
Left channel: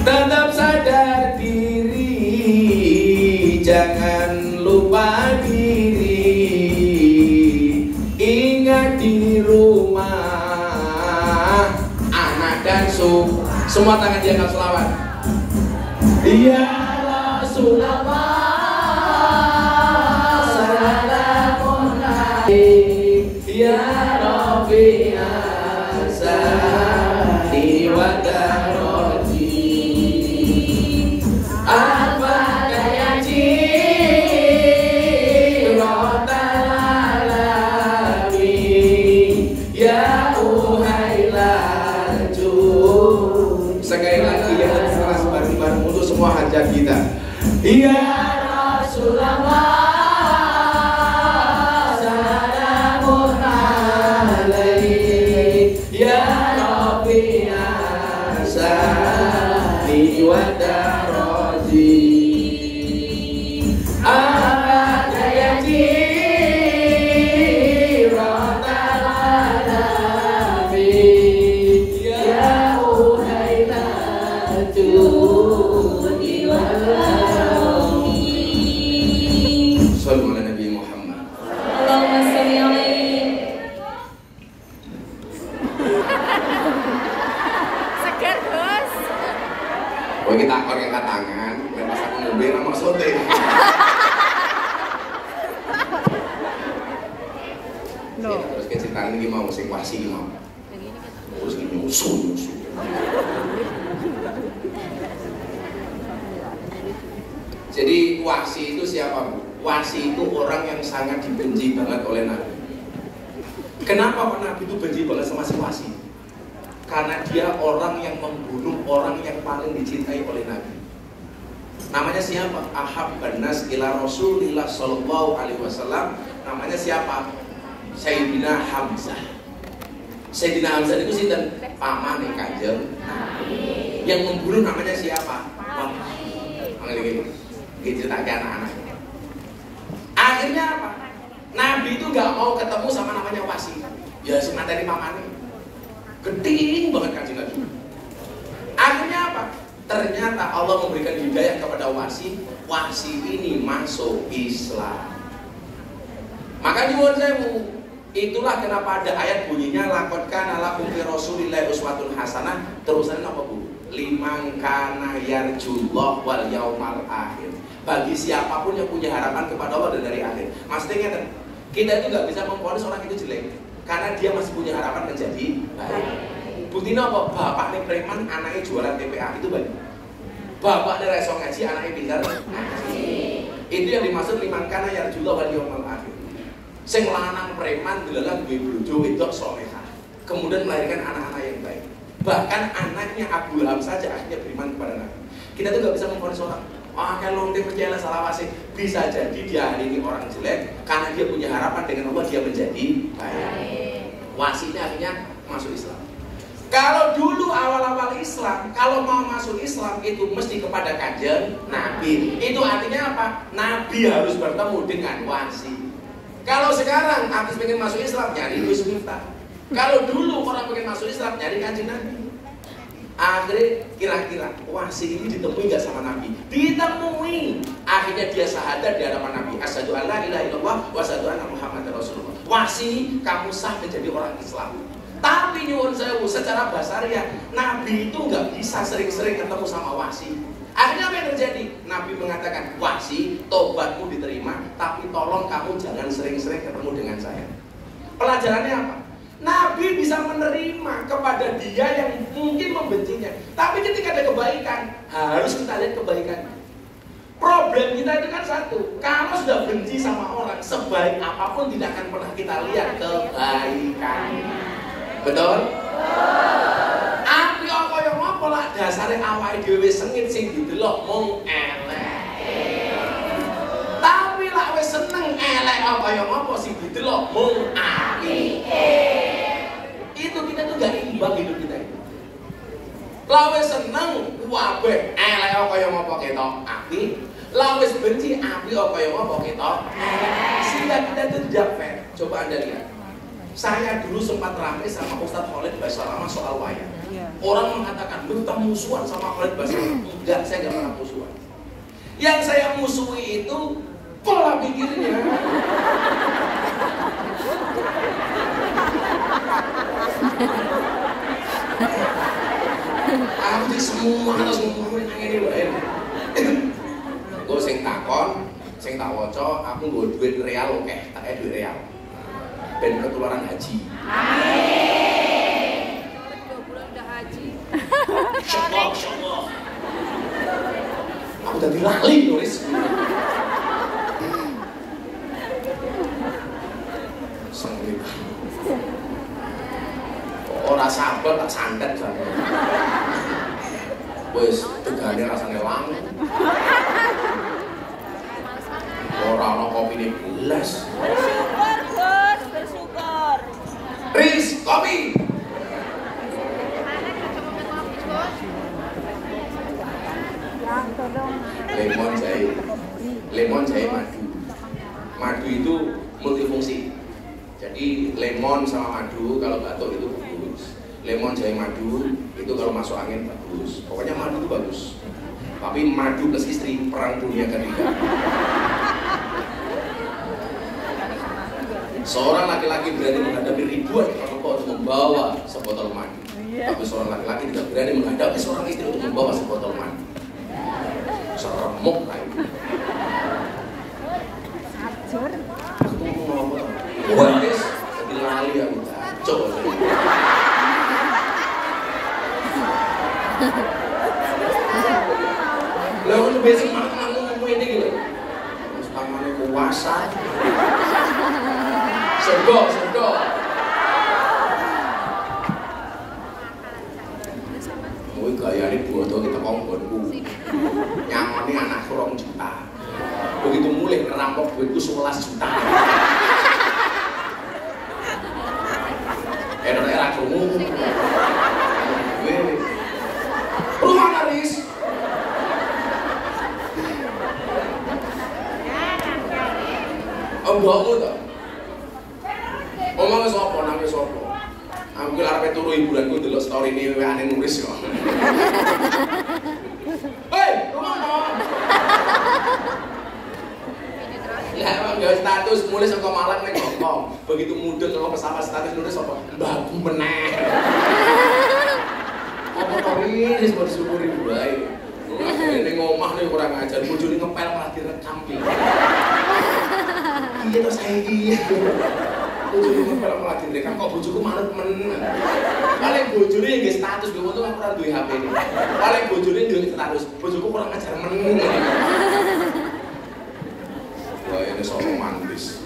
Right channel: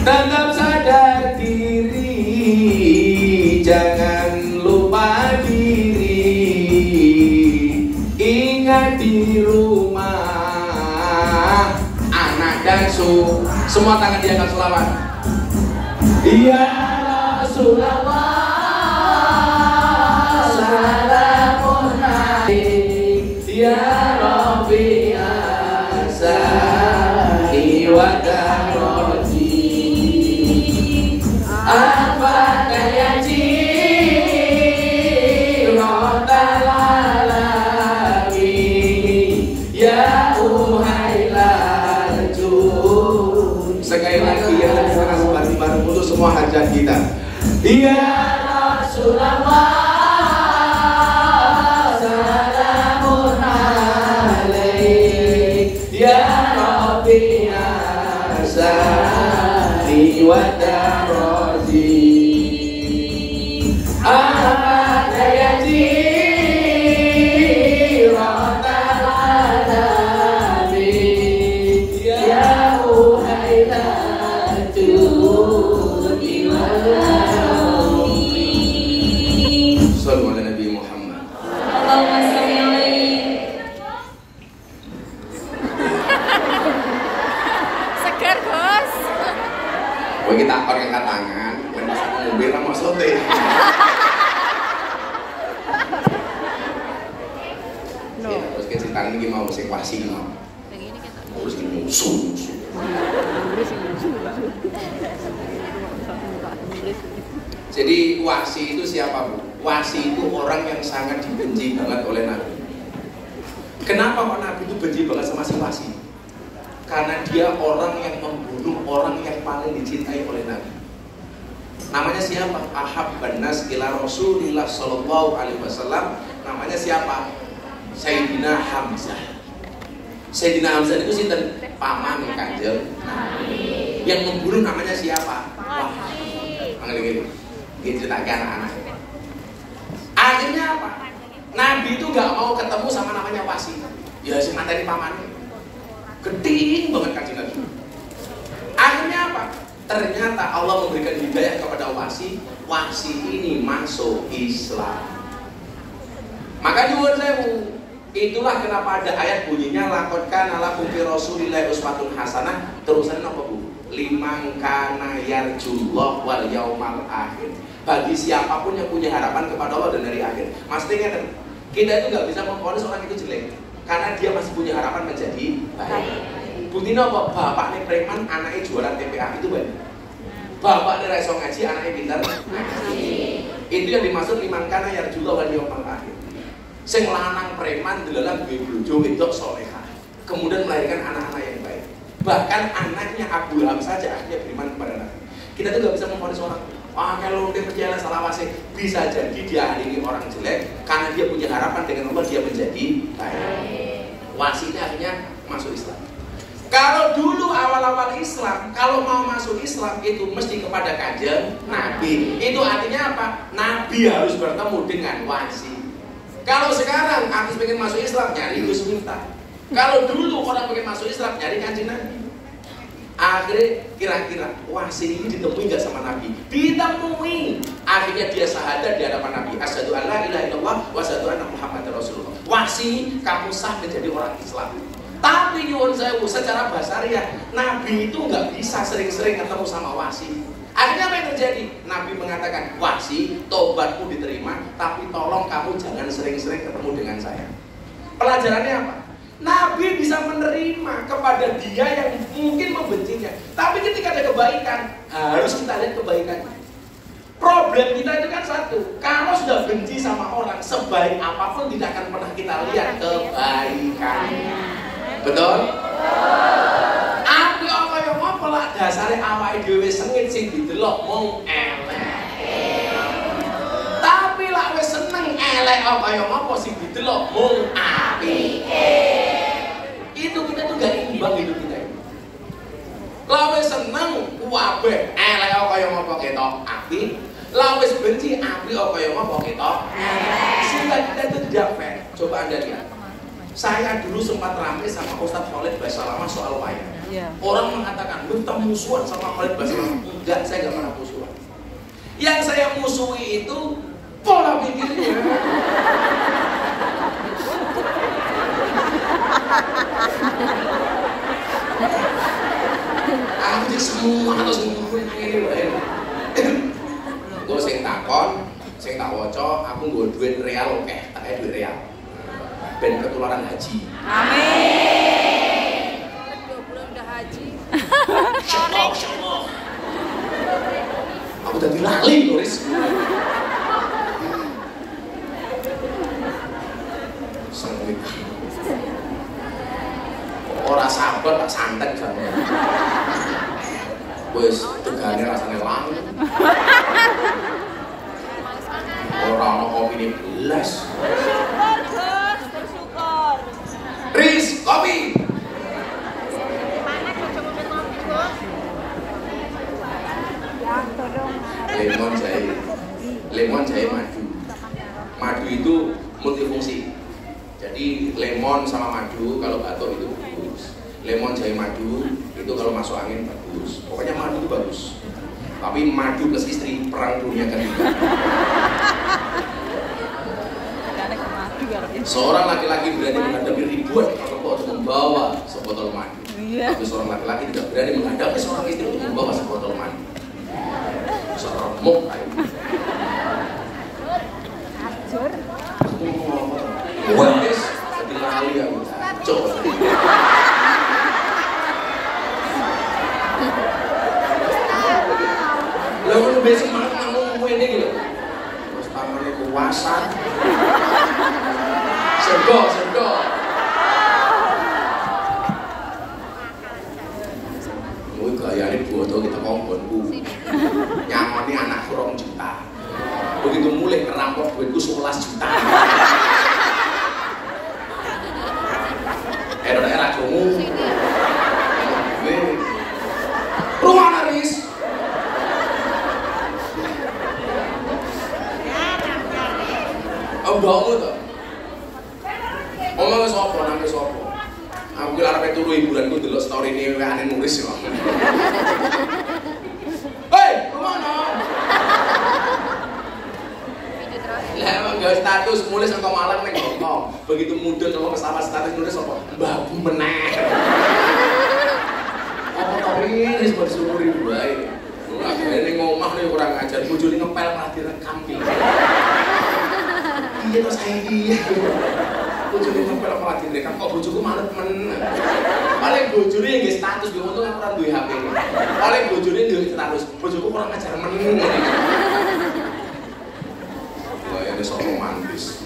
Tetap sadar diri, jangan lupa diri. Ingat di rumah anak dan suami. Semua tangan di atas selawat. Ya Rasulullah, salamun alaik. Ya Rabbi asani wa daroti. Apa daya jirotal alamin. Ya uhailal jud. Sekali lagi ya, keras bareng-bareng untuk semua hajat kita. Ya Rasulullah, salamun alaik. Ya Rabbi asani wa daroti. Apa daya jirotal alamin. Ya uhailal judi wal karami. Sallu ala Nabi Muhammad. Allahumma sholli alaihi. Segar, Bos. Oh, kita pakai tangan, dan pas aku mobil lama sote. Ya, terus kita sekarang ini mau sing wasi mau. Terus musuh. Jadi wasi itu siapa, Bu? Wasi itu orang yang sangat dibenci banget oleh Nabi. Kenapa Pak Nabi itu benci banget sama si wasi? Karena dia orang yang membunuh orang yang paling dicintai oleh Nabi. Namanya siapa? Ahabban nas ila Rasulillah sallallahu alaihi wasallam. Namanya siapa? Sayyidina Hamzah. Sayyidina Hamzah itu sinten? Paman Kanjeng Nabi. Yang membunuh namanya siapa? Wahab. Panggil gini. Diceritakan anak-anak. Akhirnya apa? Nabi itu nggak mau ketemu sama namanya wasi. Ya sing dari pamannya. Geding banget Kanjeng Nabi. Akhirnya apa? Ternyata Allah memberikan hidayah kepada wasi. Wasi ini masuk Islam. Maka nyuwun sewu. Itulah kenapa ada ayat bunyinya laqad kana lakum fi Rasulillahi uswatun hasanah. Terusan apa Bu? Liman kana yarjullah wal yaumal akhir. Bagi siapapun yang punya harapan kepada Allah dan dari akhir. Maksudnya kan kita itu nggak bisa memvonis orang itu jelek karena dia masih punya harapan menjadi baik. Buktinya apa? Bapaknya preman, anaknya jualan TPA itu baik. Bapaknya reso ngaji, anaknya pintar ngaji. Itu yang dimaksud liman kana yarjullah wal yaumal akhir. Sing lanang preman delalah duwe bojo wedok salehah. Kemudian melahirkan anak-anak yang baik. Bahkan anaknya Abu Lahab saja akhirnya beriman kepada Nabi. Kita tuh gak bisa memvonis orang. Kalau dia percaya salah wasi, bisa jadi dia hari ini orang jelek karena dia punya harapan dengan Allah dia menjadi baik. Wasinya akhirnya masuk Islam. Kalau dulu awal-awal Islam, kalau mau masuk Islam itu mesti kepada Kanjeng Nabi. Itu artinya apa? Nabi harus bertemu dengan wasi. Kalau sekarang artis pengen masuk Islam nyari Gus Miftah. Kalau dulu orang pengen masuk Islam nyari Kanjeng Nabi. Akhirnya kira-kira wasi ini ditemui gak sama Nabi? Ditemui. Akhirnya dia syahadat di hadapan Nabi. Asyhadu an la ilaha illallah wa asyhadu anna Muhammadar Rasulullah. Wasi, kamu sah menjadi orang Islam. Tapi nyuwun sewu secara basariah Nabi itu gak bisa sering-sering ketemu sama wasi. Akhirnya apa yang terjadi? Nabi mengatakan, wasi, tobatmu diterima, tapi tolong kamu jangan sering-sering ketemu dengan saya. Pelajarannya apa? Nabi bisa menerima kepada dia yang mungkin membencinya. Tapi ketika ada kebaikan, harus kita lihat kebaikannya. Problem kita itu kan satu, kalau sudah benci sama orang, sebaik apapun tidak akan pernah kita lihat kebaikannya. Betul? Api apa yang apa lah dasarnya awake dhewe sengit sing didelok mung elek. Tapi lak wis seneng elek apa yang apa sing didelok mung apike. Itu kita tuh gak imbang hidup kita ini. Lawe seneng kabeh elek apa yang apa ketok apik. Lawe benci apik apa yang apa ketok. Sehingga kita itu tidak fair. Coba Anda lihat. Saya dulu sempat ramai sama Ustadz Khalid Basalamah soal wayang. Orang mengatakan, lu tak musuhan sama Khalid Basalamah. Enggak, saya gak pernah musuhan. Yang saya musuhi itu pola pikirnya. Aku jadi semua harus ngomongin ini loh ini. Gue sing takon, sing tak waca, aku nggo duit real oke, tak kayak duit real. Dan ketularan haji. Amin. 2 bulan udah haji. Insyaallah. Aku jadi lali nulis. Sanggup. Ora sabar tak santet kan. Wes tegane rasane lang. Ora ono kopi belas. Bersyukur, Gus, bersyukur. Riz, kopi. Lemon jahe madu. Madu itu multifungsi. Jadi lemon sama madu kalau batuk itu bagus. Lemon jahe madu itu kalau masuk angin bagus. Pokoknya madu itu bagus. Tapi madu plus istri perang dunia ketiga. Seorang laki-laki berani menghadapi ribuan perempuan untuk membawa sebotol madu. Tapi seorang laki-laki tidak berani menghadapi seorang istri untuk membawa sebotol madu. Seremuk kayak gitu. Wes, jadi lali aku. Coba. Lalu besok malam ngomong ini gitu. Terus tangannya kuasa. Sergo. Wih gaya ini bodoh kita ngomongku. Nyamani anak kurang juta. Begitu mulai ngerampok duitku 11 juta. Era kamu. Rumah naris. Mbakmu tuh. Omongnya sopo, nangis sopo. Aku arep turu hiburanku delok story ini aneh nulis yo. Hei, kemana? Lah yo status mulai saka malam nek ngomong. Begitu mudun kalau pesawat status nulis apa? Mbahku meneh. Apa kawin wis bersyukur bae. Ora kene ngomah nek kurang ngajar bojone ngepel malah direkam iki. Iya to saya iki. Bojone ngepel malah direkam kok bojoku malet men. Paling bojone nggih status kuwi untung aku ora duwe HP. Paling bojone duwe status bojoku kurang ngajar men. Wah, ini soal romantis.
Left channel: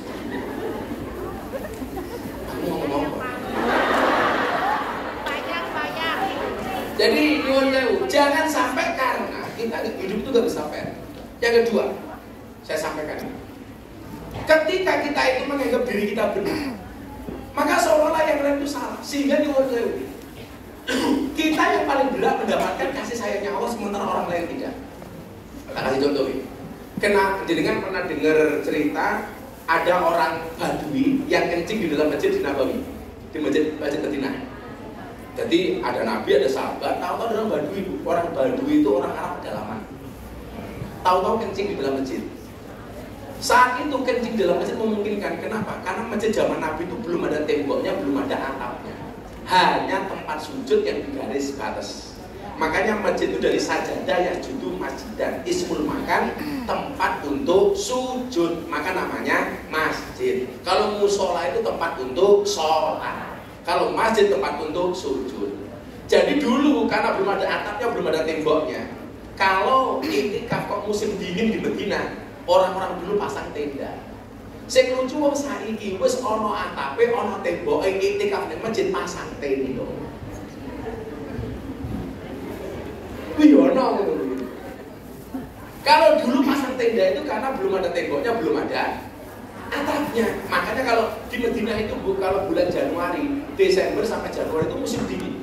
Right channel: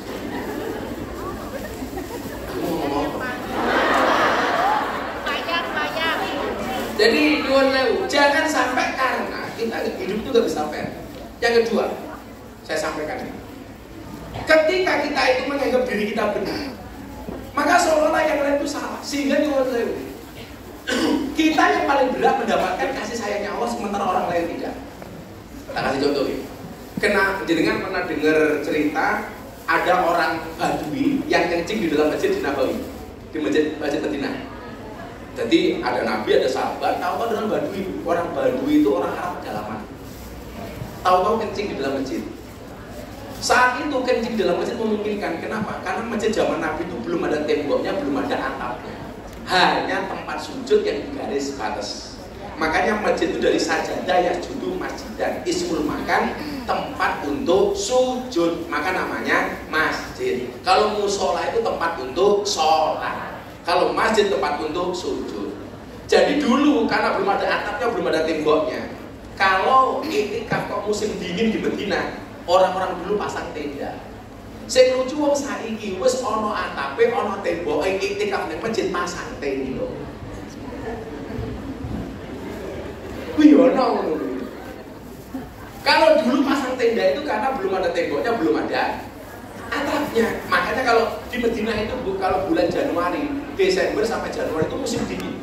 Jadi jangan sampai karena kita hidup itu gak bisa fair. Yang kedua, saya sampaikan ini. Ketika kita itu menganggap diri kita benar, maka seolah-olah yang lain itu salah. Sehingga kita yang paling berat mendapatkan kasih sayangnya Allah sementara orang lain tidak. Kita kasih contoh nih. Dengan pernah dengar cerita ada orang Badui yang kencing di dalam masjid di Nabawi, di masjid Madinah. Jadi ada Nabi, ada sahabat, tahu-tahu orang Badui. Orang Badui itu orang Arab pedalaman. Tahu-tahu kencing di dalam masjid. Saat itu kencing di dalam masjid memungkinkan. Kenapa? Karena masjid zaman Nabi itu belum ada temboknya, belum ada atapnya. Hanya tempat sujud yang digaris batas. Makanya masjid itu dari sajadah ya judul masjid dan ismul makan tempat untuk sujud, maka namanya masjid. Kalau musola itu tempat untuk sholat, kalau masjid tempat untuk sujud. Jadi dulu karena belum ada atapnya, belum ada temboknya. Kalau iktikaf kok musim dingin di Medina, orang-orang dulu pasang tenda. Sing lucu wong saiki wis ana atape, ana temboke, iktikaf ning masjid pasang tenda. Kuwi ono ngono. Kalau dulu pasang tenda itu karena belum ada temboknya, belum ada atapnya. Makanya kalau di Medina itu kalau bulan Januari, Desember sampai Januari itu musim dingin.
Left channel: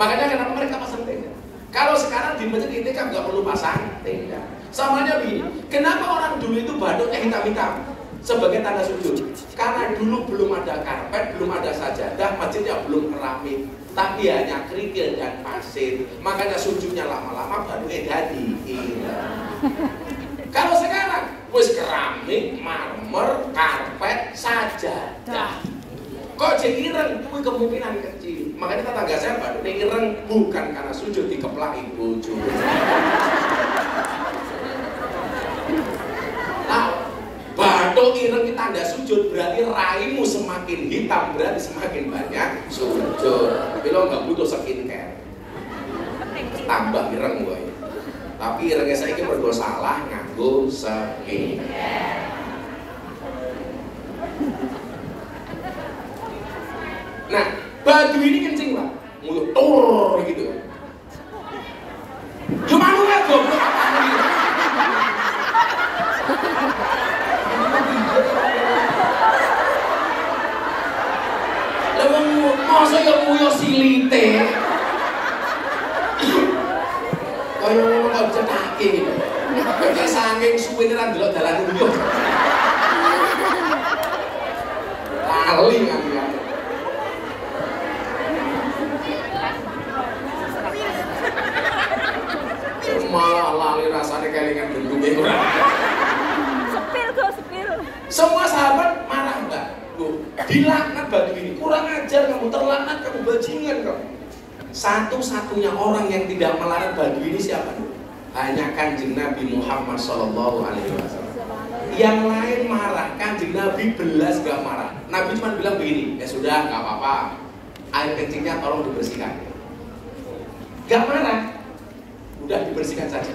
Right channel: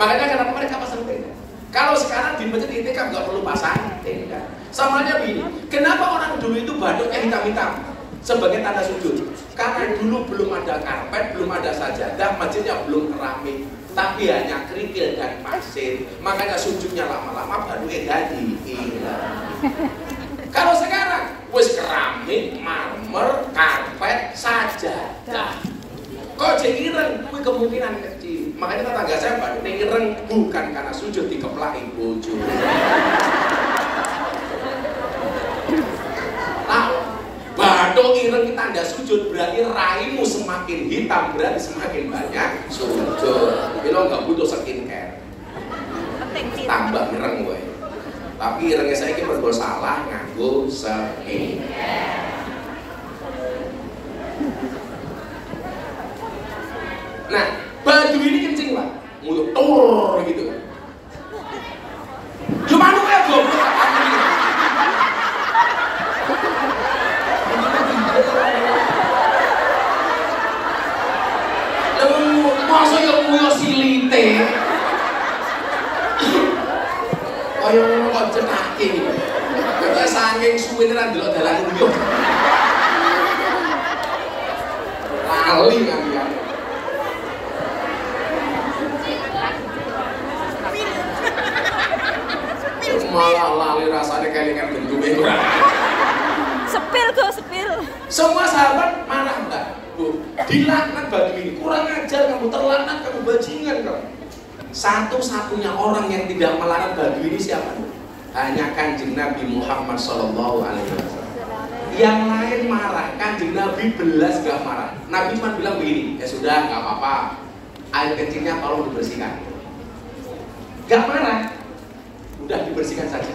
Makanya kenapa mereka pasang tenda. Kalau sekarang di masjid iktikaf nggak perlu pasang tenda. Samanya begini, kenapa orang dulu itu batuknya hitam-hitam sebagai tanda sujud? Karena dulu belum ada karpet, belum ada sajadah, masjidnya belum keramik, tapi hanya kerikil dan pasir. Makanya sujudnya lama-lama baru jadi hilang. Kalau sekarang wis keramik, marmer, karpet, sajadah. Kok jadi ireng? Kuwi kemungkinan kecil. Makanya tetangga saya batuknya ireng bukan karena sujud dikeplaki bojo. Nah, batuk ireng itu tanda sujud, berarti raimu semakin hitam, berarti semakin banyak sujud. Jadi lo nggak butuh skincare. Tambah ireng gue. Tapi irengnya saya ini bersalah nganggo skincare. Nah, baju ini kencing Pak, mulut tur gitu. Gimana ya goblok? Leweng masa yang muyo silite. Kaya ngono cetake iki. Kok saking suwene ra ndelok dalan yo. Lali kan. Malah lali rasanya kelingan bentuknya kurang. Sepil. Semua sahabat marah enggak? Bu, dilaknat baju ini, kurang ajar kamu, terlaknat kamu, bajingan kamu. Satu-satunya orang yang tidak melarang baju ini siapa? Hanya Kanjeng Nabi Muhammad SAW. Yang lain marah, Kanjeng Nabi belas gak marah. Nabi cuma bilang begini, ya sudah, gak apa-apa, air kencingnya tolong dibersihkan. Gak marah. Udah dibersihkan saja.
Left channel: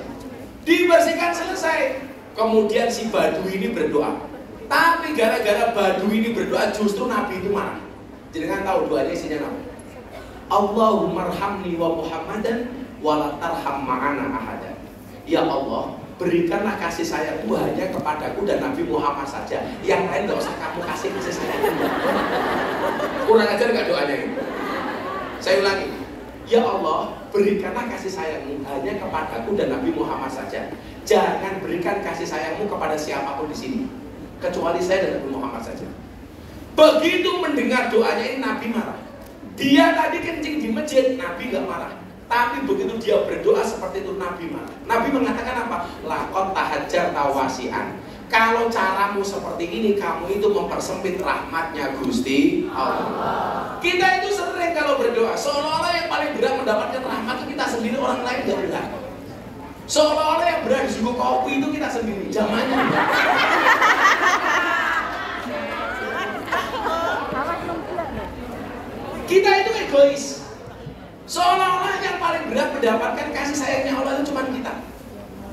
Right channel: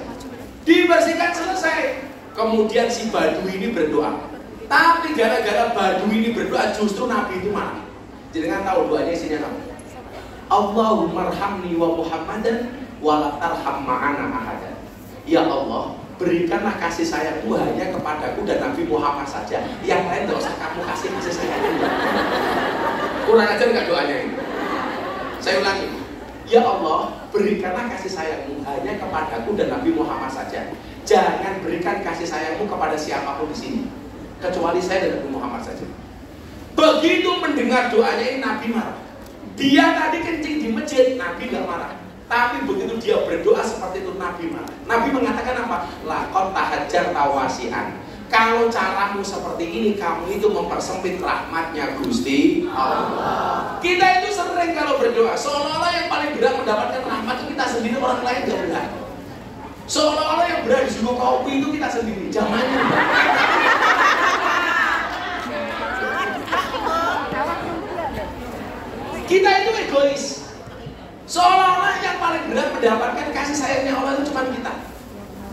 Dibersihkan selesai. Kemudian si Badu ini berdoa. Tapi gara-gara Badu ini berdoa justru Nabi itu marah. Jadi kan tahu doanya isinya apa? Allahumma arhamni wa Muhammadan wa la tarham ma'ana ahadan. Ya Allah, berikanlah kasih sayangmu hanya kepadaku dan Nabi Muhammad saja. Yang lain gak usah kamu kasih sayang. Kurang ajar gak doanya ini? Saya ulangi. Ya Allah, berikanlah kasih sayangmu hanya kepadaku dan Nabi Muhammad saja. Jangan berikan kasih sayangmu kepada siapapun di sini, kecuali saya dan Nabi Muhammad saja. Begitu mendengar doanya ini Nabi marah. Dia tadi kencing di masjid, Nabi gak marah. Tapi begitu dia berdoa seperti itu Nabi marah. Nabi mengatakan apa? Lakon tahajar tawasian. Kalau caramu seperti ini, kamu itu mempersempit rahmatnya Gusti Allah. Kita itu sering kalau berdoa, seolah-olah yang paling berat mendapatkan rahmat itu kita sendiri, orang lain gak berat. Seolah-olah yang berat disuruh kopi itu kita sendiri, zamannya enggak. Kita itu egois. Seolah-olah yang paling berat mendapatkan kasih sayangnya Allah itu cuma kita.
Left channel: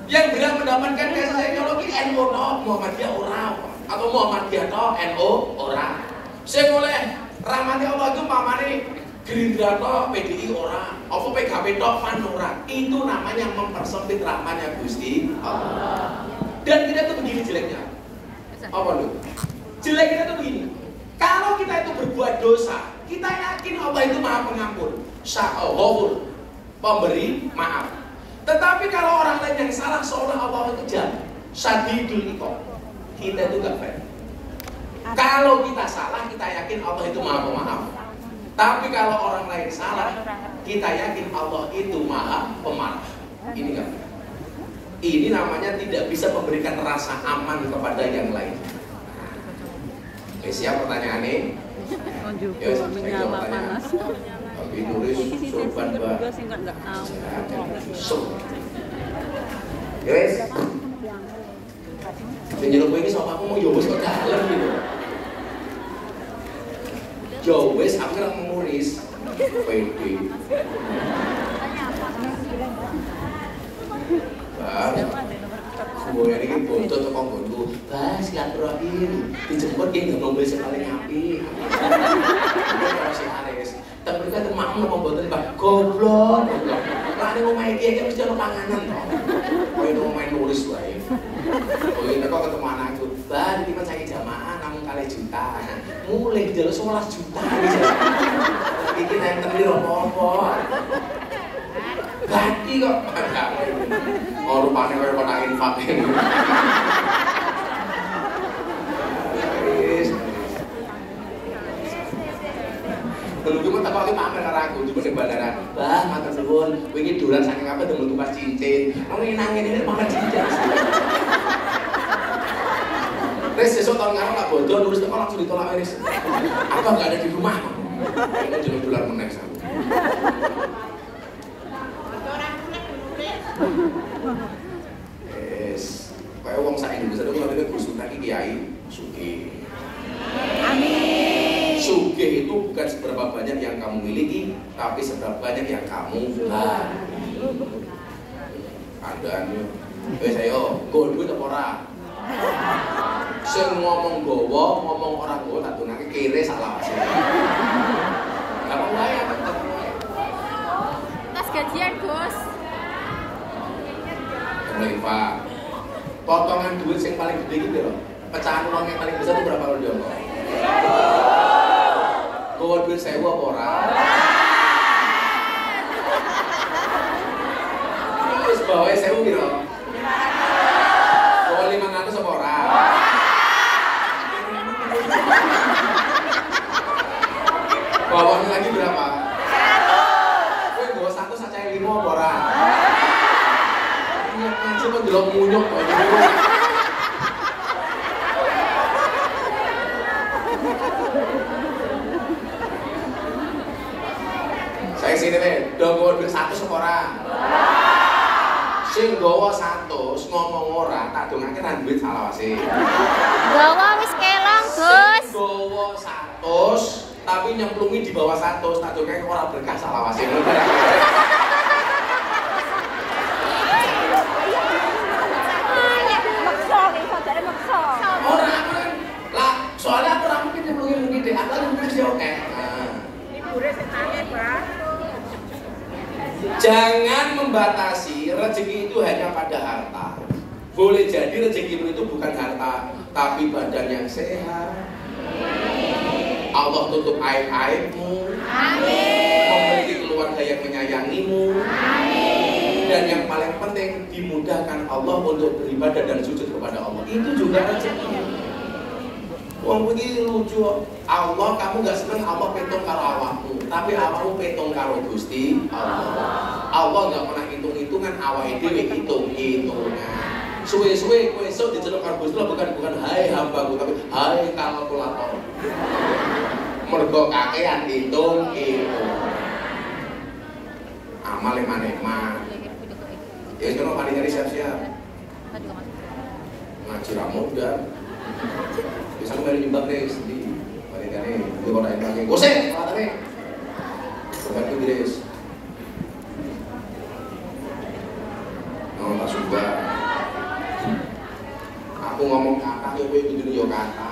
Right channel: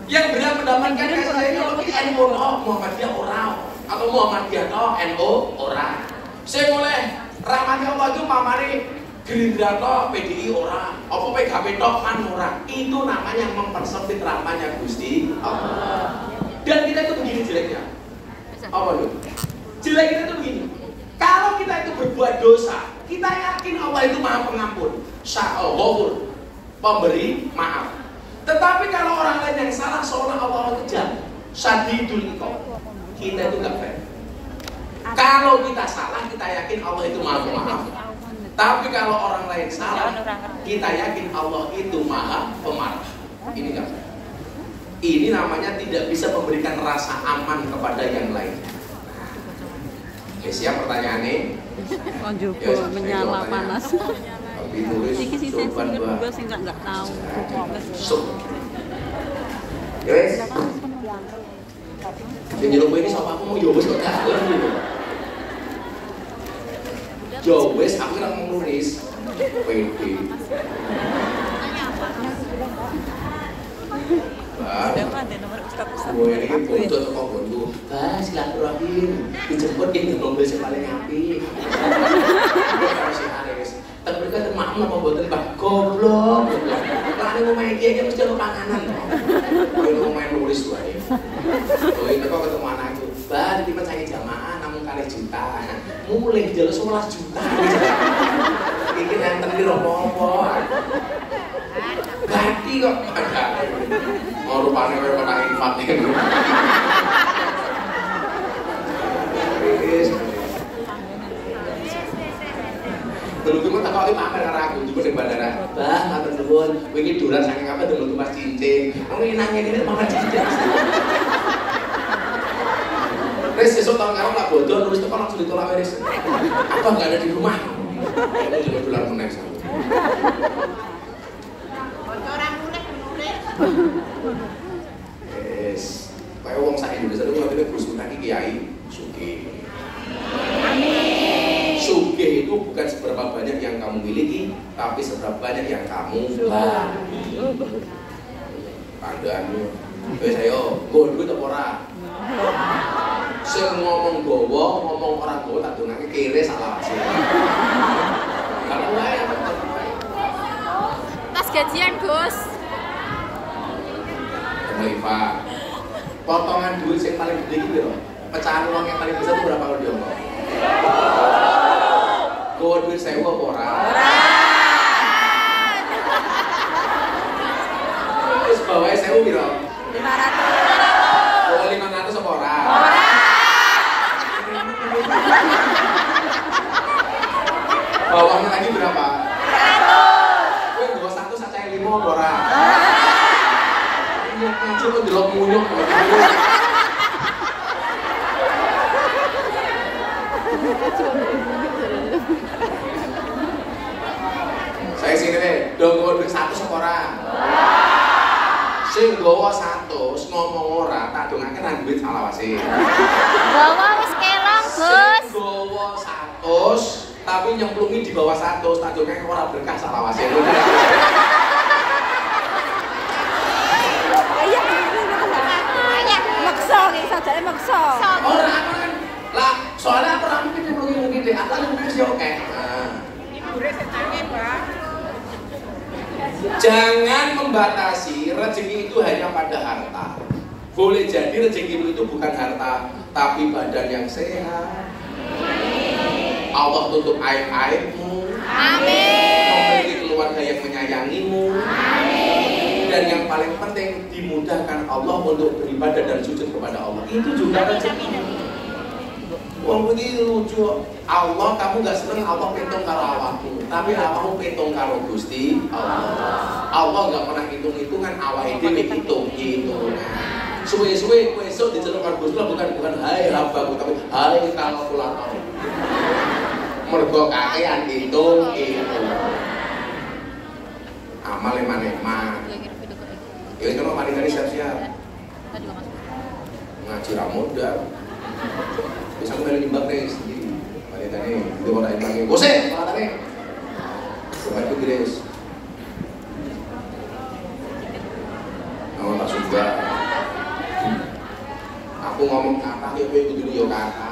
Yang berat mendapatkan kasih sayangnya Allah itu NU Muhammadiyah orang atau Muhammadiyah NU orang. Saya mulai rahmatnya Allah itu pamane Gerindra toh, PDI orang, apa PKB toh, PAN orang. Itu namanya mempersempit rahmatnya Gusti Allah. Dan kita itu begini jeleknya. Apa lu? Jelek kita itu begini. Kalau kita itu berbuat dosa, kita yakin Allah itu Maha Pengampun, Sya'al, pemberi maaf. Tetapi kalau orang lain yang salah, seolah Allah itu jahat, Syadidul Iqab. Kita itu gak baik. Kalau kita salah, kita yakin Allah itu Maha Pemaaf. Tapi kalau orang lain salah, kita yakin Allah itu Maha Pemarah. Ini gak baik. Ini namanya tidak bisa memberikan rasa aman kepada yang lain. Oke, siap pertanyaannya? Juga menyala panas. Tapi tulis sopan juga sih nggak tahu. Yes. Penyeluk ini sama aku mau yowes kok dalam gitu. Yowes, aku nggak mau nulis. PD. Gue ini bodoh kok bodoh. Bah, silaturahim. Dijemput yang mobil sing paling apik. Tapi kan maaf nama boten Pak. Goblok. Lah ning omahe iki mesti ono panganan. Kowe ning omahe nulis wae. Kowe kok ketemu anakku. Bah, iki pas saya jamaah namung 4 juta. Mulai dijaluk 11 juta. Iki nenten iki apa-apa. Ganti kok. Oh rupanya kaya kena infak ini. Dulu kan tak pakai pamer karo aku di bandara. Bah, matur nuwun, wingi dolan saking apa dulu Mas cincin. Orang nanya ini makan cincin. Terus besok tahun ngarep lah bodoh, nulis tekan langsung ditolak wis. Apa enggak ada di rumah? Kamu juga dolan meneh sama. Yes, kayak wong sak Indonesia itu ngerti berusaha kiai sugih. Sugih itu bukan seberapa banyak yang kamu miliki, tapi seberapa banyak yang kamu bagi. Ada anu, saya gondut apa ora? Sing ngomong gowo, ngomong ora gowo, tak dongake kere salah sih. Apa wae? Tas gajian, Gus. Pak, potongan duit yang paling gede itu loh. Pecahan uang yang paling besar itu berapa kalau dia? Gue duit sewa apa orang? Terus bawahnya sewa gitu. Bawa 500 apa orang? Bawahnya lagi berapa? Gue bawa 1 saja 5 apa orang? Ngaji kok delok munyok kok. Saya sini deh, dong duit 100 orang. Sing gowo 100 ngomong ora, tak dongake nang duit salawase. Gawa wis kelang, Gus. Sing gowo 100 tapi nyemplungi di bawah 100, tak dongake ora berkah salawase. Soalnya aku ramu kan yang mungkin deh, aku lagi ngasih oke. Jangan membatasi rezeki itu hanya pada harta. Boleh jadi rezeki itu bukan harta, tapi badan yang sehat. Allah tutup aib-aibmu. Memiliki keluarga yang menyayangimu. Dan yang paling penting dimudahkan Allah untuk beribadah dan sujud kepada Allah. Itu juga rezeki. Wong iki lucu. Allah kamu gak seneng Allah petung karo awakmu, tapi awakmu petung karo Gusti Allah. Allah gak pernah hitung-hitungan, awake dhewe hitung-hitungan. Suwe-suwe kowe esuk diceluk karo Gusti Allah bukan hai hambaku, tapi hai kalkulator. Mergo kakean hitung-hitung. Amal eman-eman. Ya kalau mari dari siap-siap. Ngaji ramudan. Bisa kembali nimbang deh sendiri. Wanita nih, dia mau naik lagi. Gosek, wanita nih. Sampai itu guys. Mau tak suka. Aku ngomong apa ya gue ikut dulu ya kata.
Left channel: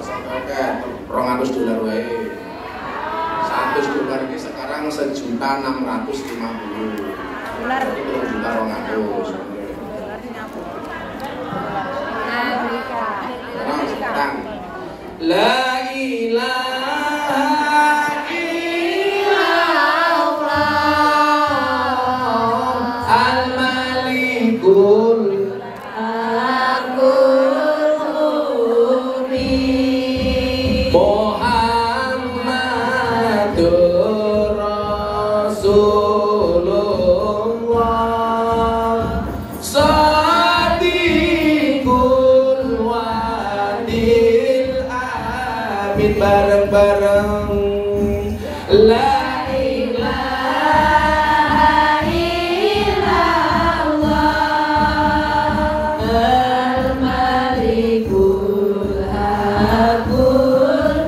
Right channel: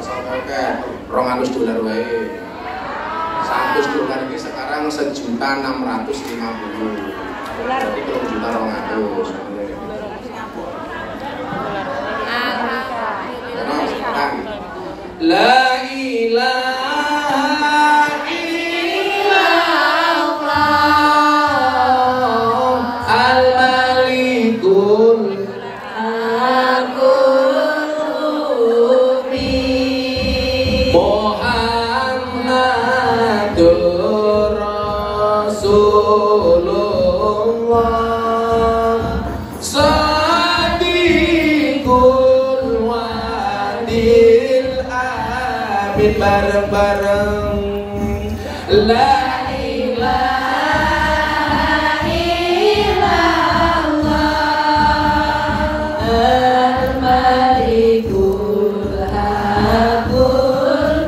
Masal oke, $200 wae. $100 ini sekarang 1.650.000. Jadi belum juta 200. La ilaha illallah al-malikul al-qudus Muhammadur Rasulullah Sadiqul wadil amin bareng-bareng la ilaha illallah al-malikul haqqul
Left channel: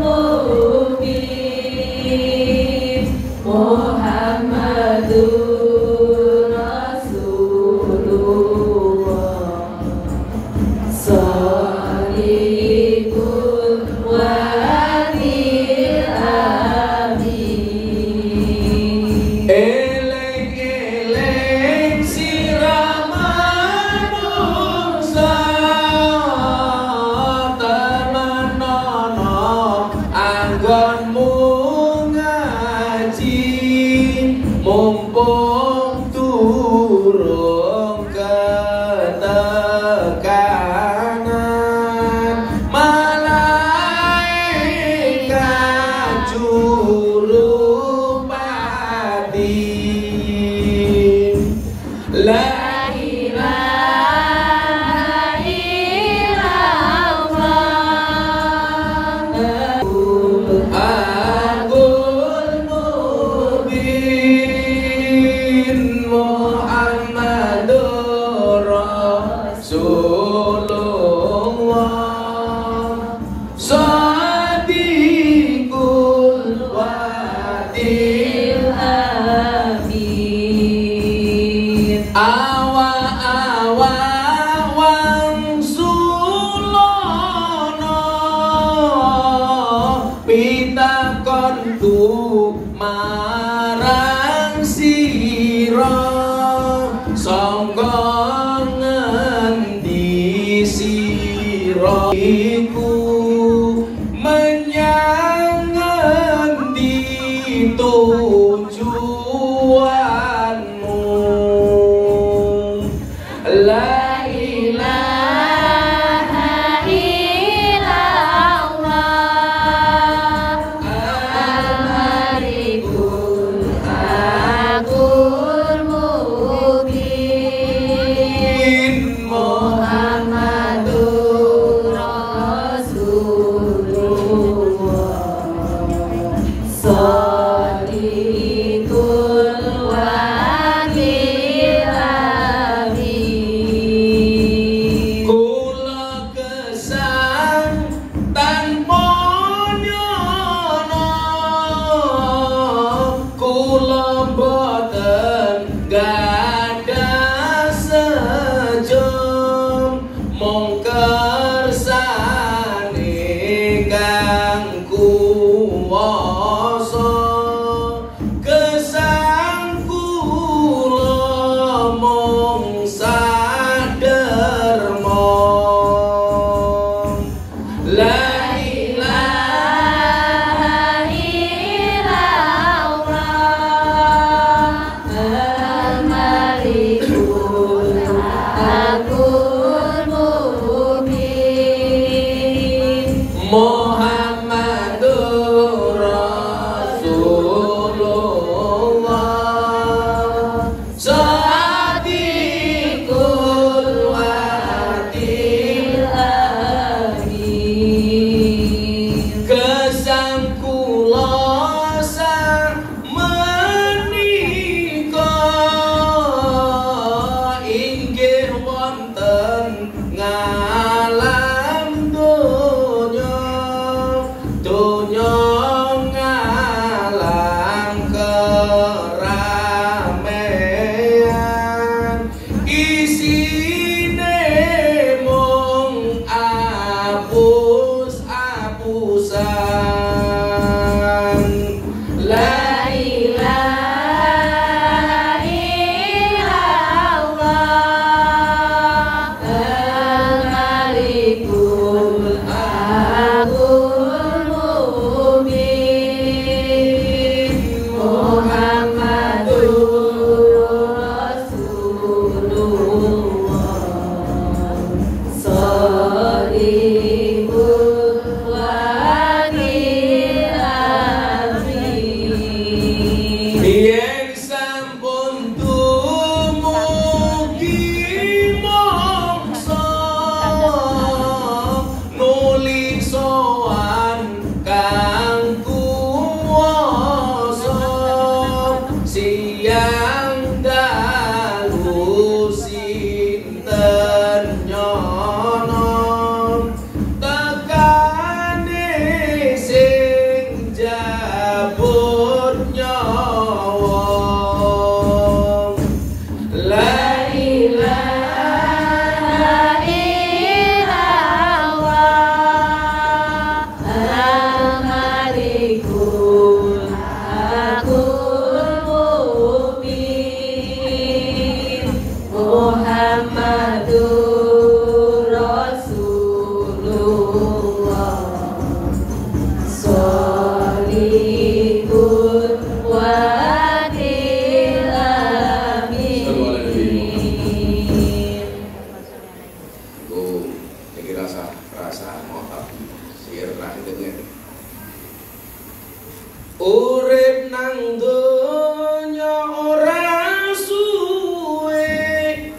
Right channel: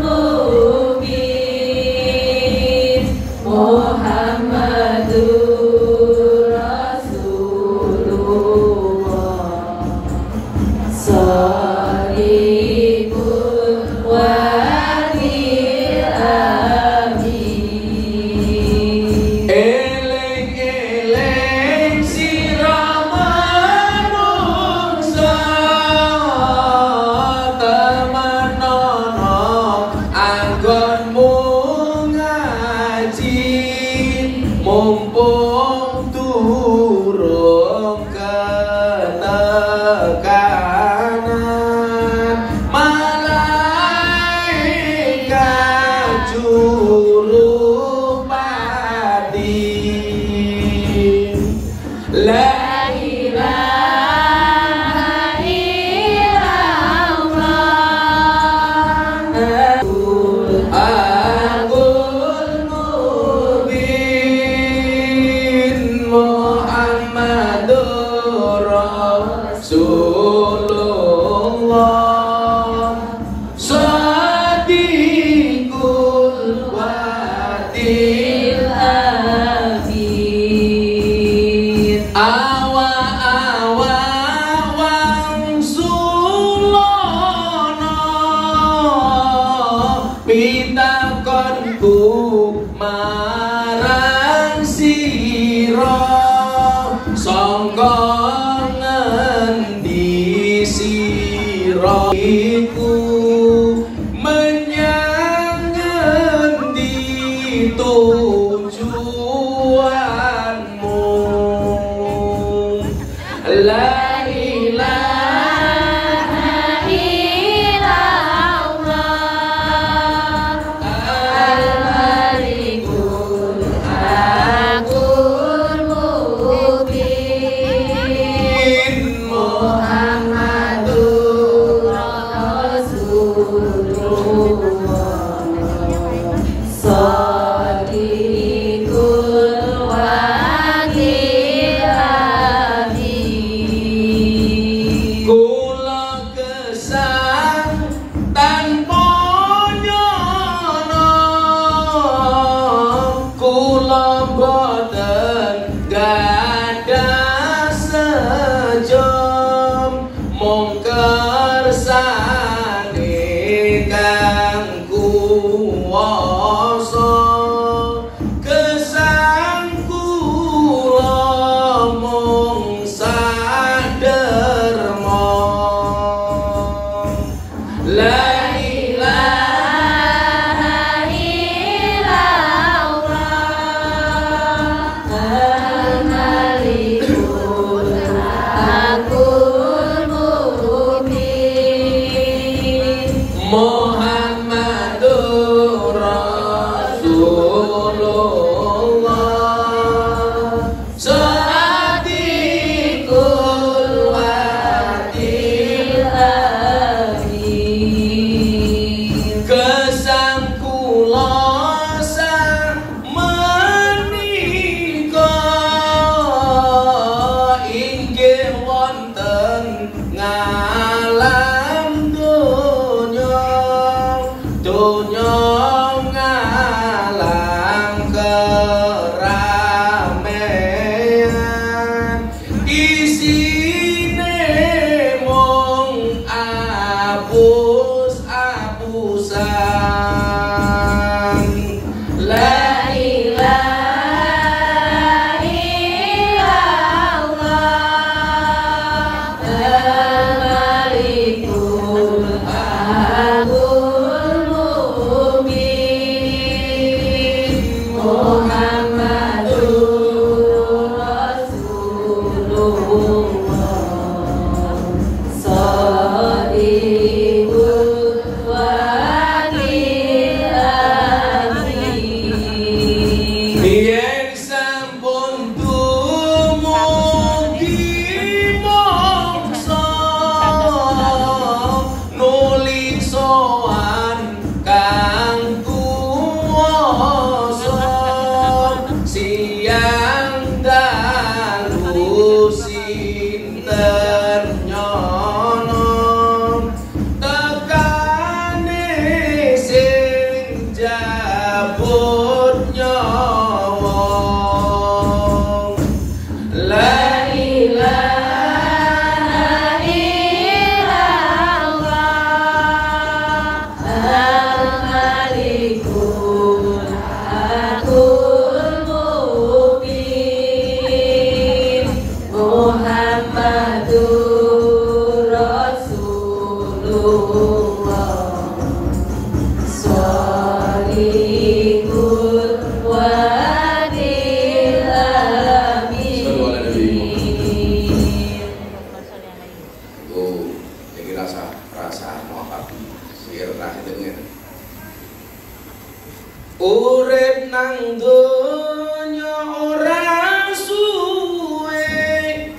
Urip nang donya ora suwe.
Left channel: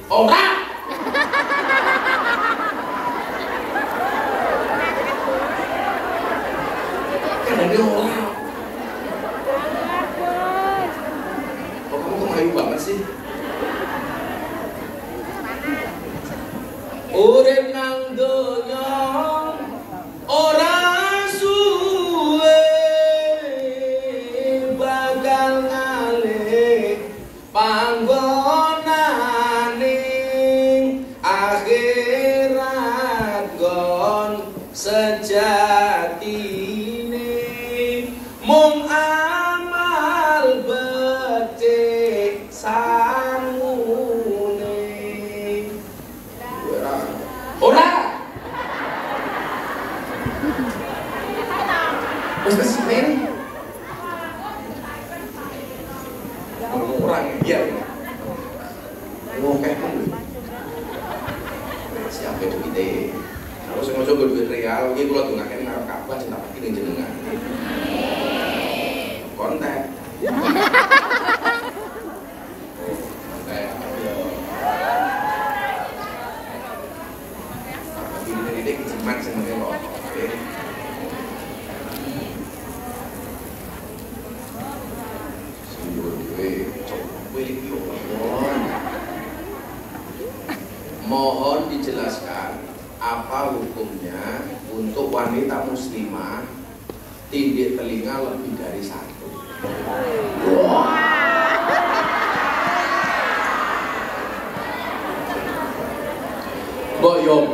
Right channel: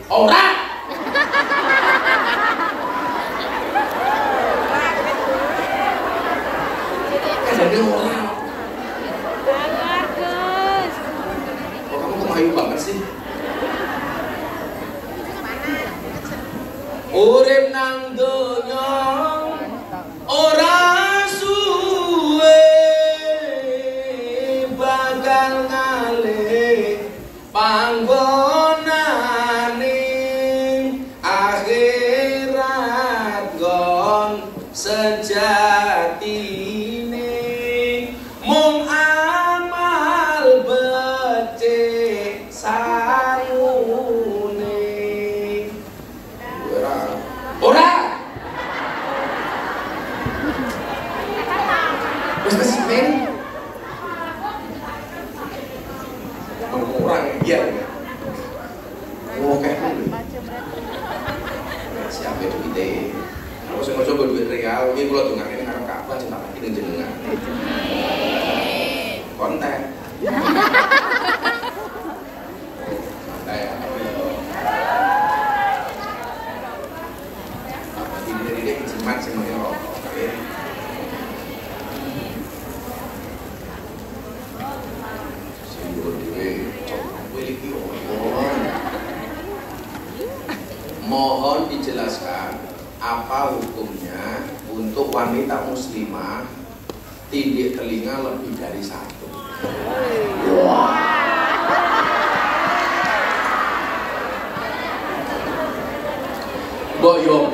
Ora. Jadi ora. Oh, kamu kok ayu banget sih? Urip nang donya ora panggonane akhirat gon sejatine mung amal becik sangune. Ora wis sing orang biar ngomong siapa itu kita aku sama coba duit real ini kalau dengar ini ngarep apa cinta pati ngejenengan konten apa sih dari dia kejeman semuanya loh. Mohon dijelaskan apa hukumnya untuk wanita muslimah tindik telinga lebih dari satu. Mbok yo